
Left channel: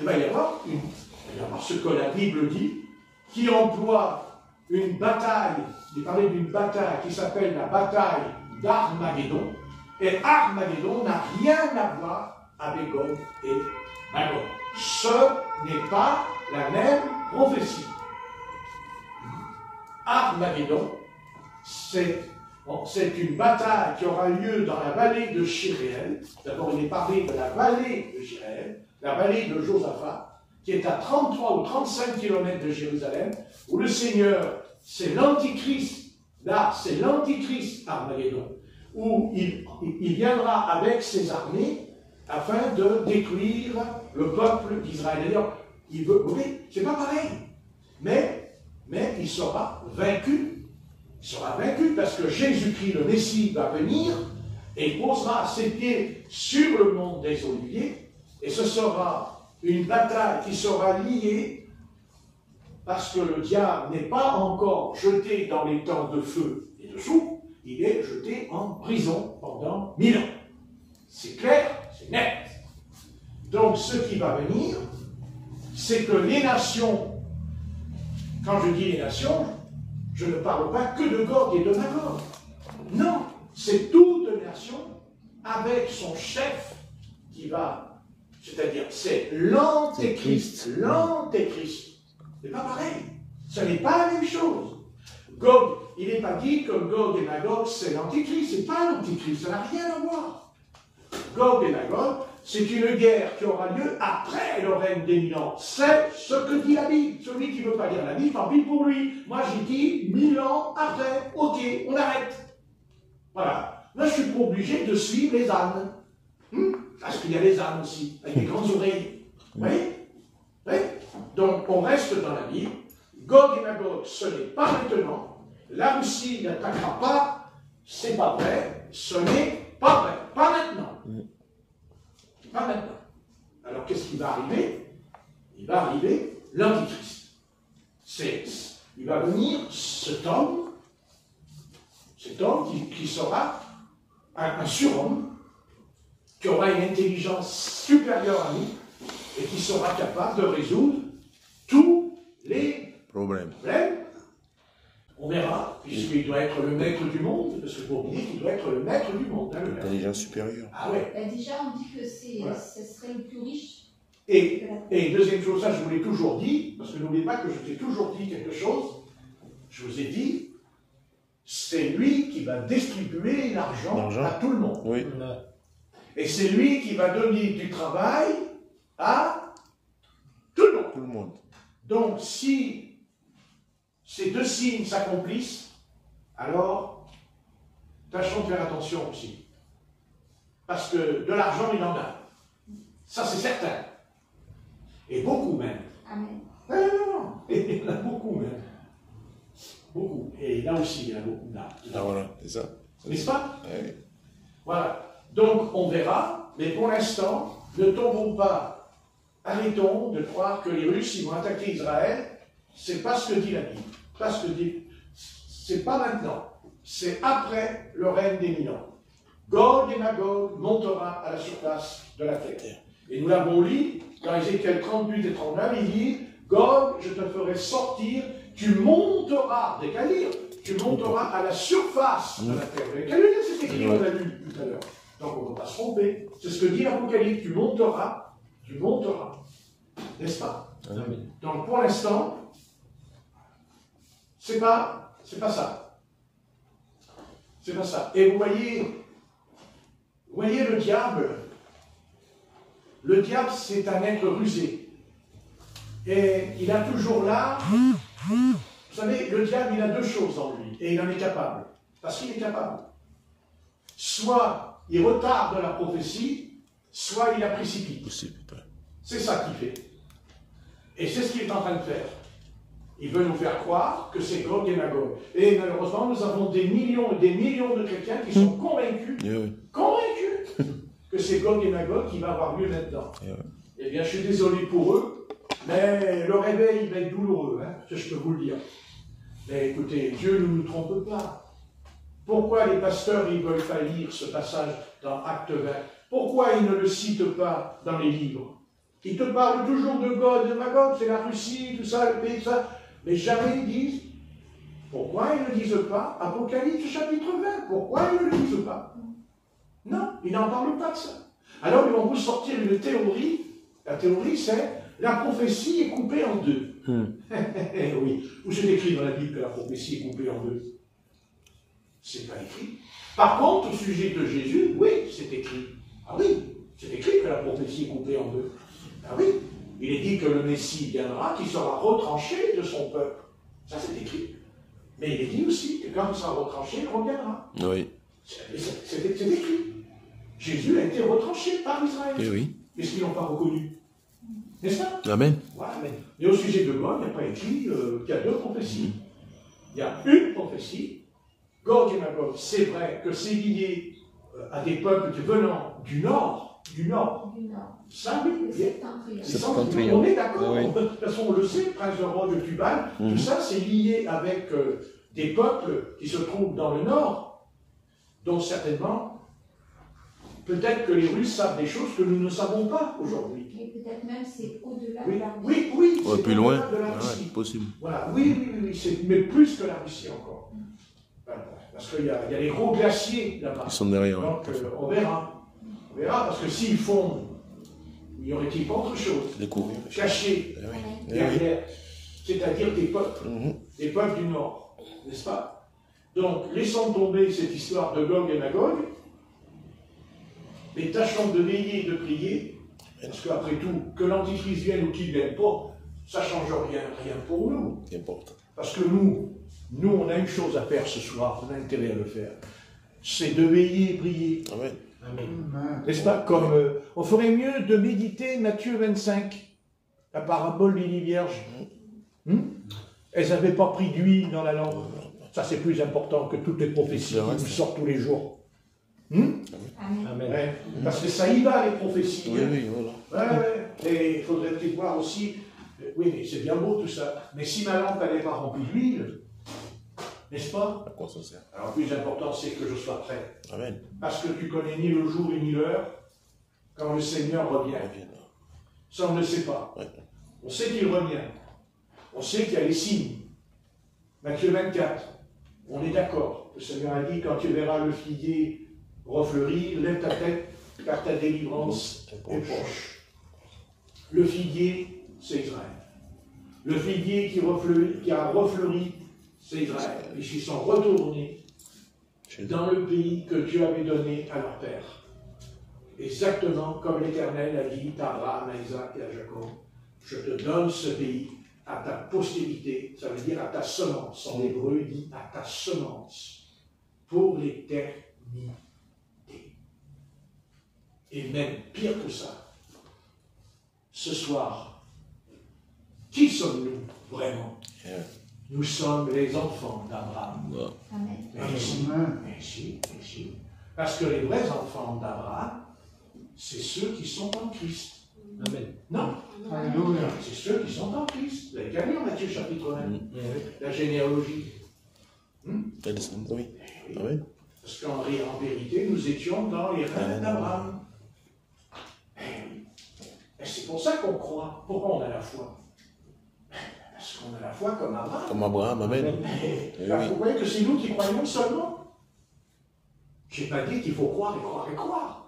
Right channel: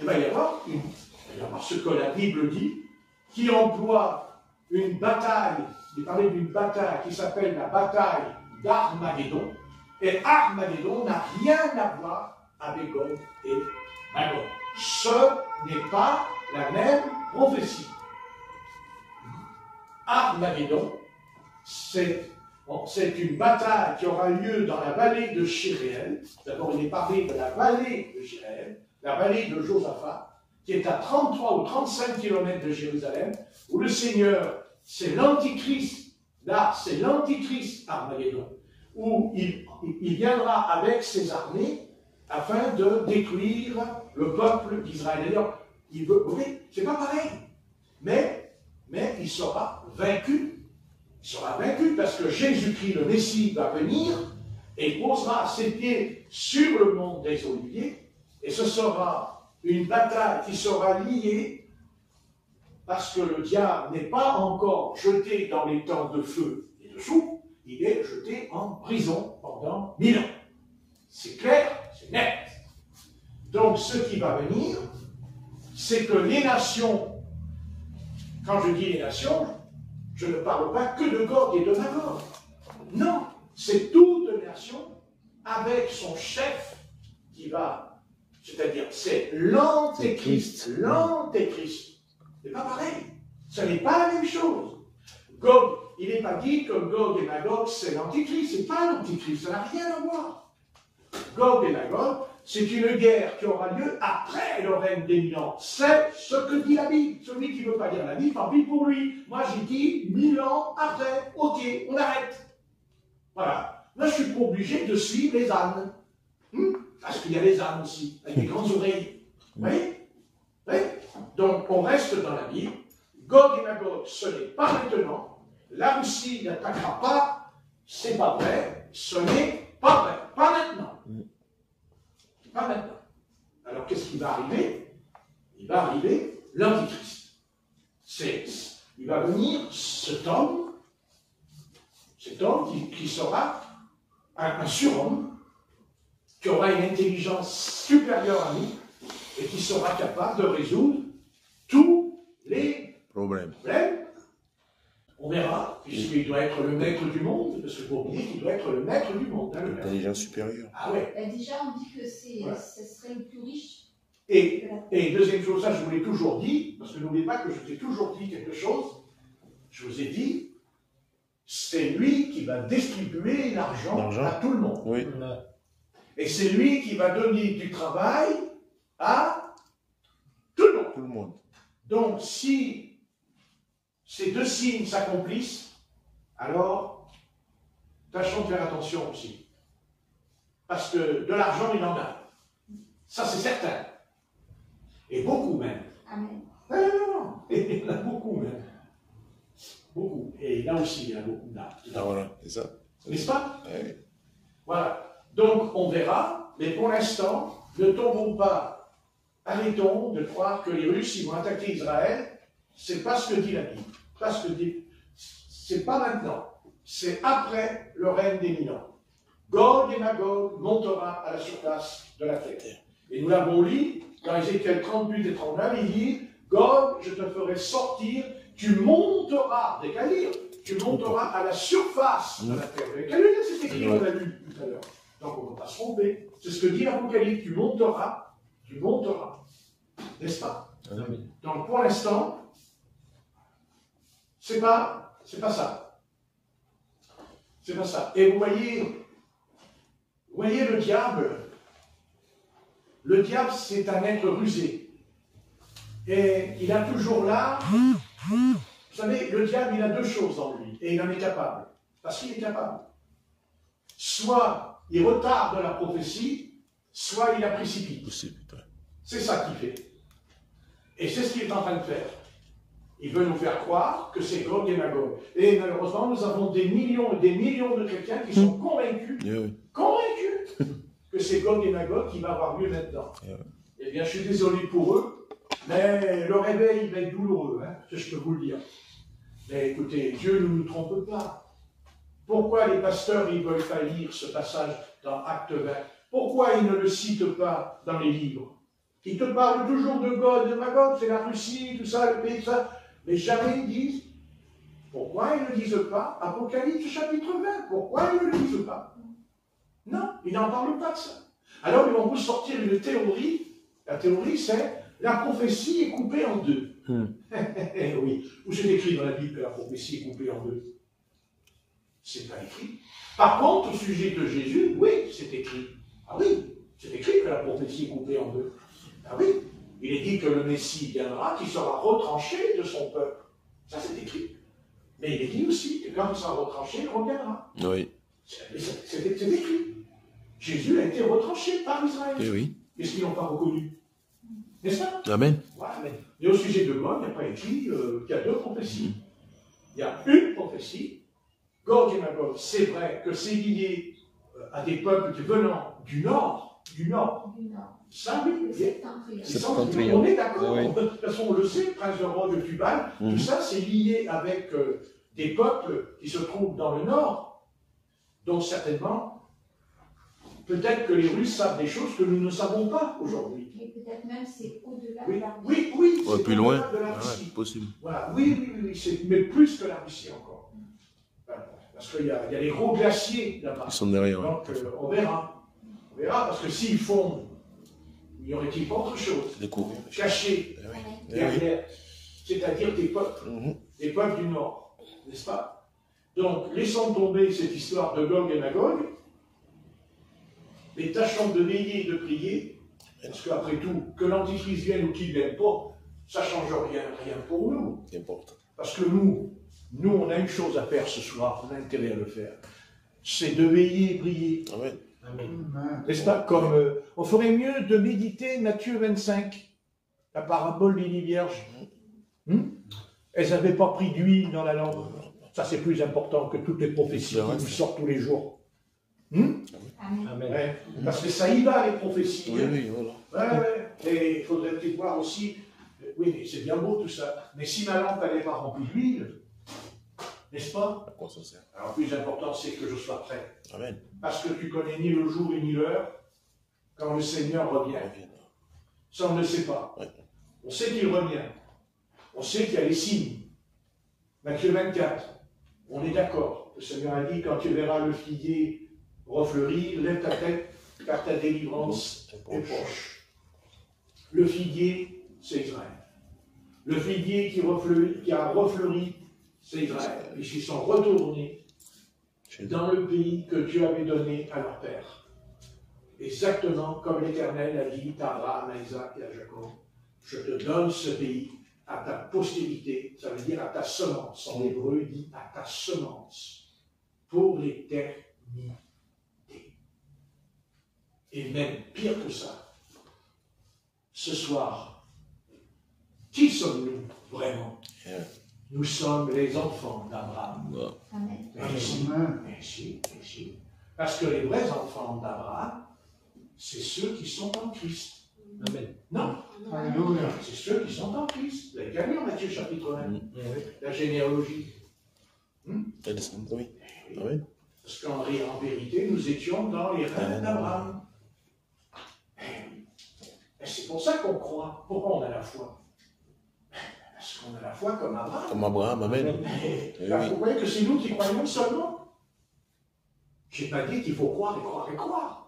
Il va y avoir ce que la Bible dit, qui emploie une bataille, il parlait d'une bataille qui s'appelle la bataille d'Armageddon, et Armageddon n'a rien à voir avec Gog et Magog. Ce n'est pas la même prophétie. Armageddon, c'est une bataille qui aura lieu dans la vallée de Jéréel. D'abord, il est parlé de la vallée de Jéréel, la vallée de Josaphat, qui est à 33 ou 35 km de Jérusalem, où le Seigneur, c'est l'Antichrist. Là, c'est l'Antichrist Armageddon, où il viendra avec ses armées afin de détruire le peuple d'Israël. Il veut, oui, c'est pas pareil, mais il sera vaincu. Il sera vaincu parce que Jésus-Christ, le Messie, va venir et posera ses pieds sur le mont des Oliviers, et ce sera une bataille qui sera liée parce que le diable n'est pas encore jeté dans les temps de feu et de souffle, il est jeté en prison pendant 1000 ans. C'est clair, c'est net. Donc ce qui va venir, c'est que les nations, quand je dis les nations, je ne parle pas que de Gog et de Magog. Non, c'est toute nation avec son chef qui va, c'est-à-dire c'est l'Antéchrist. L'Antéchrist. C'est pas pareil. Ce n'est pas la même chose. Gog, il n'est pas dit que Gog et Magog, c'est l'Antéchrist. C'est pas l'Antéchrist, ça n'a rien à voir. Gog et Magog, c'est une guerre qui aura lieu après le règne des 1000 ans. C'est ce que dit la Bible. Celui qui ne veut pas lire la Bible, tant pis pour lui. Moi, j'ai dit 1000 ans après. Ok, on arrête. Voilà. Là, je ne suis pas obligé de suivre les ânes. Parce qu'il y a les ânes aussi, avec des grandes oreilles. Vous voyez? Oui. Donc, on reste dans la Bible. Gog et Magog, ce n'est pas maintenant. La Russie n'attaquera pas. C'est pas prêt. Ce n'est pas prêt. Pas maintenant. Pas maintenant. Alors, qu'est-ce qui va arriver? il va arriver l'Antichrist. Il va venir cet homme qui sera un surhomme, qui aura une intelligence supérieure à nous, et qui sera capable de résoudre tous les problèmes. On verra, puisqu'il doit être le maître du monde, parce qu'il faut oublier qu'il doit être le maître du monde. Hein, l'intelligence supérieure. Ah ouais. Déjà, on dit que ce serait le plus riche. Et deuxième chose, ça je vous l'ai toujours dit, parce que n'oubliez pas que je t'ai toujours dit quelque chose, je vous ai dit, c'est lui qui va distribuer l'argent à tout le monde. Oui. Et c'est lui qui va donner du travail à tout le monde. Tout le monde. Donc, si ces deux signes s'accomplissent, alors, tâchons de faire attention aussi. Parce que de l'argent, il en a. Ça, c'est certain. Et beaucoup même. Amen. Non. Il y en a beaucoup même. Beaucoup. Et là aussi, il y en a beaucoup d'argent. Ah voilà, c'est ça. N'est-ce pas? Oui. Voilà. Donc, on verra, mais pour l'instant, ne tombons pas, arrêtons de croire que les Russes, ils vont attaquer Israël. C'est pas ce que dit la Bible. Pas ce que dit. C'est pas maintenant. C'est après le règne des 1000 ans. Gog et Magog montera à la surface de la terre. Et nous l'avons lu dans Ézéchiel 38 et 39, il dit, Gog, je te ferai sortir, tu monteras, décalir, tu monteras à la surface de la terre. Vous avez lu cet écrit qu'on a lu tout à l'heure. Donc on ne peut pas se tromper. C'est ce que dit l'Apocalypse, tu monteras, n'est-ce pas? Donc pour l'instant, c'est pas ça. C'est pas ça. Et vous voyez le diable. Le diable, c'est un être rusé. Et il a toujours là. Vous savez, le diable, il a deux choses en lui. Et il en est capable. Parce qu'il est capable. Soit il retarde la prophétie, soit il la précipite. C'est ça qu'il fait. Et c'est ce qu'il est en train de faire. Il veut nous faire croire que c'est Gog et Magog. Et malheureusement, nous avons des millions et des millions de chrétiens qui sont convaincus que c'est Gog et Magog qui va avoir lieu maintenant. Eh bien, je suis désolé pour eux, mais le réveil va être douloureux, hein, je peux vous le dire. Mais écoutez, Dieu ne nous trompe pas. Pourquoi les pasteurs ils veulent pas lire ce passage dans Acte 20? Pourquoi ils ne le citent pas dans les livres? Ils te parlent toujours de Gog et de Magog, c'est la Russie, tout ça, le pays, tout ça. Mais jamais ils disent, pourquoi ils ne disent pas Apocalypse chapitre 20? Pourquoi ils ne le disent pas? Non, ils n'en parlent pas de ça. Alors ils vont vous sortir une théorie. La théorie, c'est la prophétie est coupée en deux. Oui, où c'est écrit dans la Bible que la prophétie est coupée en deux? C'est pas écrit. Par contre, au sujet de Jésus, oui, c'est écrit. Ah oui, c'est écrit que la prophétie est coupée en deux. Ah oui, il est dit que le Messie viendra, qu'il sera retranché de son peuple. Ça, c'est écrit. Mais il est dit aussi que quand il sera retranché, il reviendra. Oui. C'est écrit. Jésus a été retranché par Israël. Eh oui. Est-ce qu'ils n'ont pas reconnu? N'est-ce pas? Amen. Ouais, mais au sujet de Gog, il n'y a pas écrit qu'il y a deux prophéties. Il y a une prophétie. Gog et Magog, c'est vrai que c'est lié à des peuples venant du nord. Ça, oui. On est d'accord. De toute façon, on le sait, Prince de Rhodes, de Tubal, tout ça, c'est lié avec des peuples qui se trouvent dans le nord. Donc, certainement, peut-être que les Russes savent des choses que nous ne savons pas aujourd'hui. Et peut-être même c'est au-delà Oui, de la oui, Ouais, plus loin. de la Russie. C'est possible. Voilà, oui, mais plus que la Russie encore. Parce qu'il y a les gros glaciers là-bas. Ils sont derrière. Donc, on verra. On verra, parce que s'ils fondent, y aurait-il pas autre chose? Découvrir. Caché Eh oui. derrière, c'est-à-dire des peuples du Nord, n'est-ce pas? Donc, laissons tomber cette histoire de Gog et Magog, mais tâchons de veiller et de prier, parce qu'après tout, que l'Antichrist vienne ou qu'il ne vienne pas, ça ne change rien pour nous. N'importe. Parce que nous, on a une chose à faire ce soir, on a intérêt à le faire, c'est de veiller et prier. Amen. Amen. N'est-ce pas? Comme on ferait mieux de méditer Matthieu 25, la parabole des 10 vierges. Elles n'avaient pas pris d'huile dans la langue. Ça, c'est plus important que toutes les prophéties qui nous sortent tous les jours. Amen. Ouais, parce que ça y va, les prophéties. Oui, voilà. Ouais. Et il faudrait peut-être voir aussi Oui, mais c'est bien beau tout ça. Mais si ma lampe n'avait pas rempli d'huile, n'est-ce pas? À quoi ça sert? Alors, le plus important, c'est que je sois prêt. Amen. Parce que tu connais ni le jour ni l'heure quand le Seigneur revient. Ça, on ne le sait pas. Ouais. On sait qu'il revient. On sait qu'il y a les signes. Matthieu 24, on est d'accord. Le Seigneur a dit, quand tu verras le figuier refleurir, lève ta tête, car ta délivrance est proche. Le figuier, c'est Israël. Le figuier qui a refleuri, c'est Israël. Puisqu'ils sont retournés dans le pays que Dieu avait donné à leur père. Exactement comme l'Éternel a dit à Abraham, à Isaac et à Jacob, je te donne ce pays à ta postérité, ça veut dire à ta semence. En hébreu, il dit à ta semence, pour l'éternité. Et même pire que ça, ce soir, qui sommes-nous vraiment? Nous sommes les enfants d'Abraham. Merci. Parce que les vrais enfants d'Abraham, c'est ceux qui sont en Christ. Amen. Non. Alléluia. C'est ceux qui sont en Christ. Vous avez qu'à lire Matthieu chapitre 1, la généalogie. Oui. Amen. Parce qu'en vérité, nous étions dans les reins d'Abraham. Et c'est pour ça qu'on croit. Pourquoi on a la foi? Parce qu'on a la foi comme Abraham. Comme Abraham, amen. Vous voyez que c'est nous qui croyons seulement. Je n'ai pas dit qu'il faut croire et croire et croire.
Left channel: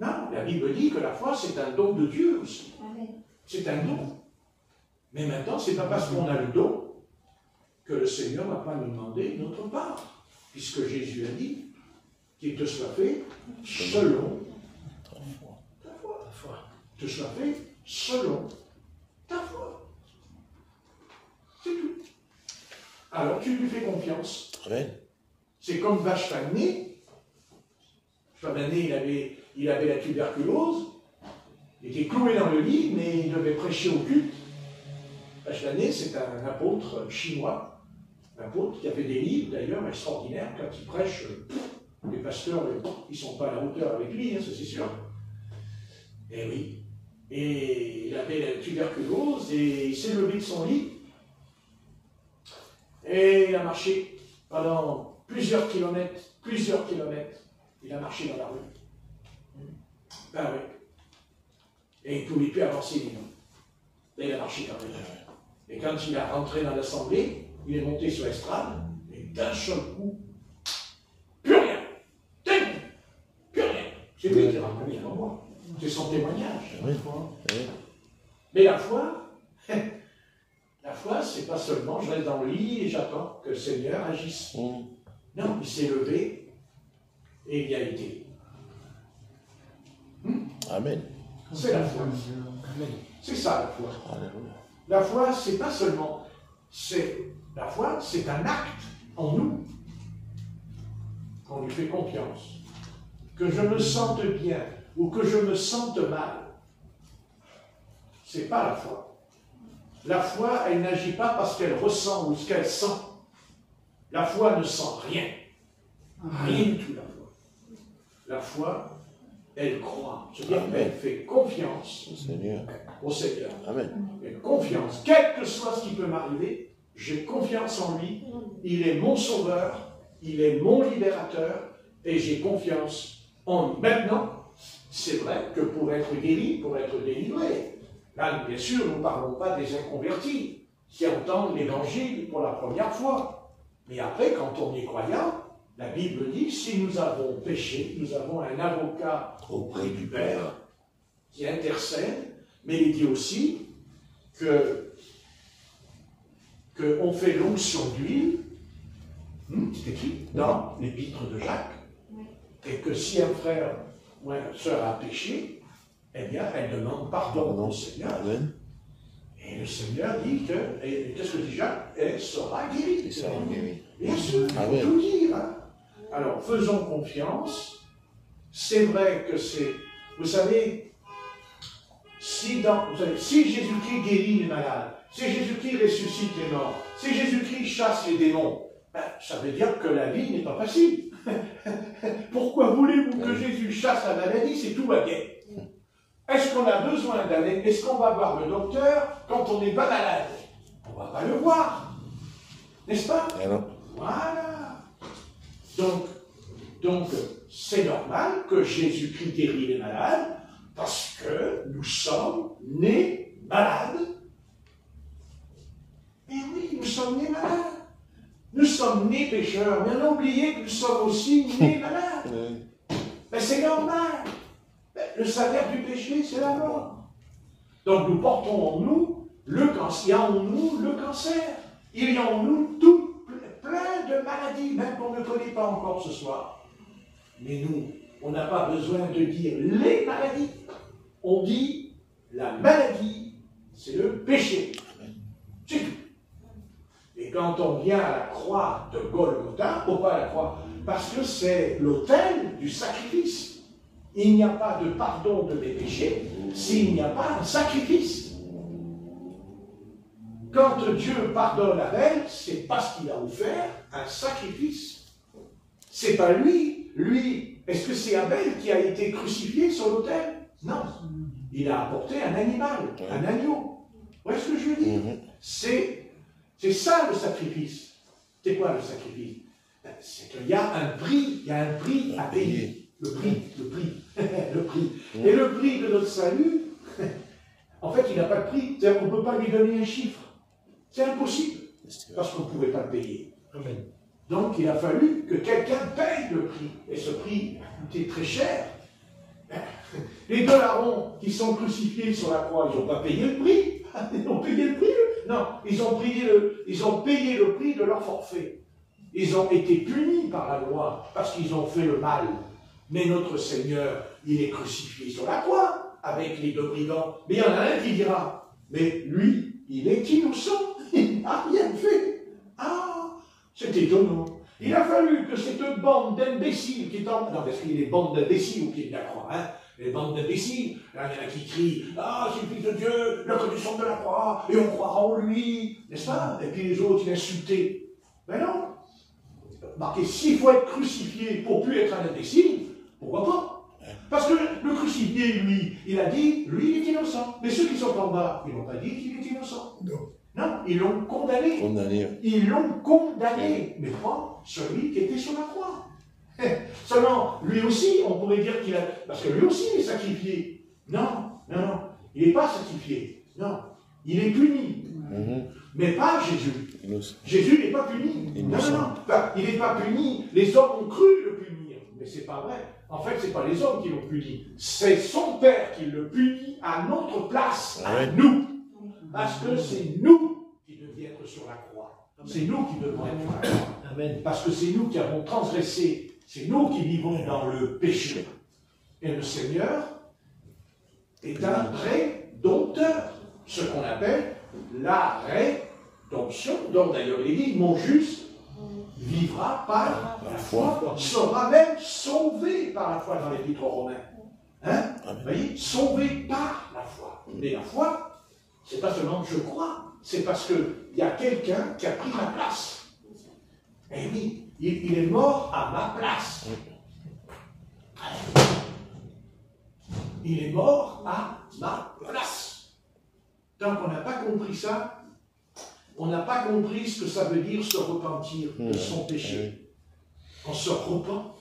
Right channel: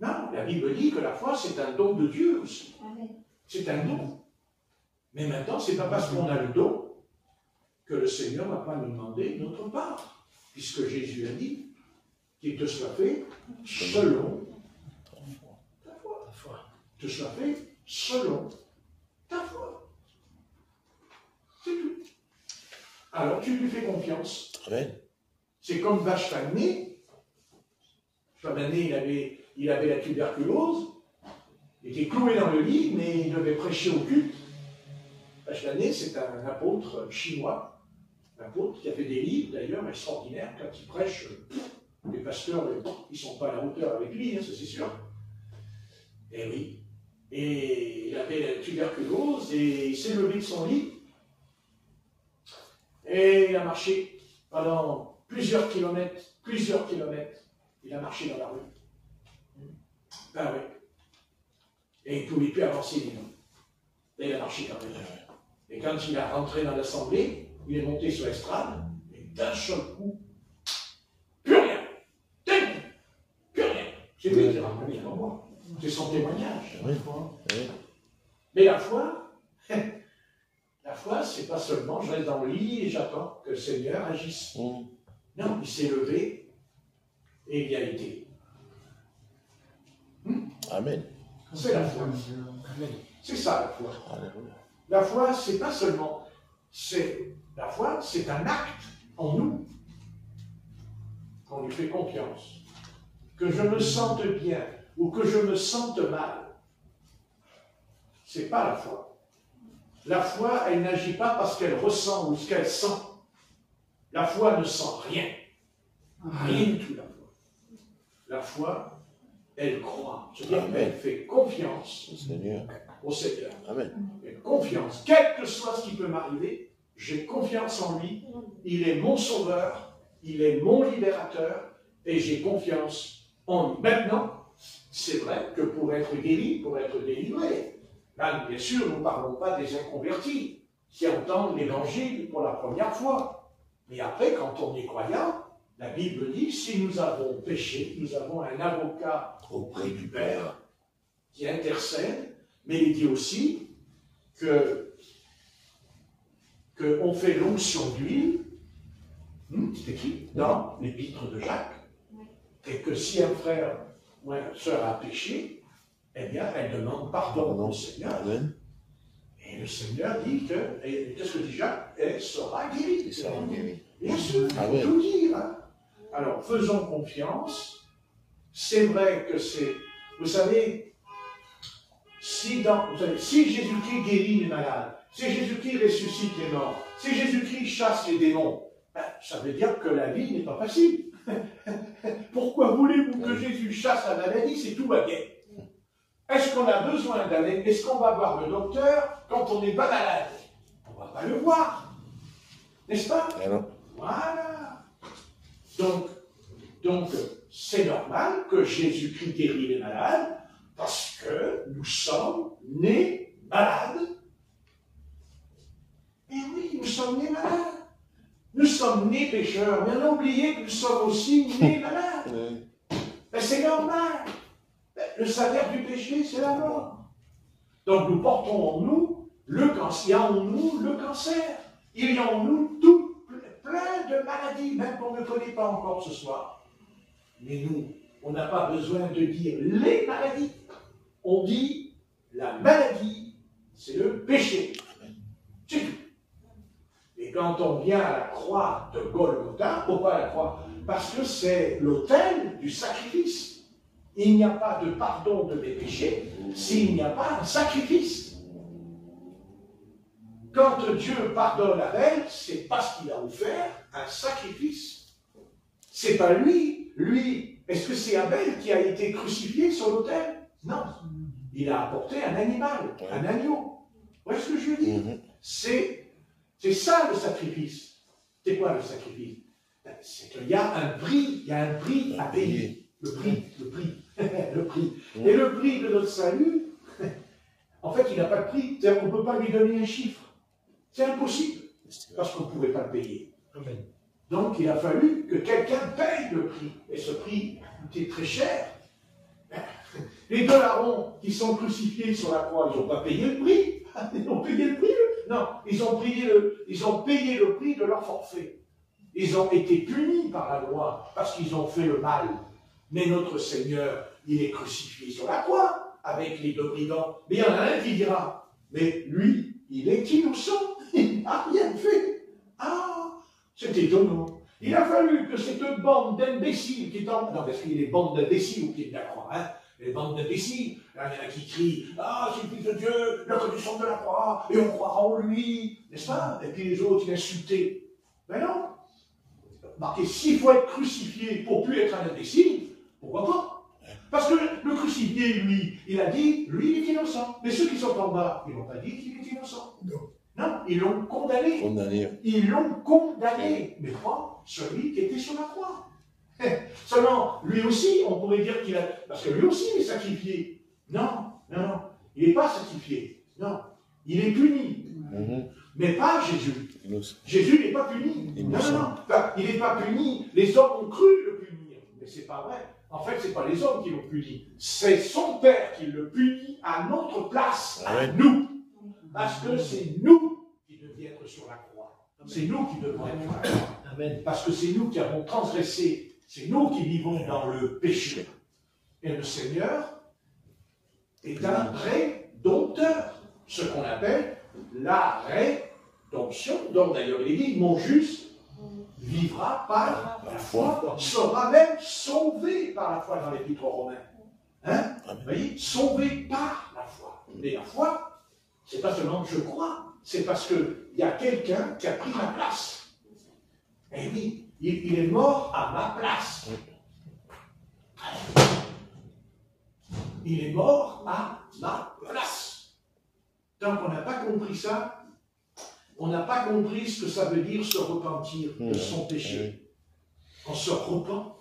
Non, la Bible dit que la foi, c'est un don de Dieu aussi. C'est un don. Mais maintenant, ce n'est pas parce qu'on a le don que le Seigneur ne va pas nous demander notre part. Puisque Jésus a dit qu'il te soit fait selon ta foi. Te soit fait selon ta foi. C'est tout. Alors tu lui fais confiance. Amen. C'est comme Vachtané. Vachtané, il avait la tuberculose. Il était cloué dans le lit, mais il devait prêcher au culte. Vachtané, c'est un apôtre chinois. Un apôtre qui a fait des livres, d'ailleurs, extraordinaires. Quand il prêche, les pasteurs, ils ne sont pas à la hauteur avec lui, hein, ça c'est sûr. Et oui. Et il avait la tuberculose, et il s'est levé de son lit. Et il a marché pendant plusieurs kilomètres. Il a marché dans la rue. Ben oui. Et il ne pouvait plus avancer, disons. Et il a marché dans la rue. Et quand il est rentré dans l'assemblée, il est monté sur l'estrade, et d'un seul coup, plus rien. Plus rien. C'est lui qui a reconnu avant moi. C'est son témoignage. Mais la foi, c'est pas seulement je reste dans le lit et j'attends que le Seigneur agisse. Non, il s'est levé et il y a été. Amen. C'est la foi. C'est ça la foi. La foi, c'est pas seulement. La foi, c'est un acte en nous. Qu'on lui fait confiance. Que je me sente bien ou que je me sente mal. C'est pas la foi. La foi, elle n'agit pas parce qu'elle ressent ou ce qu'elle sent. La foi ne sent rien. Rien du tout, la foi. La foi, elle croit. C'est-à-dire qu'elle fait confiance au Seigneur. Amen. Elle confiance. Quel que soit ce qui peut m'arriver, j'ai confiance en lui. Il est mon sauveur, il est mon libérateur, et j'ai confiance en lui. Maintenant, c'est vrai que pour être guéri, pour être délivré, là, bien sûr, nous ne parlons pas des inconvertis qui entendent l'évangile pour la première fois. Mais après, quand on est croyant, la Bible dit, si nous avons péché, nous avons un avocat auprès du Père qui intercède, mais il dit aussi qu'on fait l'onction d'huile, c'est écrit dans l'épître de Jacques, et que si un frère ou une sœur a péché, eh bien, elle demande pardon au Seigneur. Amen. Et le Seigneur dit que, et qu'est-ce que dit Jacques? Elle sera guérie. Bien sûr, il faut tout dire. Hein. Alors, faisons confiance. C'est vrai que c'est, vous savez, si Jésus-Christ guérit les malades, si Jésus-Christ ressuscite les morts, si Jésus-Christ chasse les démons, ben, ça veut dire que la vie n'est pas facile. Pourquoi voulez-vous que Jésus chasse la maladie si tout va bien? Est-ce qu'on a besoin d'aller? Est-ce qu'on va voir le docteur quand on n'est pas malade? On ne va pas le voir. N'est-ce pas? Voilà. Donc, c'est normal que Jésus-Christ guérit les malades parce que nous sommes nés malades. Et oui, nous sommes nés malades. Nous sommes nés pécheurs, mais on a oublié que nous sommes aussi nés malades. Mais c'est normal. Le salaire du péché, c'est la mort. Donc nous portons en nous le cancer. Il y a en nous le cancer. Il y a en nous tout plein de maladies, même qu'on ne connaît pas encore ce soir. Mais nous, on n'a pas besoin de dire les maladies. On dit la maladie, c'est le péché. C'est tout. Et quand on vient à la croix de Golgotha, ou pas à la croix, parce que c'est l'autel du sacrifice. Il n'y a pas de pardon de mes péchés s'il n'y a pas un sacrifice. Quand Dieu pardonne Abel, c'est parce qu'il a offert un sacrifice. C'est pas lui. Lui, est-ce que c'est Abel qui a été crucifié sur l'autel? Non. Il a apporté un animal, un agneau. Vous voyez ce que je veux dire? C'est ça le sacrifice. C'est quoi le sacrifice? C'est qu'il y a un prix, à payer. Le prix. Le prix. Et le prix de notre salut, en fait, il n'a pas de prix. On ne peut pas lui donner un chiffre. C'est impossible. Parce qu'on ne pouvait pas le payer. Donc, il a fallu que quelqu'un paye le prix. Et ce prix a coûté très cher. Les deux larrons qui sont crucifiés sur la croix, ils n'ont pas payé le prix. Ils ont payé le prix. Non, ils ont payé le prix de leur forfait. Ils ont été punis par la loi parce qu'ils ont fait le mal. Mais notre Seigneur, il est crucifié sur la croix avec les deux brigands. Mais il y en a un qui dira, mais lui, il est innocent. Il n'a rien fait. Ah, c'est étonnant. Il a fallu que cette bande d'imbéciles qui est en... Non, parce qu'il y a des bandes d'imbéciles au pied de la croix, hein. Les bandes d'imbéciles, là, il y en a qui crient, ah, c'est le Fils de Dieu, la condition de la croix, et on croira en lui, n'est-ce pas? Et puis les autres, ils insultent. Mais non. Marquez, s'il faut être crucifié pour plus être un imbécile, pourquoi pas? Parce que le crucifié, lui, il a dit, lui, il est innocent. Mais ceux qui sont en bas, ils n'ont pas dit qu'il est innocent. Non. Non, ils l'ont condamné. Ils l'ont condamné, mais pas celui qui était sur la croix. Seulement, lui aussi, on pourrait dire qu'il a... Parce que lui aussi, il est sacrifié. Non, il n'est pas sacrifié. Non, il est puni. Mais pas Jésus. Jésus n'est pas puni. Non. Enfin, il n'est pas puni. Les hommes ont cru le punir. Mais c'est pas vrai. En fait, ce n'est pas les hommes qui l'ont puni. C'est son Père qui le punit à notre place, à nous. Parce que c'est nous qui devions être sur la croix. C'est nous qui devons être sur la croix. Amen. Parce que c'est nous qui avons transgressé. C'est nous qui vivons dans le péché. Et le Seigneur est un rédempteur. Ce qu'on appelle la rédemption. Donc d'ailleurs, il dit, mon juste vivra par la foi, sera même sauvé par la foi dans l'Épître aux Romains. Hein? Vous voyez, sauvé par la foi. Mais la foi, c'est pas seulement que je crois, c'est parce qu'il y a quelqu'un qui a pris ma place. Et oui, il est mort à ma place. Il est mort à ma place. Donc on n'a pas compris ça. On n'a pas compris ce que ça veut dire se repentir de son péché. On se repent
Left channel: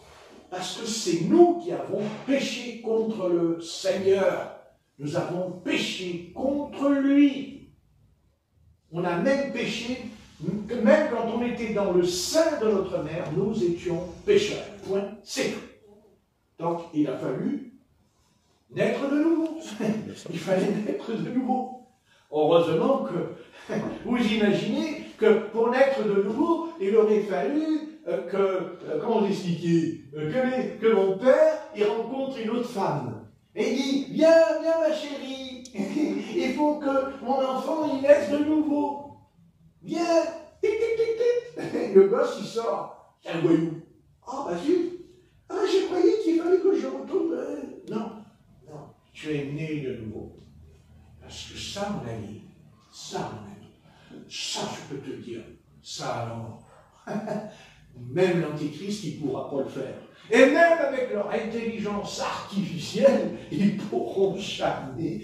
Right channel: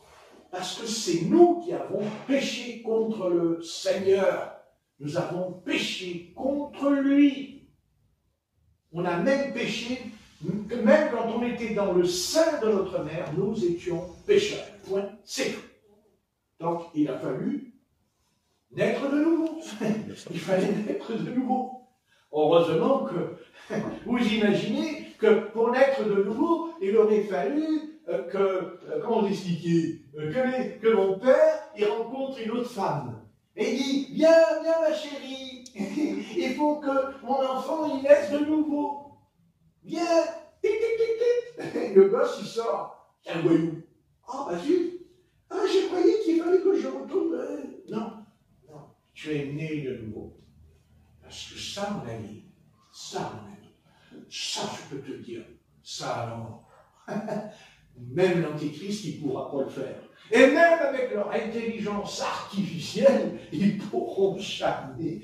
parce que c'est nous qui avons péché contre le Seigneur. Nous avons péché contre lui. On a même péché, même quand on était dans le sein de notre mère, nous étions pécheurs. Point, c'est tout. Donc il a fallu naître de nouveau. Il fallait naître de nouveau. Heureusement que vous imaginez que pour naître de nouveau, il aurait fallu comment l'expliquer, que mon père il rencontre une autre femme. Et il dit, viens ma chérie, il faut que mon enfant il naisse de nouveau. Viens, tic, tic, tic, tic. Le gosse il sort, c'est un voyou. Ah bah si, je croyais qu'il fallait que je retourne. Non, tu es né de nouveau. Parce que ça, mon ami, ça, je peux te dire, ça alors, même l'Antéchrist, il ne pourra pas le faire. Et même avec leur intelligence artificielle, ils ne pourront jamais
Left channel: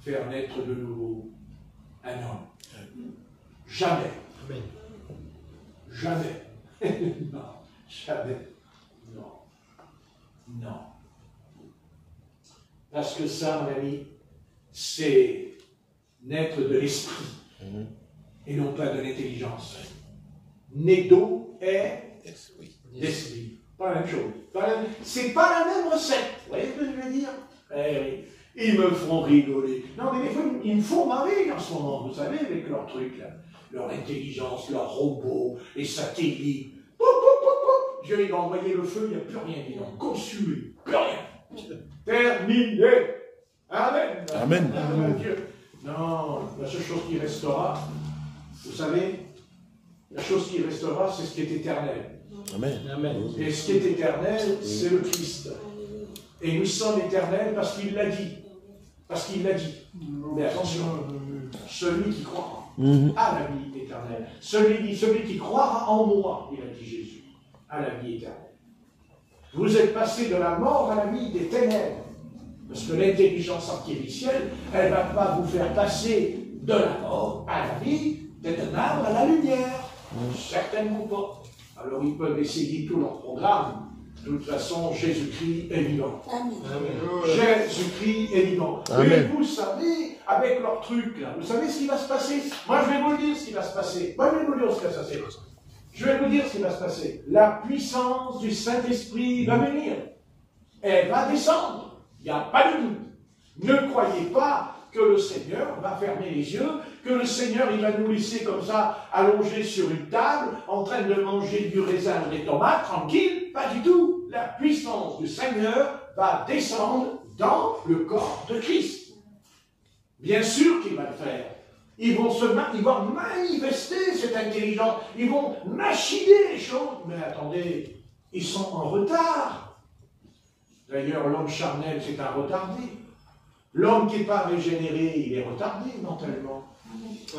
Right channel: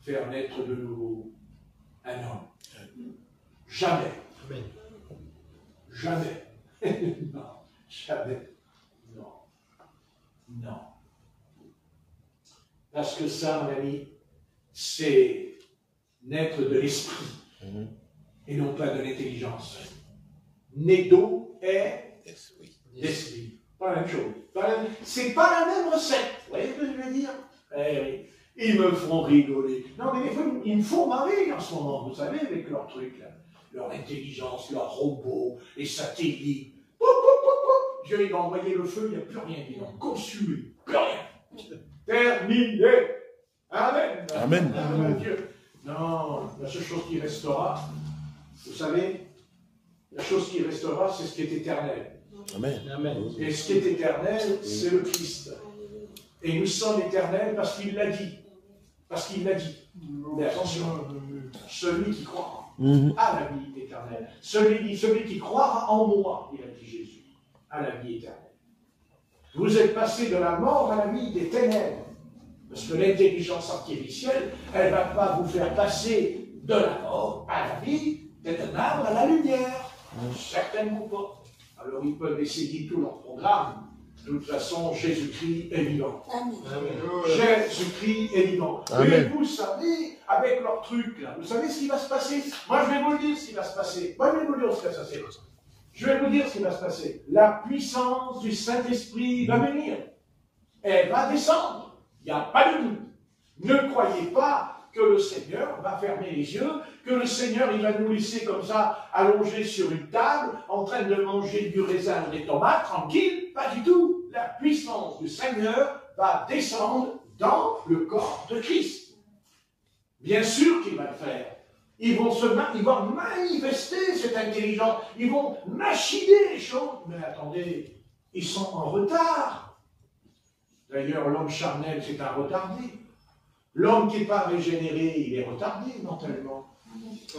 faire naître de nouveau un homme. Jamais. Amen. Jamais. Non, jamais. Non. Non. Parce que ça, mon ami, c'est naître de l'esprit et non pas de l'intelligence. Né d'eau est d'esprit. Pas la même chose. C'est pas la même recette. Vous voyez ce que je veux dire? Eh oui. Ils me font rigoler. Non, mais des fois, ils me font marrer en ce moment, vous savez, avec leurs trucs, là. Leur intelligence, leurs robots, les satellites. Pou, pou, pou, pou. Dieu, il va envoyer le feu, il n'y a plus rien. Ils n'ont conçu, plus rien. Terminé. Amen. Amen. Amen. Dieu. Non, la seule chose qui restera, vous savez, la chose qui restera, c'est ce qui est éternel. Amen. Amen. Et ce qui est éternel, c'est le Christ. Et nous sommes éternels parce qu'il l'a dit. Parce qu'il l'a dit. Mais attention, celui qui croit à la vie éternelle, celui qui croira en moi, il a dit Jésus, à la vie éternelle. Vous êtes passé de la mort à la vie des ténèbres. Parce que l'intelligence artificielle, elle ne va pas vous faire passer de la mort à la vie, des ténèbres à la lumière. Certainement pas. Alors ils peuvent essayer tout leur programme. De toute façon, Jésus-Christ est vivant. Amen. Jésus-Christ est vivant. Amen. Et vous savez, avec leur truc là, vous savez ce qui va se passer? Moi, je vais vous dire ce qui va se passer. Moi, je vais vous dire ce qui va se passer. Je vais vous dire ce qui va se passer. La puissance du Saint-Esprit va venir. Elle va descendre. Il n'y a pas de doute. Ne croyez pas que le Seigneur va fermer les yeux, que le Seigneur il va nous laisser comme ça, allongés sur une table, en train de manger du raisin ou des tomates, tranquille. Pas du tout. La puissance du Seigneur va descendre dans le corps de Christ. Bien sûr qu'il va le faire. Ils vont manifester cette intelligence. Ils vont machiner les choses. Mais attendez, ils sont en retard. D'ailleurs, l'homme charnel, c'est un retardé. L'homme qui n'est pas régénéré, il est retardé mentalement.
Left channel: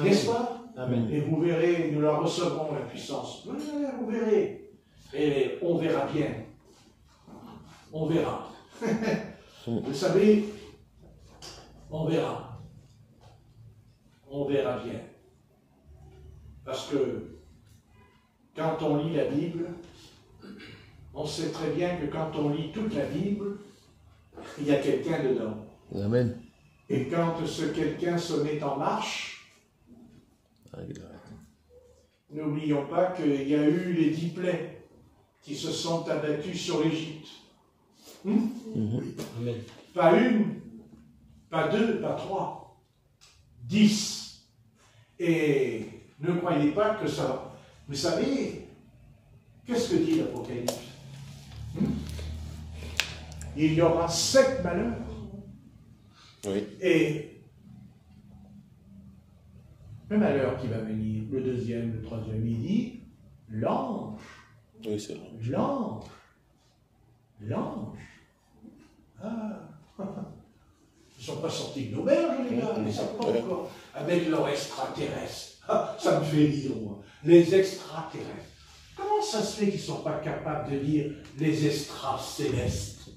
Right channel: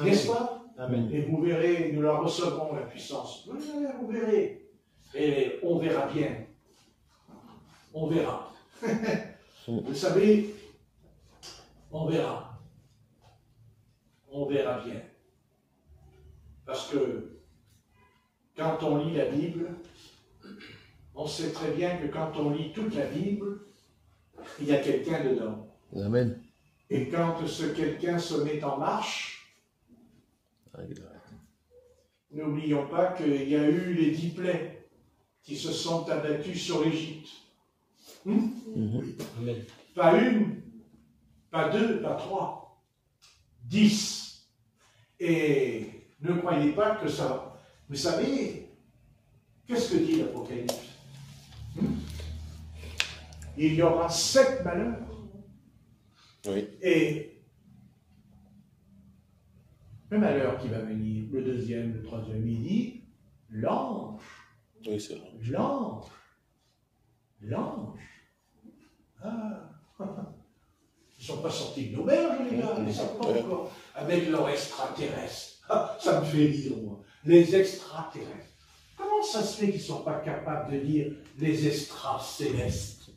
N'est-ce pas? Amen. Et vous verrez, nous la recevrons, la puissance. Vous verrez. Et on verra bien. On verra. Vous savez, on verra. On verra bien. Parce que quand on lit la Bible, on sait très bien que quand on lit toute la Bible, il y a quelqu'un dedans. Amen. Et quand ce quelqu'un se met en marche, n'oublions pas qu'il y a eu les 10 plaies qui se sont abattus sur l'Égypte. Amen. Pas une, pas deux, pas trois, 10. Et ne croyez pas que ça va. Vous savez, qu'est-ce que dit l'Apocalypse? Il y aura 7 malheurs. Oui. Et le malheur qui va venir, le deuxième, le troisième, il dit l'ange. Oui, c'est vrai. L'ange. L'ange. Ah. Ils ne sont pas sortis de l'auberge, les gars, ils ne savent pas encore. Avec leur extraterrestre. Ah, ça me fait rire, moi. Les extraterrestres. Comment ça se fait qu'ils ne sont pas capables de lire les extracélestes?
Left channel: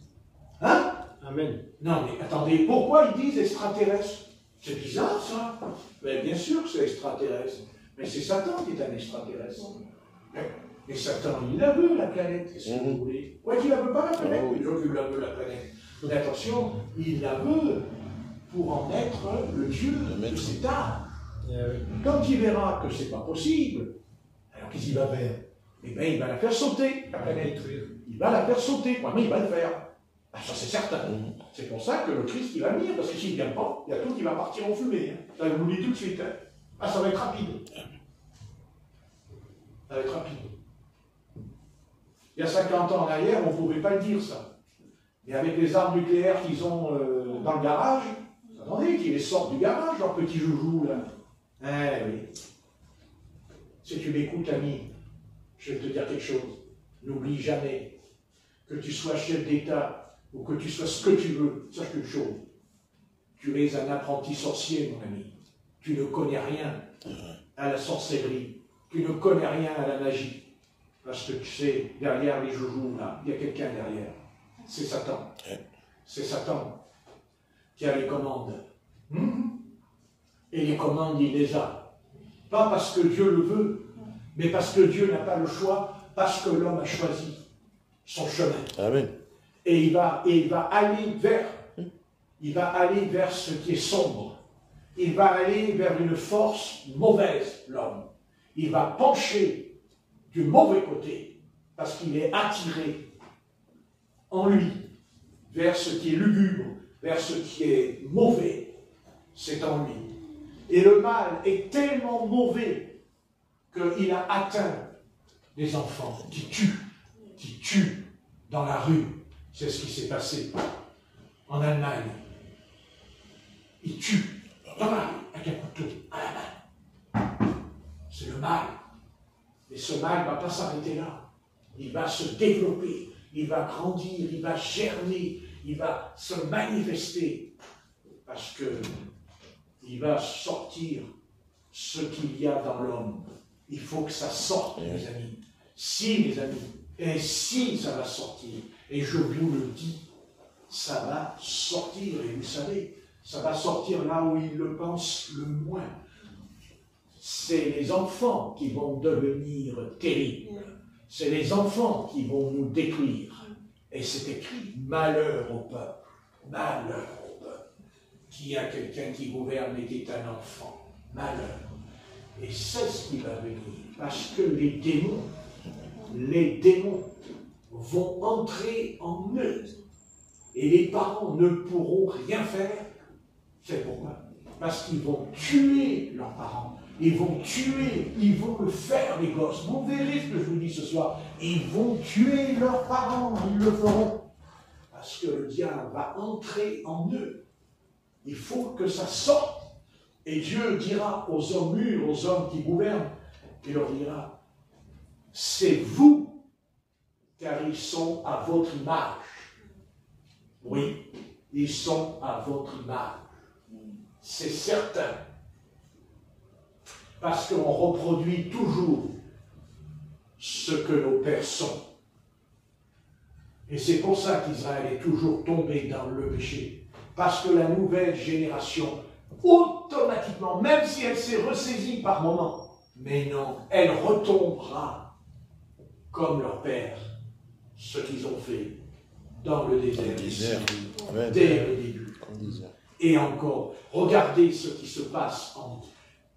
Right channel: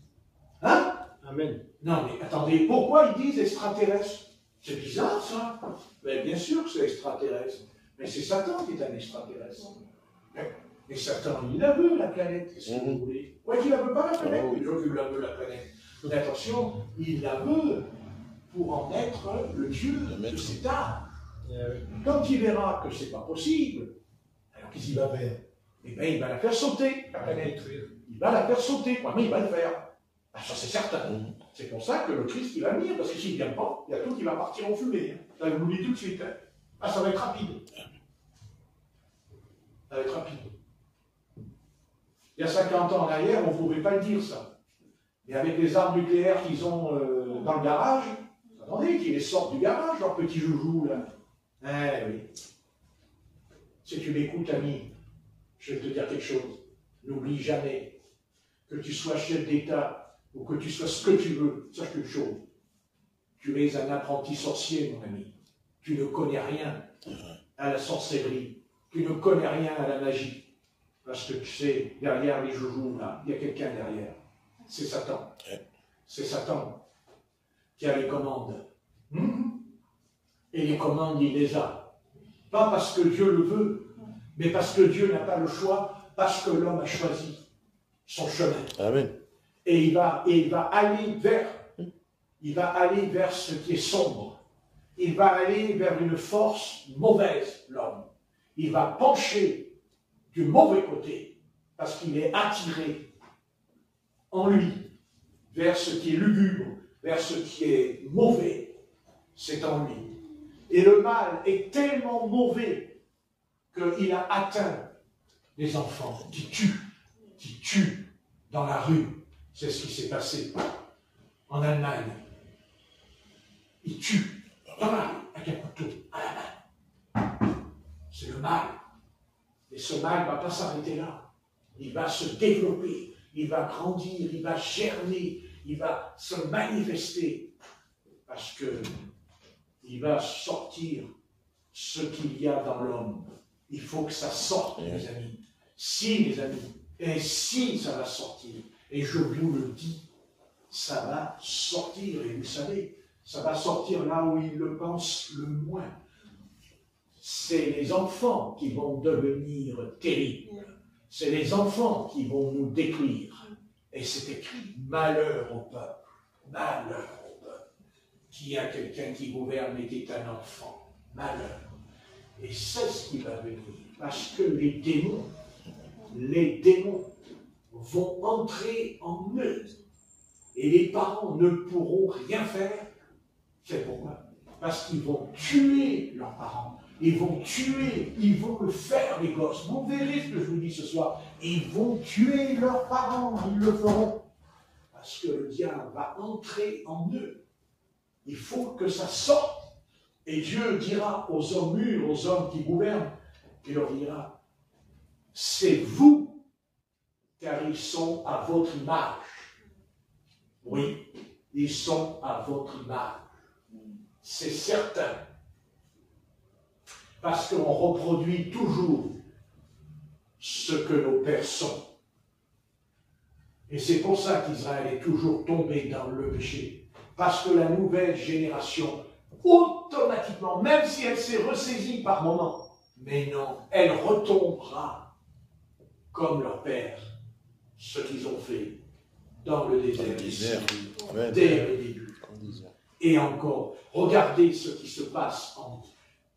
Hein? Amen. Non, mais attendez, pourquoi ils disent extraterrestre? C'est bizarre, ça. Mais bien sûr que c'est extraterrestre. Mais c'est Satan qui est un extraterrestre. Mais Satan, il la veut, la planète. Qu'est-ce que vous voulez? Ouais, il ne la veut pas, la planète. Il veut la veut, la planète. Mais attention, il la veut pour en être le Dieu de cet âme. Quand il verra que ce n'est pas possible, alors qu'est-ce qu'il va faire? Eh bien, il va la faire sauter, la planète. Il va la faire sauter. Mais il va le faire. Ah, ça, c'est certain. C'est pour ça que le Christ, il va venir, parce que s'il ne vient pas, il y a tout qui va partir en fumée. Ça, je vous le dis tout de suite. Ah, ça va être rapide. Ça va être rapide. Il y a 50 ans en arrière, on ne pouvait pas le dire, ça. Et avec les armes nucléaires qu'ils ont dans le garage, attendez, qu'ils les sortent du garage, leurs petits joujoux, là. Eh oui. Si tu m'écoutes, ami, je vais te dire quelque chose. N'oublie jamais que tu sois chef d'État ou que tu sois ce que tu veux. Sache une chose. Tu es un apprenti sorcier, mon ami. Tu ne connais rien à la sorcellerie. Tu ne connais rien à la magie. Parce que tu sais, derrière les joujoux, là, il y a quelqu'un derrière. C'est Satan. C'est Satan qui a les commandes. Et les commandes, il les a. Pas parce que Dieu le veut, mais parce que Dieu n'a pas le choix, parce que l'homme a choisi son chemin. Amen. Et il va aller vers ce qui est sombre. Il va aller vers une force mauvaise, l'homme. Il va pencher du mauvais côté, parce qu'il est attiré en lui vers ce qui est lugubre, vers ce qui est mauvais. C'est en lui. Et le mal est tellement mauvais qu'il a atteint des enfants qui tuent dans la rue. C'est ce qui s'est passé en Allemagne. Ils tuent dans la rue avec un couteau à la main. C'est le mal. Et ce mal ne va pas s'arrêter là. Il va se développer, il va grandir, il va germer, il va se manifester. Parce que il va sortir ce qu'il y a dans l'homme. Il faut que ça sorte, mes amis. Si, mes amis, et si ça va sortir, et je vous le dis, ça va sortir, et vous savez, ça va sortir là où il le pense le moins. C'est les enfants qui vont devenir terribles. C'est les enfants qui vont nous détruire. Et c'est écrit, malheur au peuple, malheur au peuple, qui a quelqu'un qui gouverne et qui est un enfant, malheur. Et c'est ce qui va venir, parce que les démons vont entrer en eux. Et les parents ne pourront rien faire. C'est pourquoi? Parce qu'ils vont tuer leurs parents. Ils vont tuer, ils vont le faire, les gosses. Vous verrez ce que je vous dis ce soir. Ils vont tuer leurs parents, ils le feront. Parce que le diable va entrer en eux. Il faut que ça sorte. Et Dieu dira aux hommes mûrs, aux hommes qui gouvernent, il leur dira, c'est vous, car ils sont à votre image. Oui, ils sont à votre image. C'est certain. Parce qu'on reproduit toujours ce que nos pères sont. Et c'est pour ça qu'Israël est toujours tombé dans le péché. Parce que la nouvelle génération, automatiquement, même si elle s'est ressaisie par moments, mais non, elle retombera comme leur père, ce qu'ils ont fait dans le désert. Dès le début. Et encore, regardez ce qui se passe en nous.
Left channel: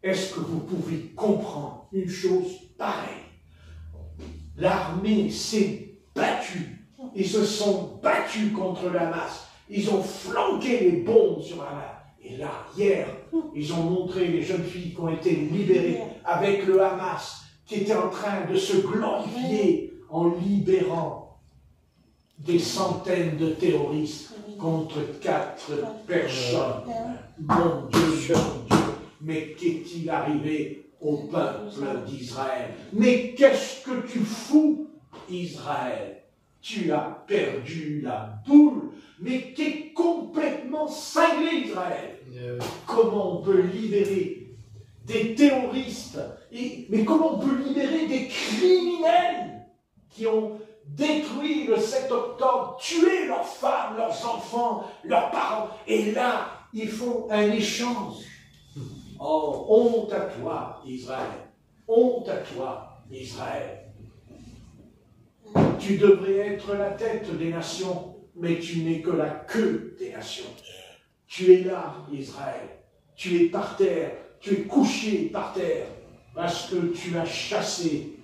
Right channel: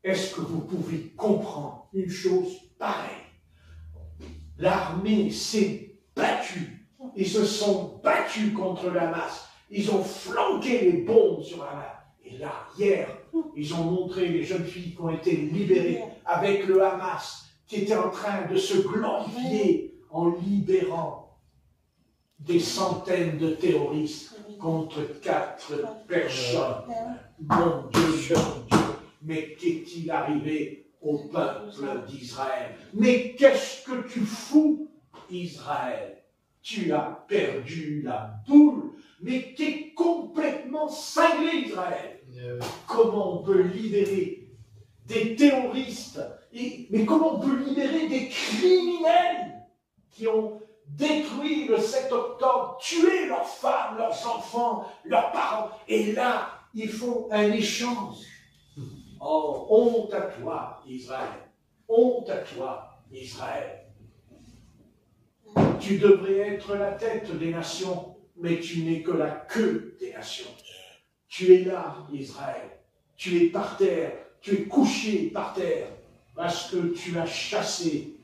Est-ce que vous pouvez comprendre une chose pareille? L'armée s'est battue. Ils se sont battus contre le Hamas. Ils ont flanqué les bombes sur Hamas. Et là, hier, ils ont montré les jeunes filles qui ont été libérées avec le Hamas, qui était en train de se glorifier en libérant des centaines de terroristes contre 4 personnes. Mon Dieu, mais qu'est-il arrivé au peuple d'Israël? Mais qu'est-ce que tu fous, Israël? Tu as perdu la boule, mais tu es complètement cinglé, Israël. Comment on peut libérer des terroristes, mais comment on peut libérer des criminels qui ont détruit le 7 octobre, tué leurs femmes, leurs enfants, leurs parents, et là, ils font un échange. Oh, honte à toi, Israël. Honte à toi, Israël. Tu devrais être la tête des nations, mais tu n'es que la queue des nations. Tu es là, Israël. Tu es par terre. Tu es couché par terre, parce que tu as chassé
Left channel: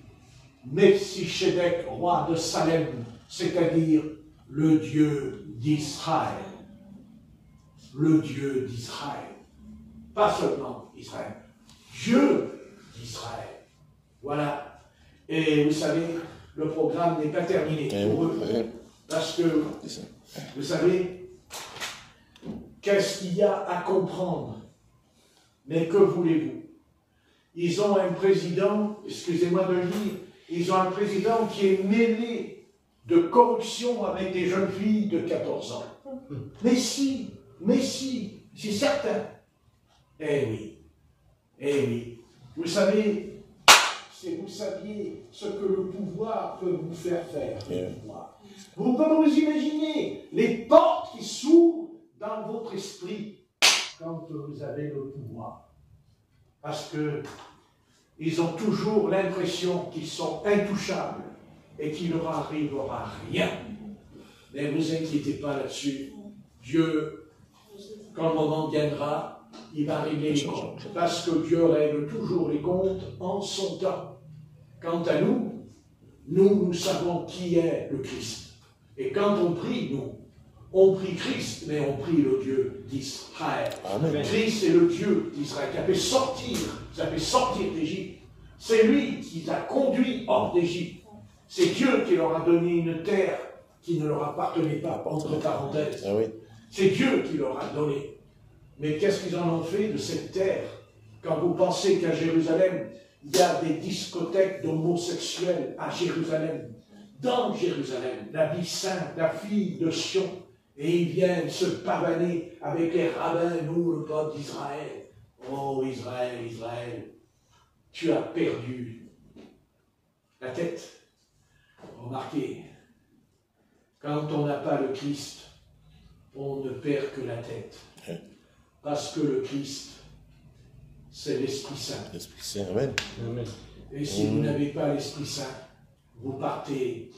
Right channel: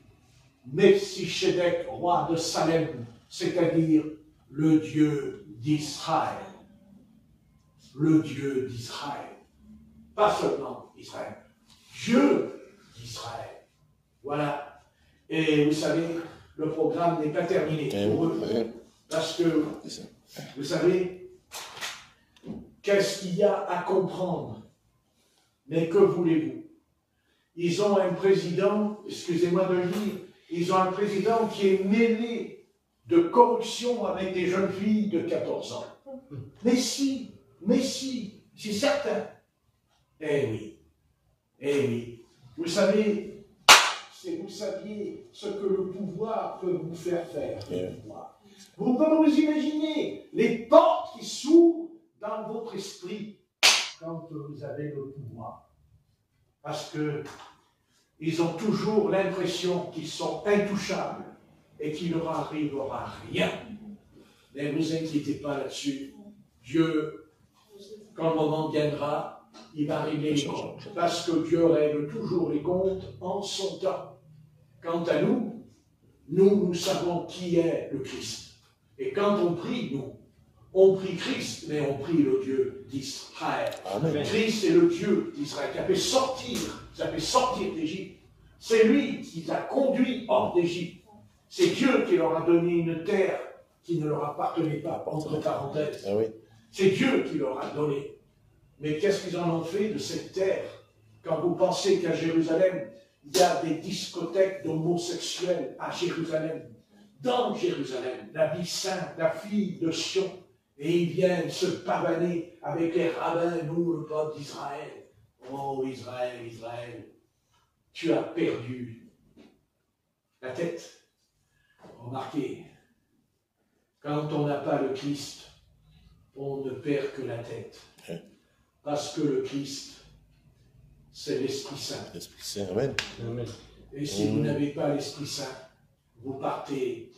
Melchisedec, roi de Salem, c'est-à-dire le Dieu d'Israël. Le Dieu d'Israël. Pas seulement Israël. Dieu d'Israël. Voilà. Et vous savez, le programme n'est pas terminé pour eux. Parce que, vous savez, qu'est-ce qu'il y a à comprendre? Mais que voulez-vous? Ils ont un président, excusez-moi de le dire, ils ont un président qui est mêlé de corruption avec des jeunes filles de 14 ans. Mais si, c'est certain. Eh oui, vous savez, si vous saviez ce que le pouvoir peut vous faire faire. Yeah. Vous pouvez vous imaginer les portes qui s'ouvrent dans votre esprit quand vous avez le pouvoir. Parce que ils ont toujours l'impression qu'ils sont intouchables et qu'il ne leur arrivera rien. Mais ne vous inquiétez pas là-dessus. Dieu, quand le moment viendra, il va régler les comptes. Parce que Dieu règle toujours les comptes en son temps. Quant à nous, nous savons qui est le Christ. Et quand on prie, nous, on prie Christ, mais on prie le Dieu d'Israël. Christ est le Dieu d'Israël qui a fait sortir d'Égypte. C'est lui qui les a conduits hors d'Égypte. C'est Dieu qui leur a donné une terre qui ne leur appartenait pas, entre parenthèses. Ah oui. C'est Dieu qui leur a donné. Mais qu'est-ce qu'ils en ont fait de cette terre? Quand vous pensez qu'à Jérusalem, il y a des discothèques d'homosexuels à Jérusalem, dans Jérusalem, l'habit saint, la fille de Sion, et ils viennent se pavaner avec les rabbins, nous, le peuple d'Israël. Oh Israël, Israël, tu as perdu la tête. Remarquez, quand on n'a pas le Christ, on ne perd que la tête. Parce que le Christ, c'est l'Esprit Saint. L'Esprit Saint, amen. Amen. Et si vous n'avez pas l'Esprit Saint, vous partez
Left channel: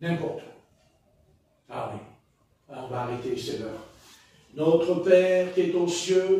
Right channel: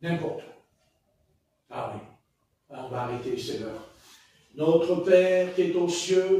n'importe où. Ah oui, on va arrêter, c'est l'heure. Notre Père qui est aux cieux,